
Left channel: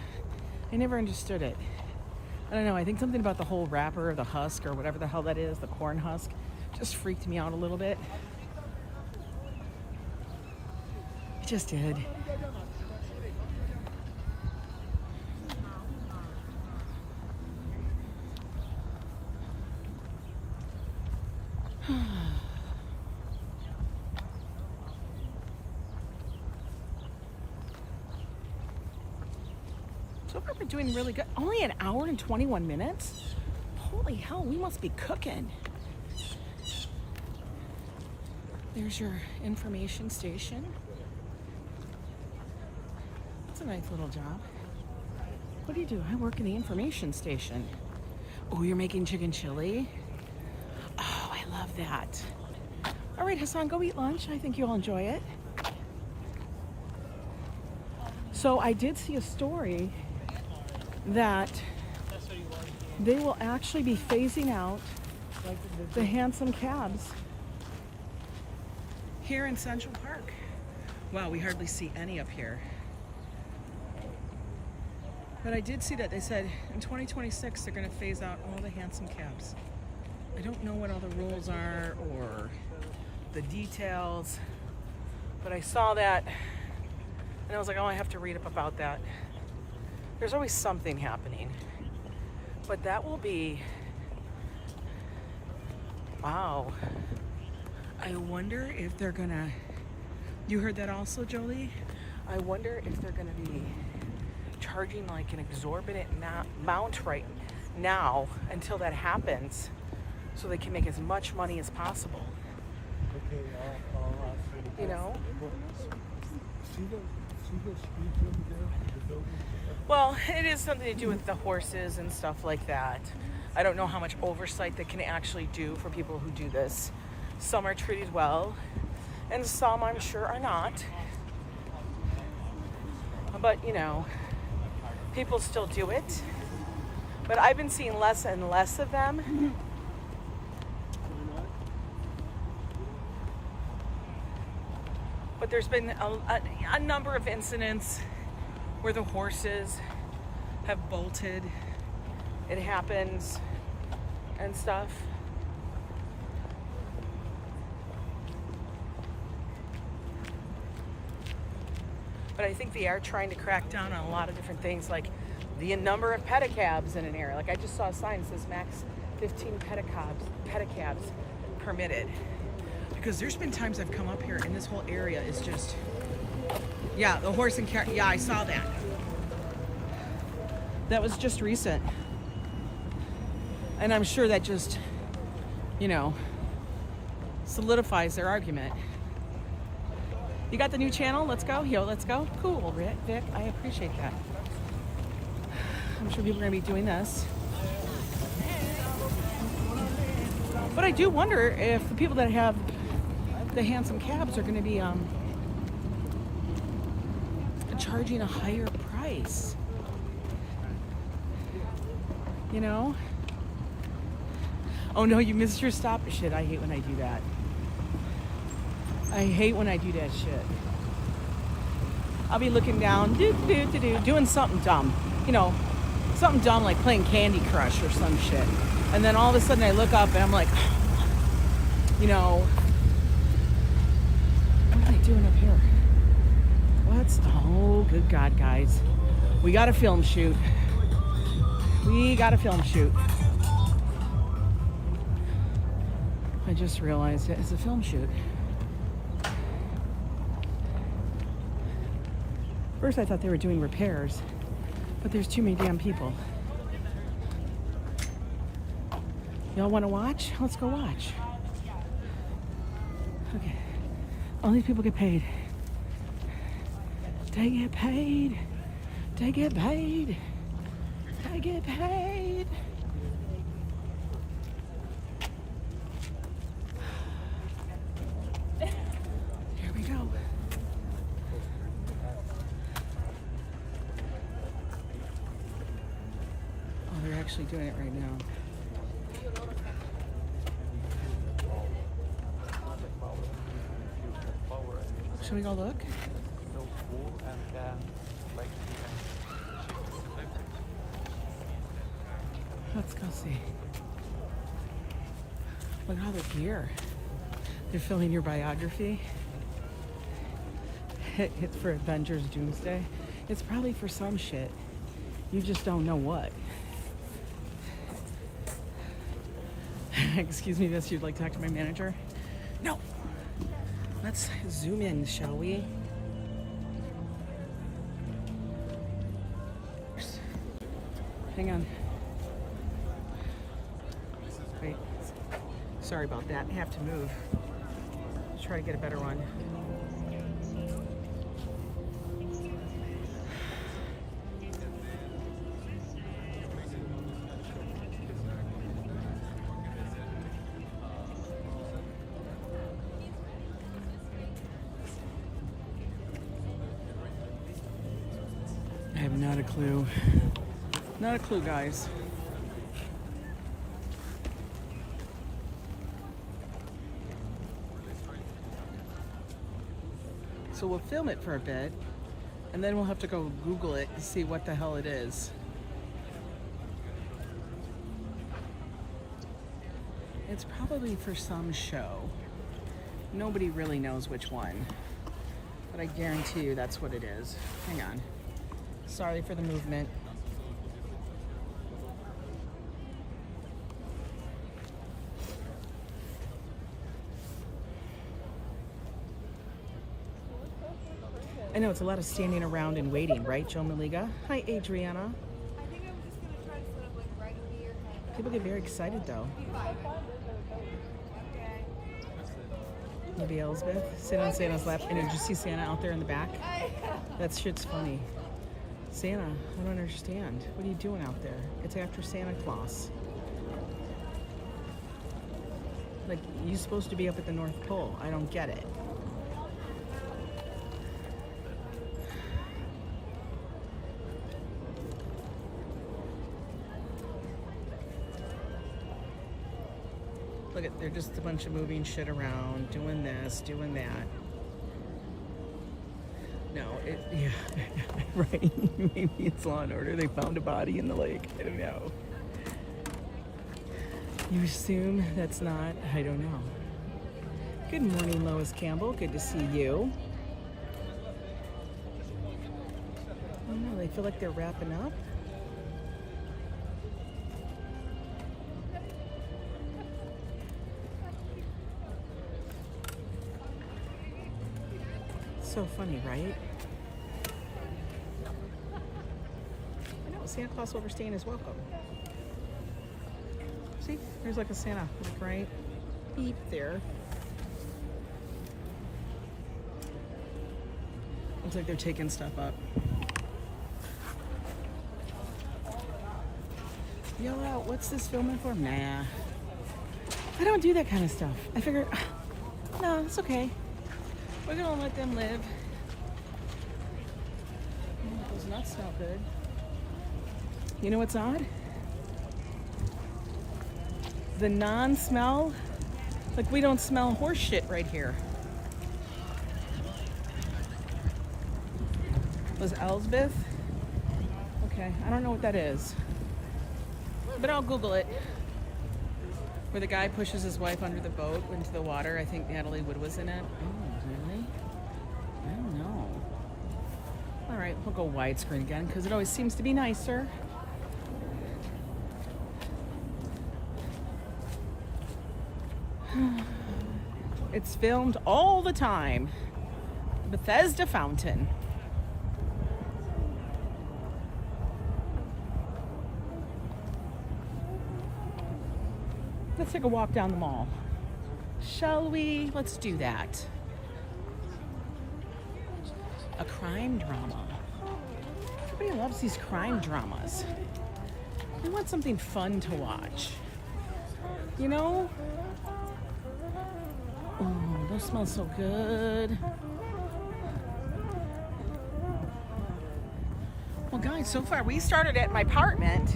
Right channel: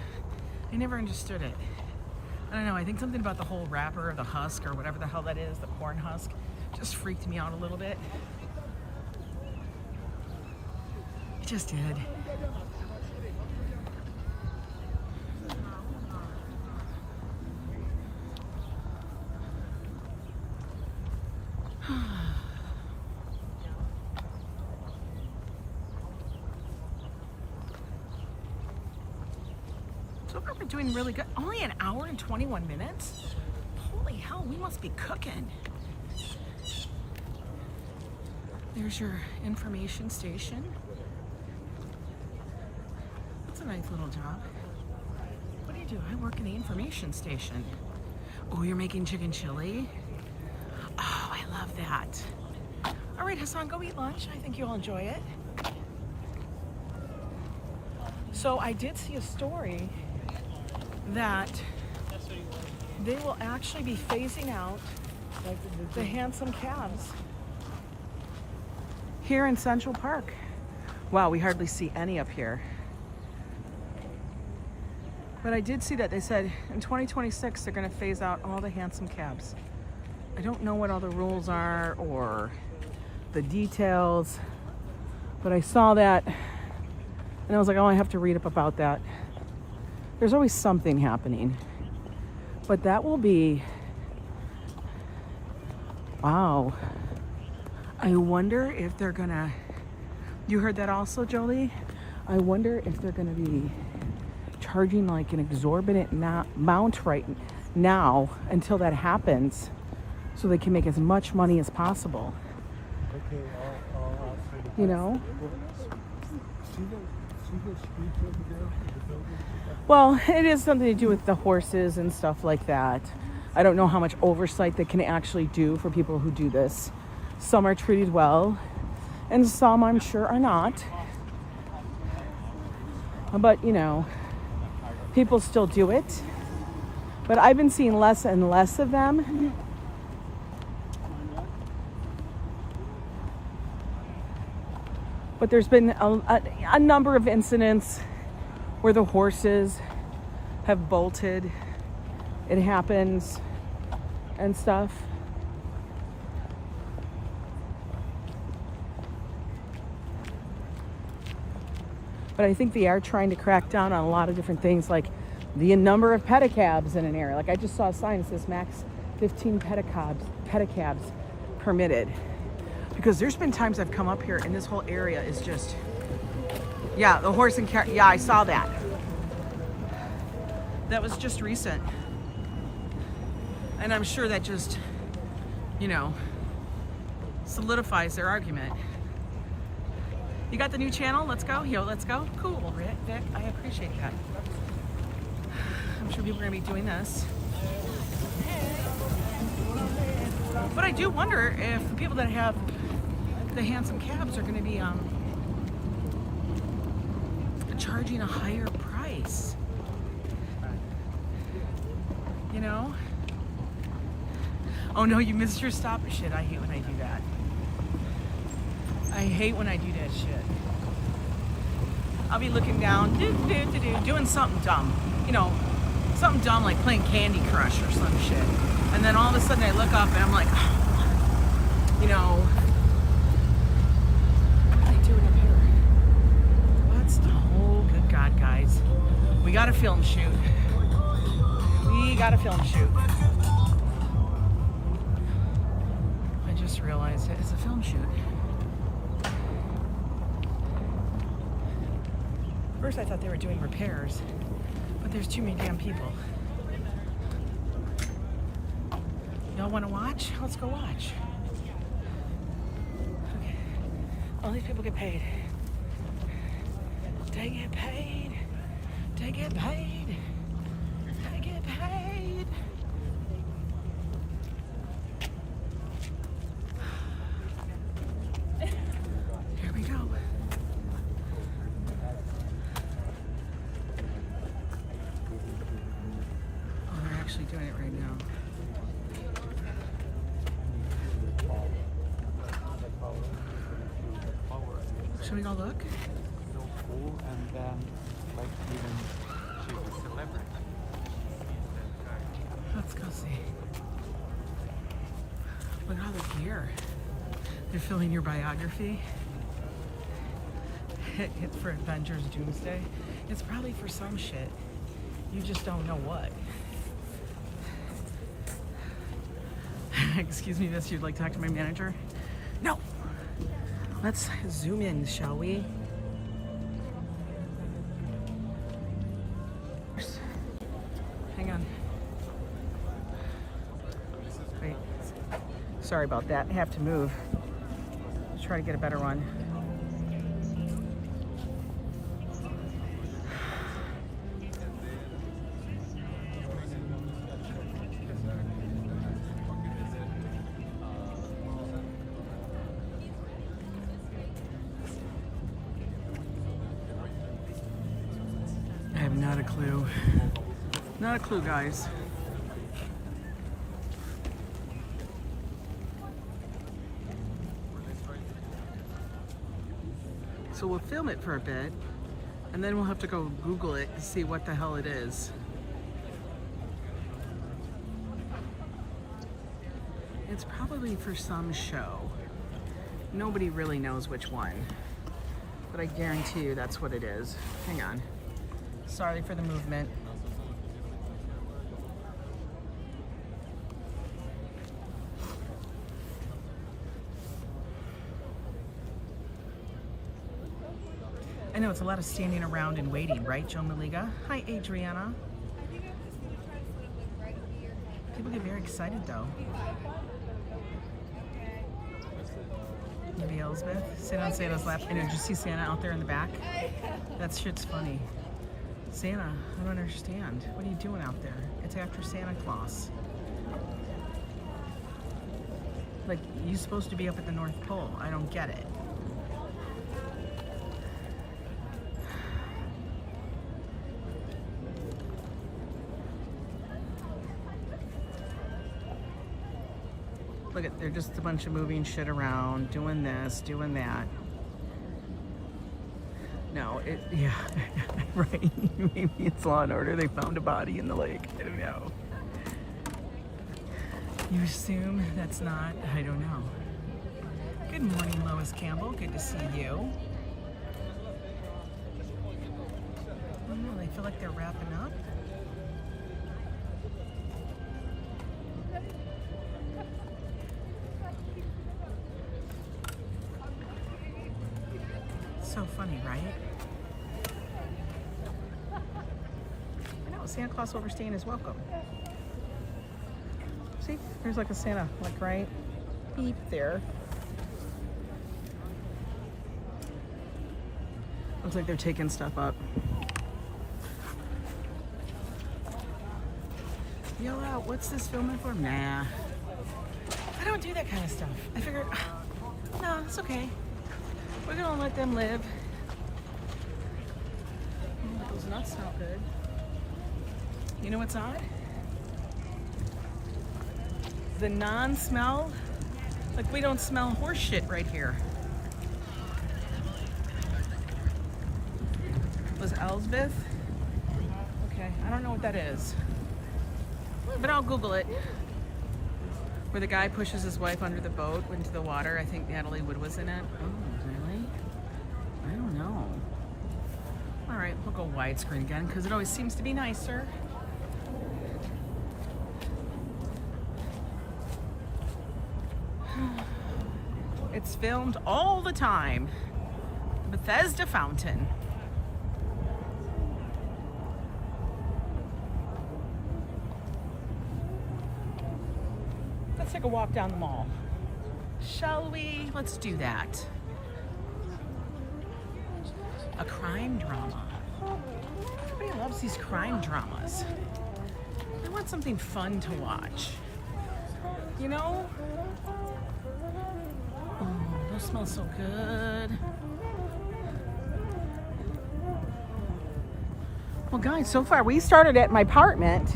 I never understood it. I don't know, I think something about the whole wrapper or the husk or whatever the hell that is, the corn husk, just freaked me out a little bit. It just did. So far we're doing really good. Only an hour and 21 minutes? Holy hell, we must be cooking. There's your information station. That's a nice little job. What do you do? I work in the information station. Oh, you're making chicken chili? Oh, I love that. All right, Hassan, go eat lunch. I think you'll enjoy it. So I did see a story that they will actually be phasing out the handsome cabs here in Central Park. Wow, we hardly see any up here. But I did see that they said in 2026 they're going to phase out all the handsome cabs. I don't know what all the rules are or the details, but I saw that and I was like, oh, I have to read up about that. There's always something happening. But that will be, wow. I wonder if they're gonna, you heard that also, Jolie? I wonder if they're gonna be charging like an exorbitant amount right now until that happens so they can make as much money as possible. You know? Well, it is something to do with the horses and stuff like that. I don't know how much oversight they can actually do for people who do this. Some are treated well, and some I'm sure are not. But, you know, people still do it. But I've been seeing less and less of them. But there's been a number of incidents where the horses have bolted. It happens and stuff. But I think they are trying to crack down on a lot of different things, like the number of pedicabs in an area. Like I just saw a sign that says max 15 pedicabs permitted. Because there's been times I've come up here and this whole area is just, yeah, the horse and car, yeah, I saw that. That was just recent. And I'm sure that just, you know, solidifies their argument. You got the new channel? Let's go. Yo, let's go. Cool, Vic. I appreciate that. I'm sure people are going to be doing this. But I do wonder if the people that have the handsome cabs are going to be charging a higher price. You know? Oh no, you missed your stop. Shit, I hate when I do that. I hate when I do that shit. I'll be looking down, doing something dumb. You know, something dumb like playing Candy Crush or some shit. And then all of a sudden I look up and I'm like, you know, what am I doing up here? What's the, oh good God, guys. We got a film shoot. We got a film shoot. I just realized it is a film shoot. First I thought they were doing repairs, but there's too many damn people. Y'all want to watch? Let's go watch. Okay. All these people get paid. They get paid. They get paid. They get paid. Here we go. Oh, they're actually doing it right now. Should we go look? Let's go see. Look at all the gear. They're filming your biography. It's for Avengers Doomsday. It's probably for some shit. You just don't know what. Excuse me, miss, you'd like to talk to my manager? No. Let's zoom in, shall we? Hang on. Wait. Sorry about that. I have to move. Let's try to get a better one. I have not a clue. Not a clue, guys. So we'll film it for a bit, and then we'll have to go Google it to see what the hell it is. It's probably for some show. Nobody really knows which one, but I guarantee you that's what it is. Hang on. Sorry for the movement. I know it's a lot of standing around and waiting, right, Joe Maliga? Hi, Adriana. I think I'm just gonna try to put up like right over your head. People get very excited though. Okay. Maybe Elsbeth. Sit on Santa's lap. And did you see Santa out there in the back? That shit's funny. Santa, I don't understand. What are you doing out there? It's after Santa Claus. Like, you're supposed to be up at the North Pole. I don't get it. Look at, they're just a bunch of moving shit around, doing this, doing that. No, yeah, right. Maybe it's Law and Order. They found a body in the lake. I don't know. You assume that's not, I don't know. Good morning, Lois Campbell. Good to see you. Oh no, they feel like they're wrapping up. So funny, right? I know, Santa Claus overstaying his welcome. See, there's like a Santa, like right beep there. Looks like they're taking stuff up. Yell out, what's this filming for? Nah. I don't do that kind of stuff. I figured, no, it's okay. We're gonna let them live. Oh, those nuts smell good. You know what's odd? The non-smell. Like, we don't smell horse shit right here. Was Elsbeth? Okay, I don't know what that is. But I'll Google it. Where the guy pushes his wife under the boat into the water. I think Natalie Wood was in it. Oh, really? I don't know. All right, we'll go widescreen again because it always seems to be nicer. It's filmed all the time. Bethesda Fountain. Let's take a walk down the mall. Shall we? Let's do that. A crime drama. Everybody loves these crime dramas. They want something fun to watch. You know? Oh, those smell so good. Well, guys, so far we started at my apartment,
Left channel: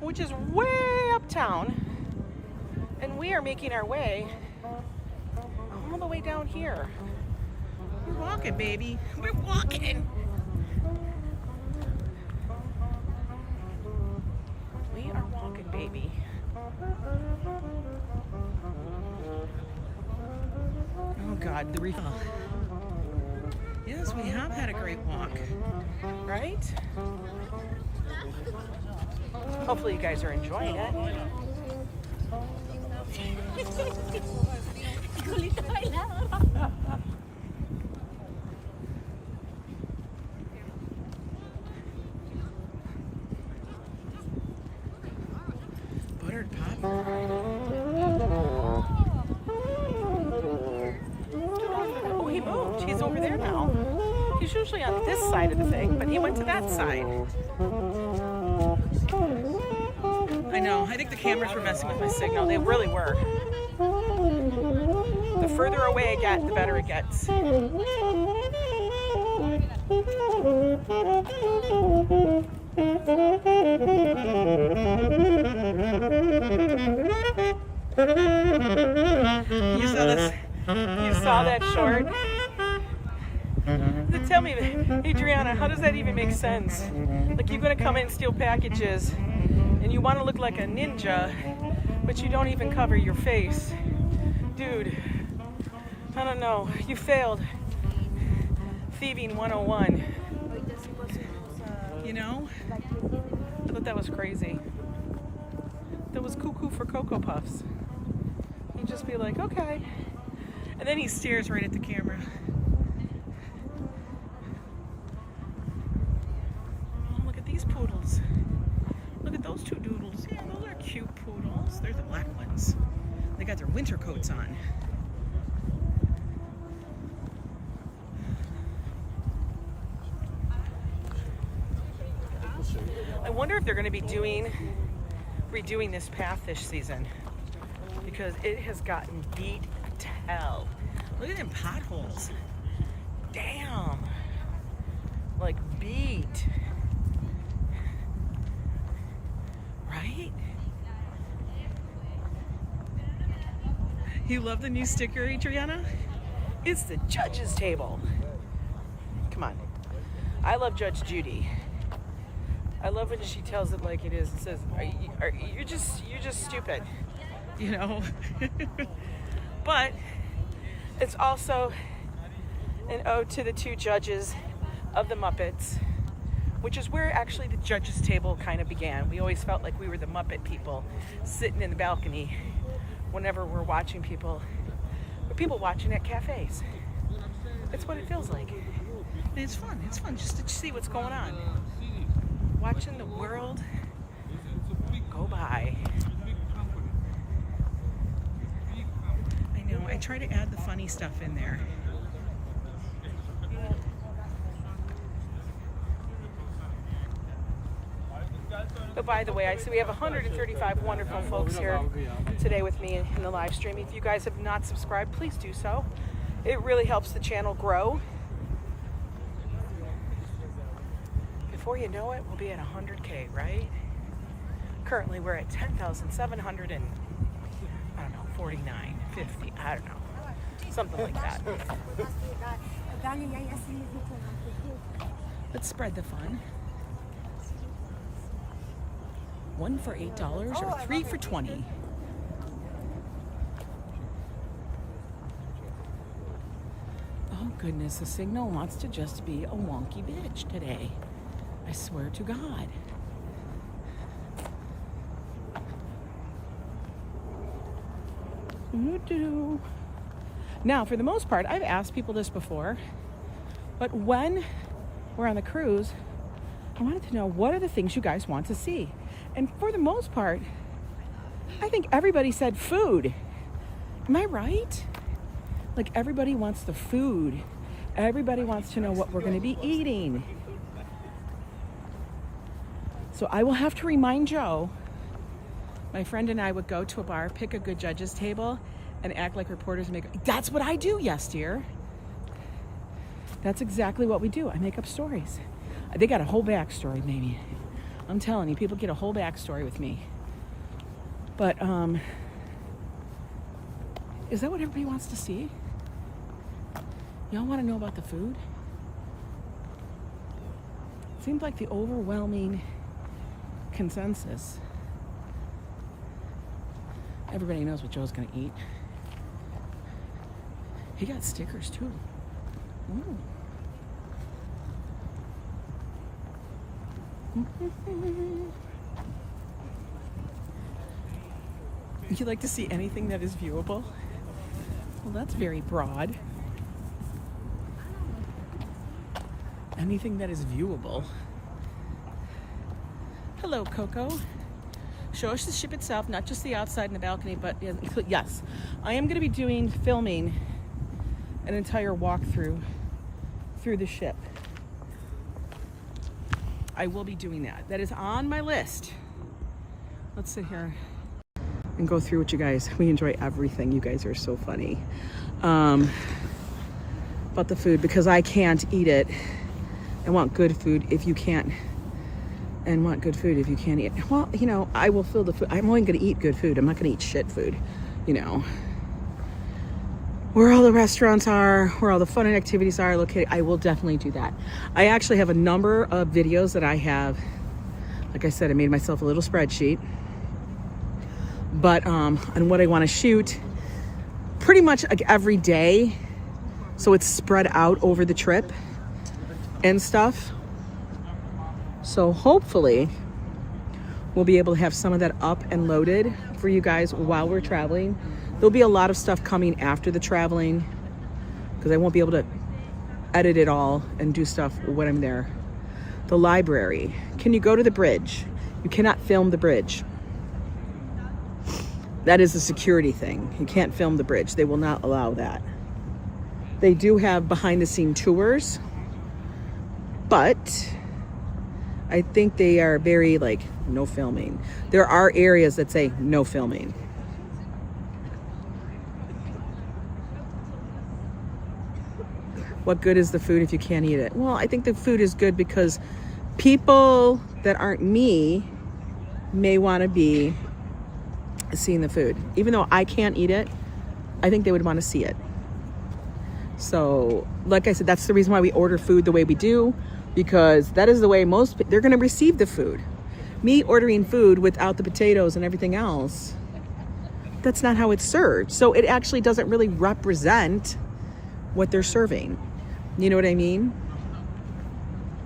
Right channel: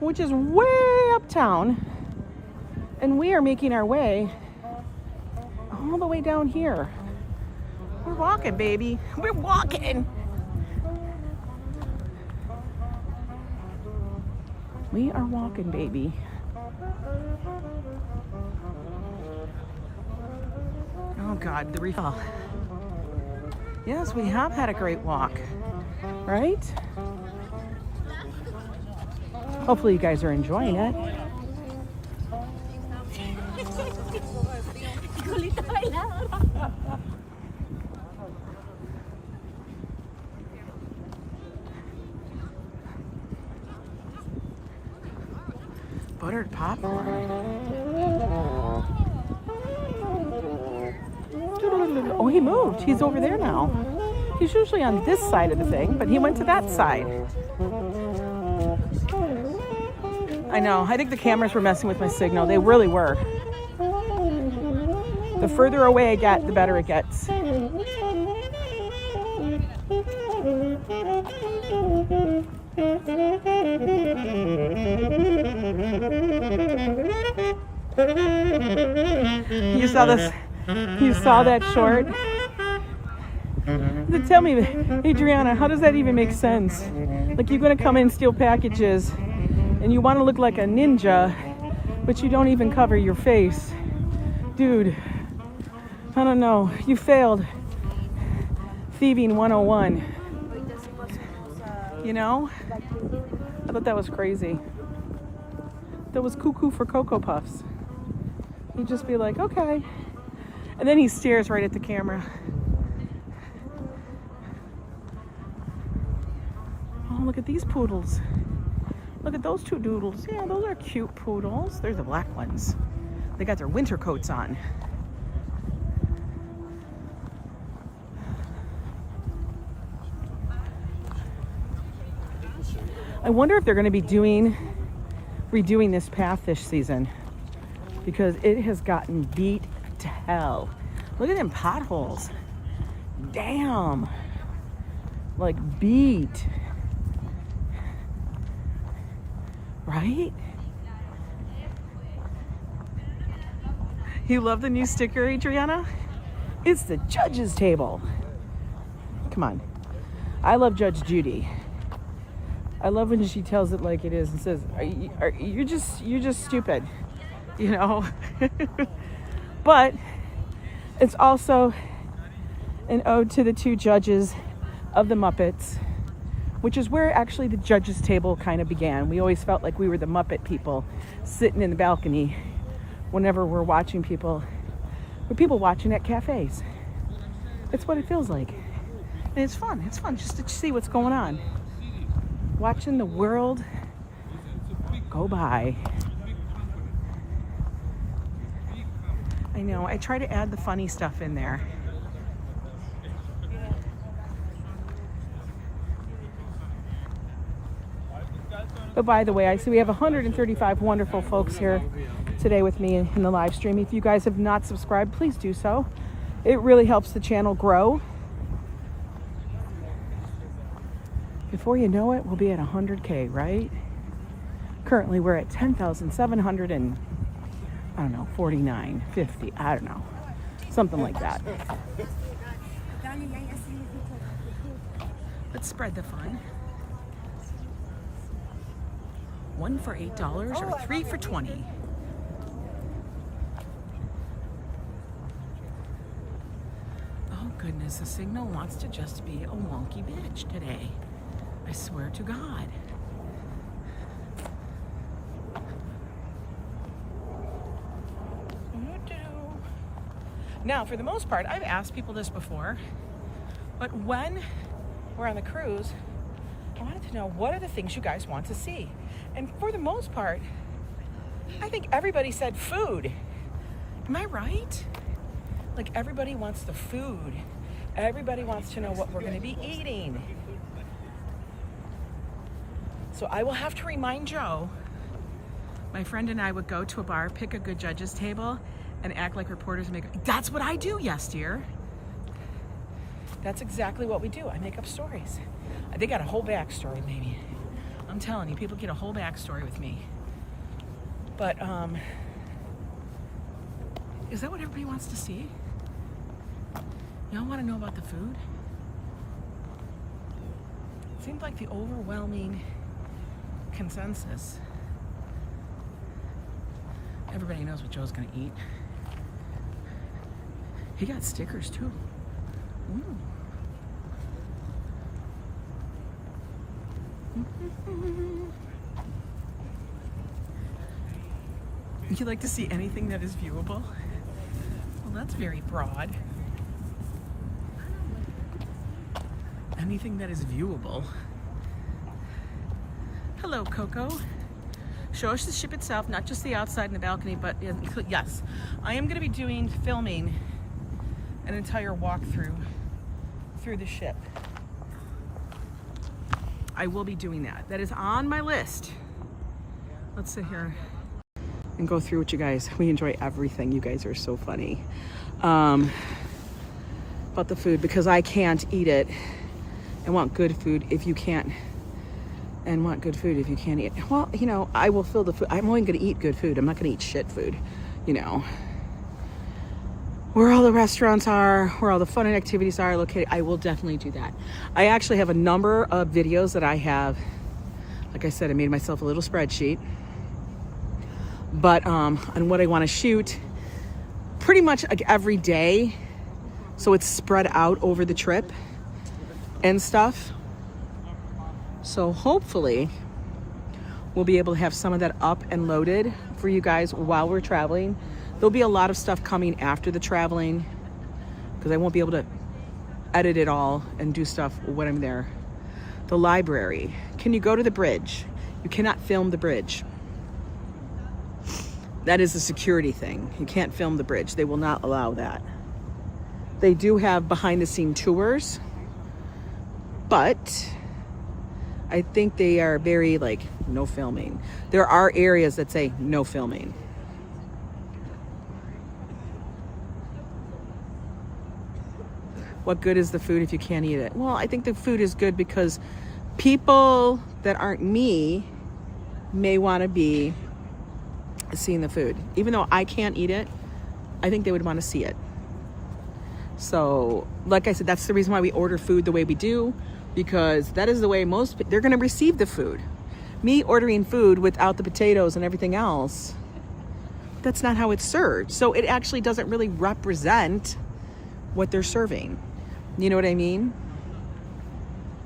which is way uptown, and we are making our way all the way down here. We're walking, baby. We're walking. We are walking, baby. Oh God, the refill. Yes, we have had a great walk, right? Hopefully you guys are enjoying it. Buttered popcorn. Oh, he moved. He's over there now. He's usually on this side of the thing, but he went to that side. I know. I think the cameras were messing with my signal. They really were. The further away I get, the better it gets. You saw this? You saw that short? Tell me, Adriana, how does that even make sense? Like, you're gonna come in, steal packages, and you want to look like a ninja, but you don't even cover your face. Dude, I don't know. You failed. Thieving 101. You know? I thought that was crazy. That was cuckoo for Cocoa Puffs. He'd just be like, okay. And then he stares right at the camera. Oh, look at these poodles. Look at those two doodles. Yeah, those are cute poodles. They're the black ones. They got their winter coats on. I wonder if they're going to be redoing this path this season, because it has gotten beat to hell. Look at them potholes. Damn. Like beat. Right? You love the new sticker, Adriana? It's the judge's table. Come on. I love Judge Judy. I love when she tells it like it is and says, you're just stupid, you know? But it's also an ode to the two judges of the Muppets, which is where actually the judge's table kind of began. We always felt like we were the Muppet people sitting in the balcony whenever we're watching people. We're people watching at cafes. It's what it feels like. And it's fun. It's fun just to see what's going on. Watching the world go by. I know, I try to add the funny stuff in there. But by the way, I see we have 135 wonderful folks here today with me in the live stream. If you guys have not subscribed, please do so. It really helps the channel grow. Before you know it, we'll be at 100K, right? Currently, we're at 10,700 and, I don't know, 49, 50, I don't know. Something like that. Let's spread the fun. 1 for $8 or 3 for 20. Oh goodness, the signal wants to just be a wonky bitch today. I swear to God. Now, for the most part, I've asked people this before, but when we're on the cruise, I wanted to know, what are the things you guys want to see? And for the most part, I think everybody said food. Am I right? Like everybody wants the food. Everybody wants to know what we're going to be eating. So I will have to remind Joe. My friend and I would go to a bar, pick a good judges table, and act like reporters and make. That's what I do, yes, dear. That's exactly what we do. I make up stories. They got a whole backstory, maybe. I'm telling you, people get a whole backstory with me. But is that what everybody wants to see? Y'all want to know about the food? Seems like the overwhelming consensus. Everybody knows what Joe's gonna eat. He got stickers too. Ooh. You like to see anything that is viewable? Well, that's very broad. Anything that is viewable. Hello, Koko. Show us the ship itself, not just the outside and the balcony, but yes, I am going to be filming an entire walkthrough through the ship. I will be doing that. That is on my list. Let's sit here and go through with you guys. We enjoy everything. You guys are so funny. About the food, because I can't eat it. I want good food if you can't. And want good food if you can't eat. Well, you know, I will fill the food. I'm only going to eat good food. I'm not going to eat shit food, you know. Where all the restaurants are, where all the fun and activities are located, I will definitely do that. I actually have a number of videos that I have. Like I said, I made myself a little spreadsheet. But on what I want to shoot pretty much like every day. So it's spread out over the trip and stuff. So hopefully we'll be able to have some of that up and loaded for you guys while we're traveling. There'll be a lot of stuff coming after the traveling because I won't be able to edit it all and do stuff when I'm there. The library. Can you go to the bridge? You cannot film the bridge. That is a security thing. You can't film the bridge. They will not allow that. They do have behind the scene tours, but I think they are very like no filming. There are areas that say no filming. What good is the food if you can't eat it? Well, I think the food is good because people that aren't me may want to be seeing the food. Even though I can't eat it, I think they would want to see it. So, like I said, that's the reason why we order food the way we do. Because that is the way they're going to receive the food. Me ordering food without the potatoes and everything else, that's not how it's served. So it actually doesn't really represent what they're serving. You know what I mean?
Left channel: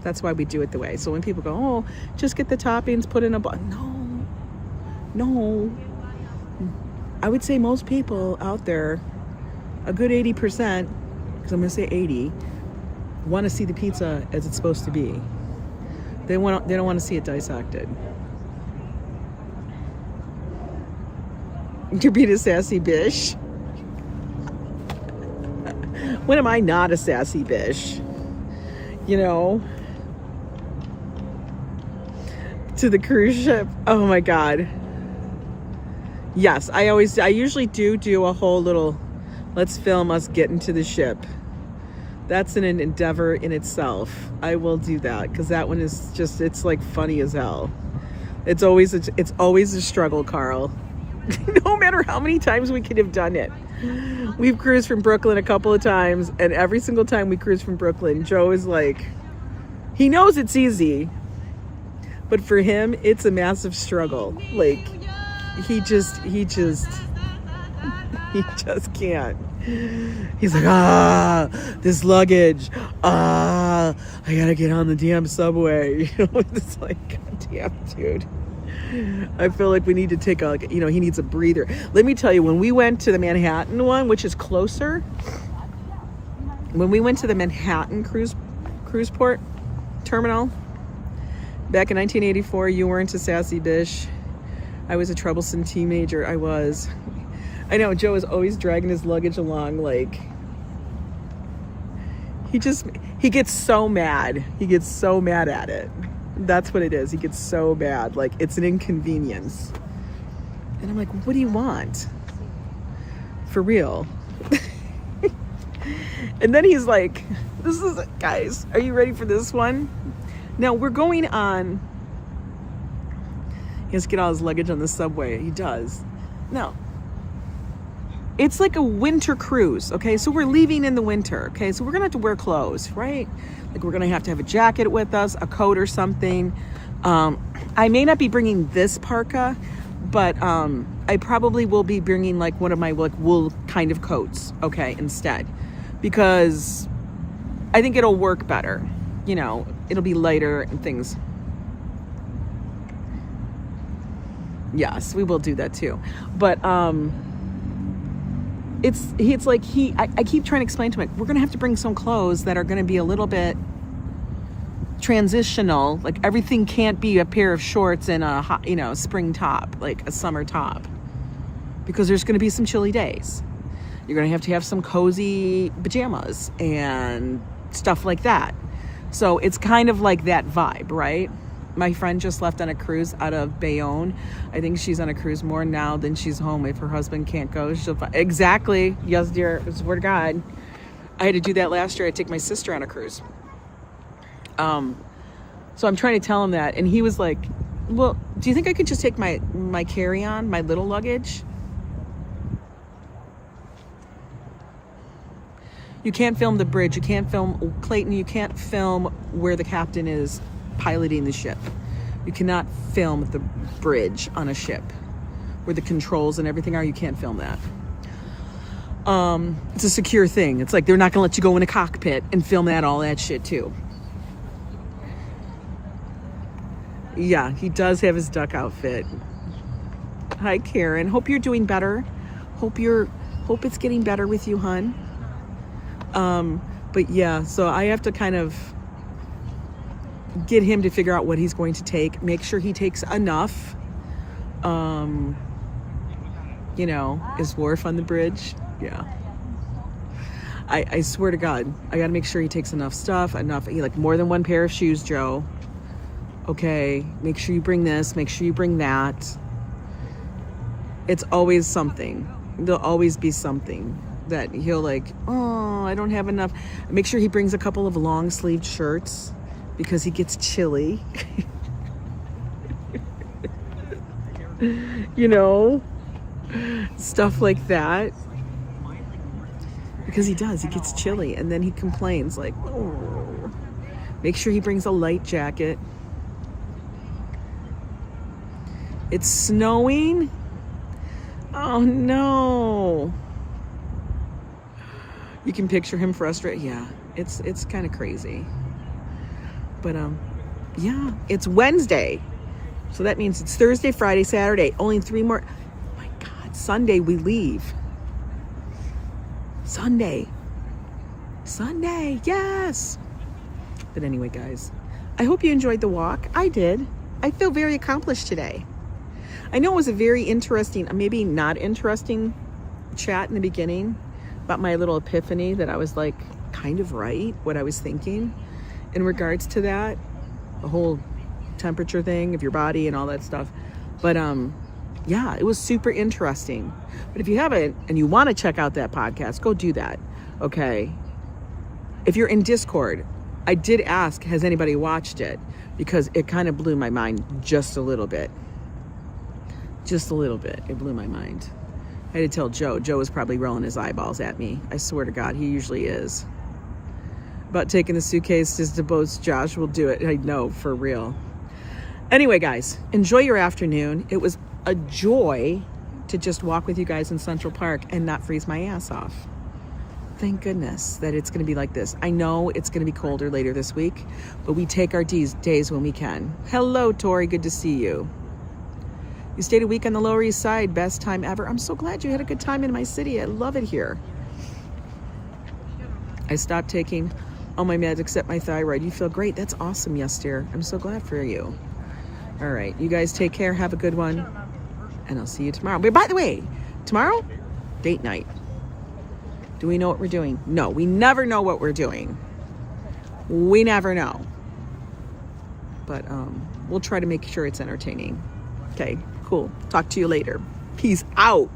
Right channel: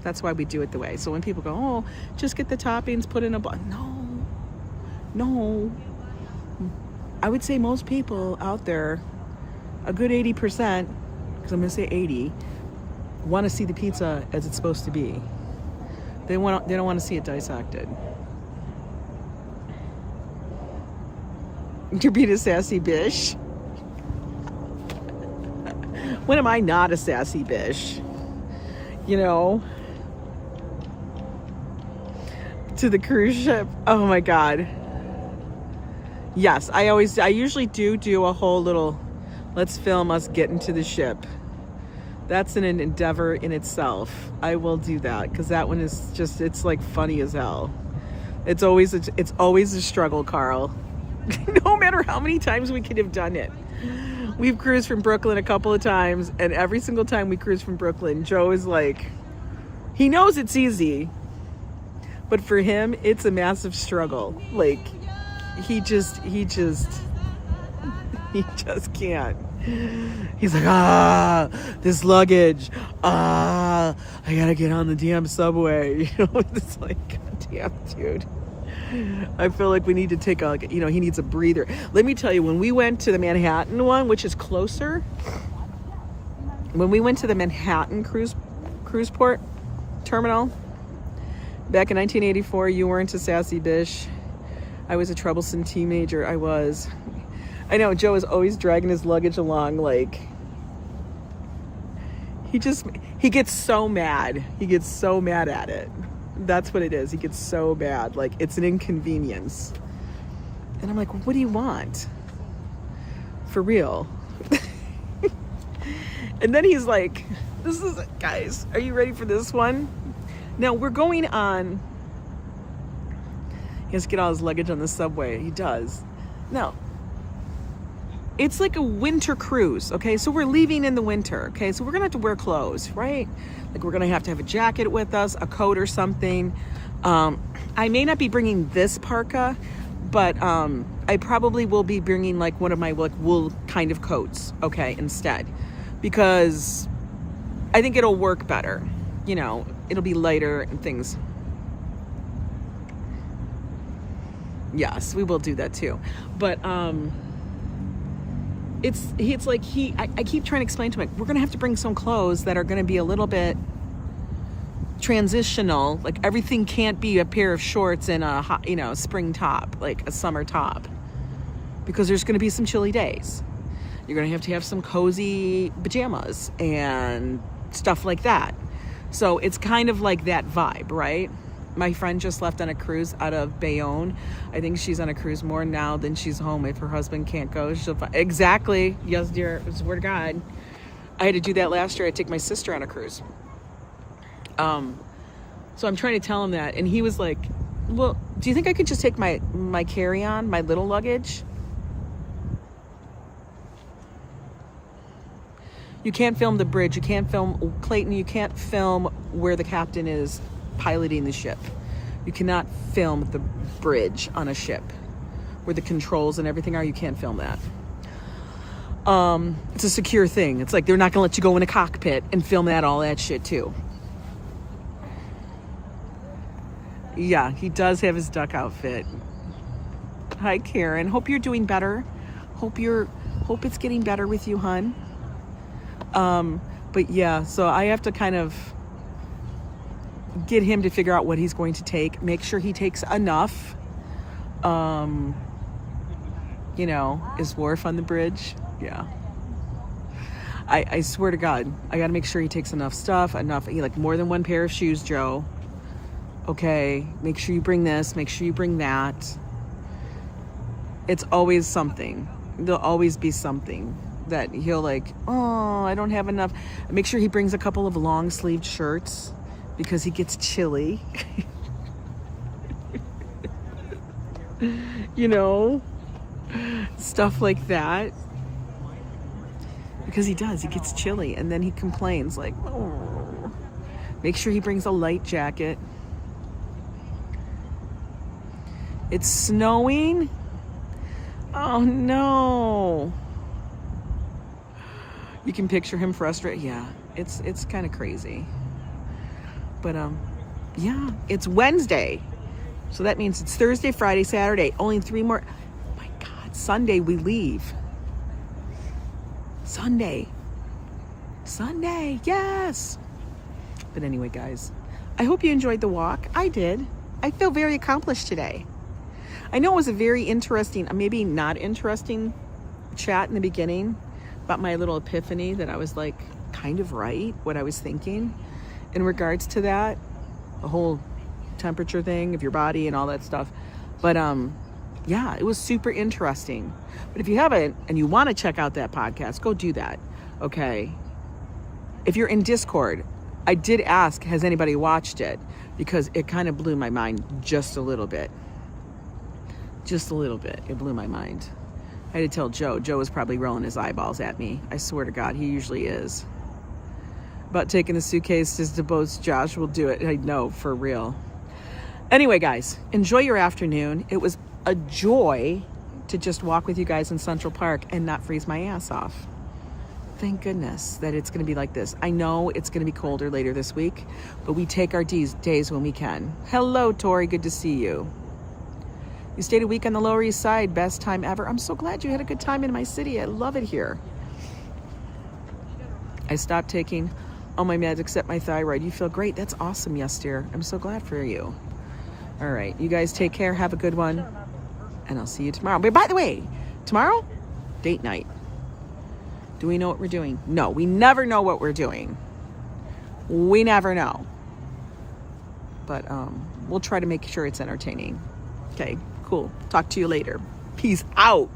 That's why we do it the way. So when people go, oh, just get the toppings, put in a bowl. No. I would say most people out there, a good 80%, because I'm going to say 80, want to see the pizza as it's supposed to be. They don't want to see it dissected. You're being a sassy bish. When am I not a sassy bish? You know? To the cruise ship. Oh my God. Yes, I usually do a whole little, let's film us getting to the ship. That's an endeavor in itself. I will do that because that one is just, it's like funny as hell. It's always a struggle, Carl. No matter how many times we could have done it. We've cruised from Brooklyn a couple of times, and every single time we cruise from Brooklyn, Joe is like, he knows it's easy, but for him, it's a massive struggle. Like, he just can't. He's like, this luggage, I gotta get on the damn subway. You know, it's like, God damn, dude. I feel like we need to take a, he needs a breather. Let me tell you, when we went to the Manhattan one, which is closer, when we went to the Manhattan cruise port terminal back in 1984, you weren't a sassy bish. I was a troublesome teenager. I was. I know, Joe is always dragging his luggage along, like, he gets so mad. He gets so mad at it. That's what it is. He gets so mad. Like, it's an inconvenience. And I'm like, what do you want? For real. And then he's like, guys, are you ready for this one? Now, we're going on, he has to get all his luggage on the subway. He does. Now, it's like a winter cruise, okay? So we're leaving in the winter, okay? So we're gonna have to wear clothes, right? Like, we're gonna have to have a jacket with us, a coat or something. I may not be bringing this parka, but I probably will be bringing like one of my like wool kind of coats, okay, instead, because I think it'll work better. You know, it'll be lighter and things. Yes, we will do that too. But it's like I keep trying to explain to him, like, we're gonna have to bring some clothes that are gonna be a little bit transitional. Like, everything can't be a pair of shorts and a hot, you know, spring top, like a summer top, because there's going to be some chilly days. You're going to have some cozy pajamas and stuff like that. So it's kind of like that vibe, right? My friend just left on a cruise out of Bayonne. I think she's on a cruise more now than she's home. If her husband can't go, exactly. Yes, dear. It's the word of God. I had to do that last year. I take my sister on a cruise. So I'm trying to tell him that, and he was like, well, do you think I could just take my carry-on, my little luggage? You can't film the bridge. You can't film Clayton. You can't film where the captain is piloting the ship. You cannot film the bridge on a ship where the controls and everything are. You can't film that. It's a secure thing. It's like they're not gonna let you go in a cockpit and film all that shit too. Yeah, he does have his duck outfit. Hi, Karen. Hope you're doing better. Hope it's getting better with you, hun. But yeah, so I have to kind of get him to figure out what he's going to take. Make sure he takes enough. You know, is Wharf on the bridge? Yeah. I swear to God, I got to make sure he takes enough stuff, like more than one pair of shoes, Joe. Okay, make sure you bring this, make sure you bring that. It's always something. There'll always be something that he'll like, oh, I don't have enough. Make sure he brings a couple of long sleeved shirts because he gets chilly. You know, stuff like that. Because he gets chilly, and then he complains like, oh. Make sure he brings a light jacket. It's snowing. Oh no. You can picture him frustrated. Yeah, it's kind of crazy. But yeah, it's Wednesday. So that means it's Thursday, Friday, Saturday. Only 3 more. Oh my God, Sunday we leave. Sunday, yes. But anyway, guys, I hope you enjoyed the walk. I did. I feel very accomplished today. I know it was a very interesting, maybe not interesting chat in the beginning about my little epiphany that I was like kind of right, what I was thinking in regards to that, the whole temperature thing of your body and all that stuff. But yeah, it was super interesting. But if you haven't and you want to check out that podcast, go do that. Okay. If you're in Discord, I did ask, has anybody watched it? Because it kind of blew my mind just a little bit. Just a little bit. It blew my mind. I had to tell Joe. Joe was probably rolling his eyeballs at me. I swear to God, he usually is. About taking the suitcase to Szabados, Josh will do it. I know, for real. Anyway, guys, enjoy your afternoon. It was a joy to just walk with you guys in Central Park and not freeze my ass off. Thank goodness that it's going to be like this. I know it's going to be colder later this week, but we take our days when we can. Hello, Tori. Good to see you. You stayed a week on the Lower East Side. Best time ever. I'm so glad you had a good time in my city. I love it here. I stopped taking all my meds except my thyroid. You feel great. That's awesome. Yes, dear. I'm so glad for you. All right. You guys take care. Have a good one. And I'll see you tomorrow. But by the way, tomorrow, date night. Do we know what we're doing? No, we never know what we're doing. We never know. But we'll try to make sure it's entertaining. Okay, cool. Talk to you later. Peace out.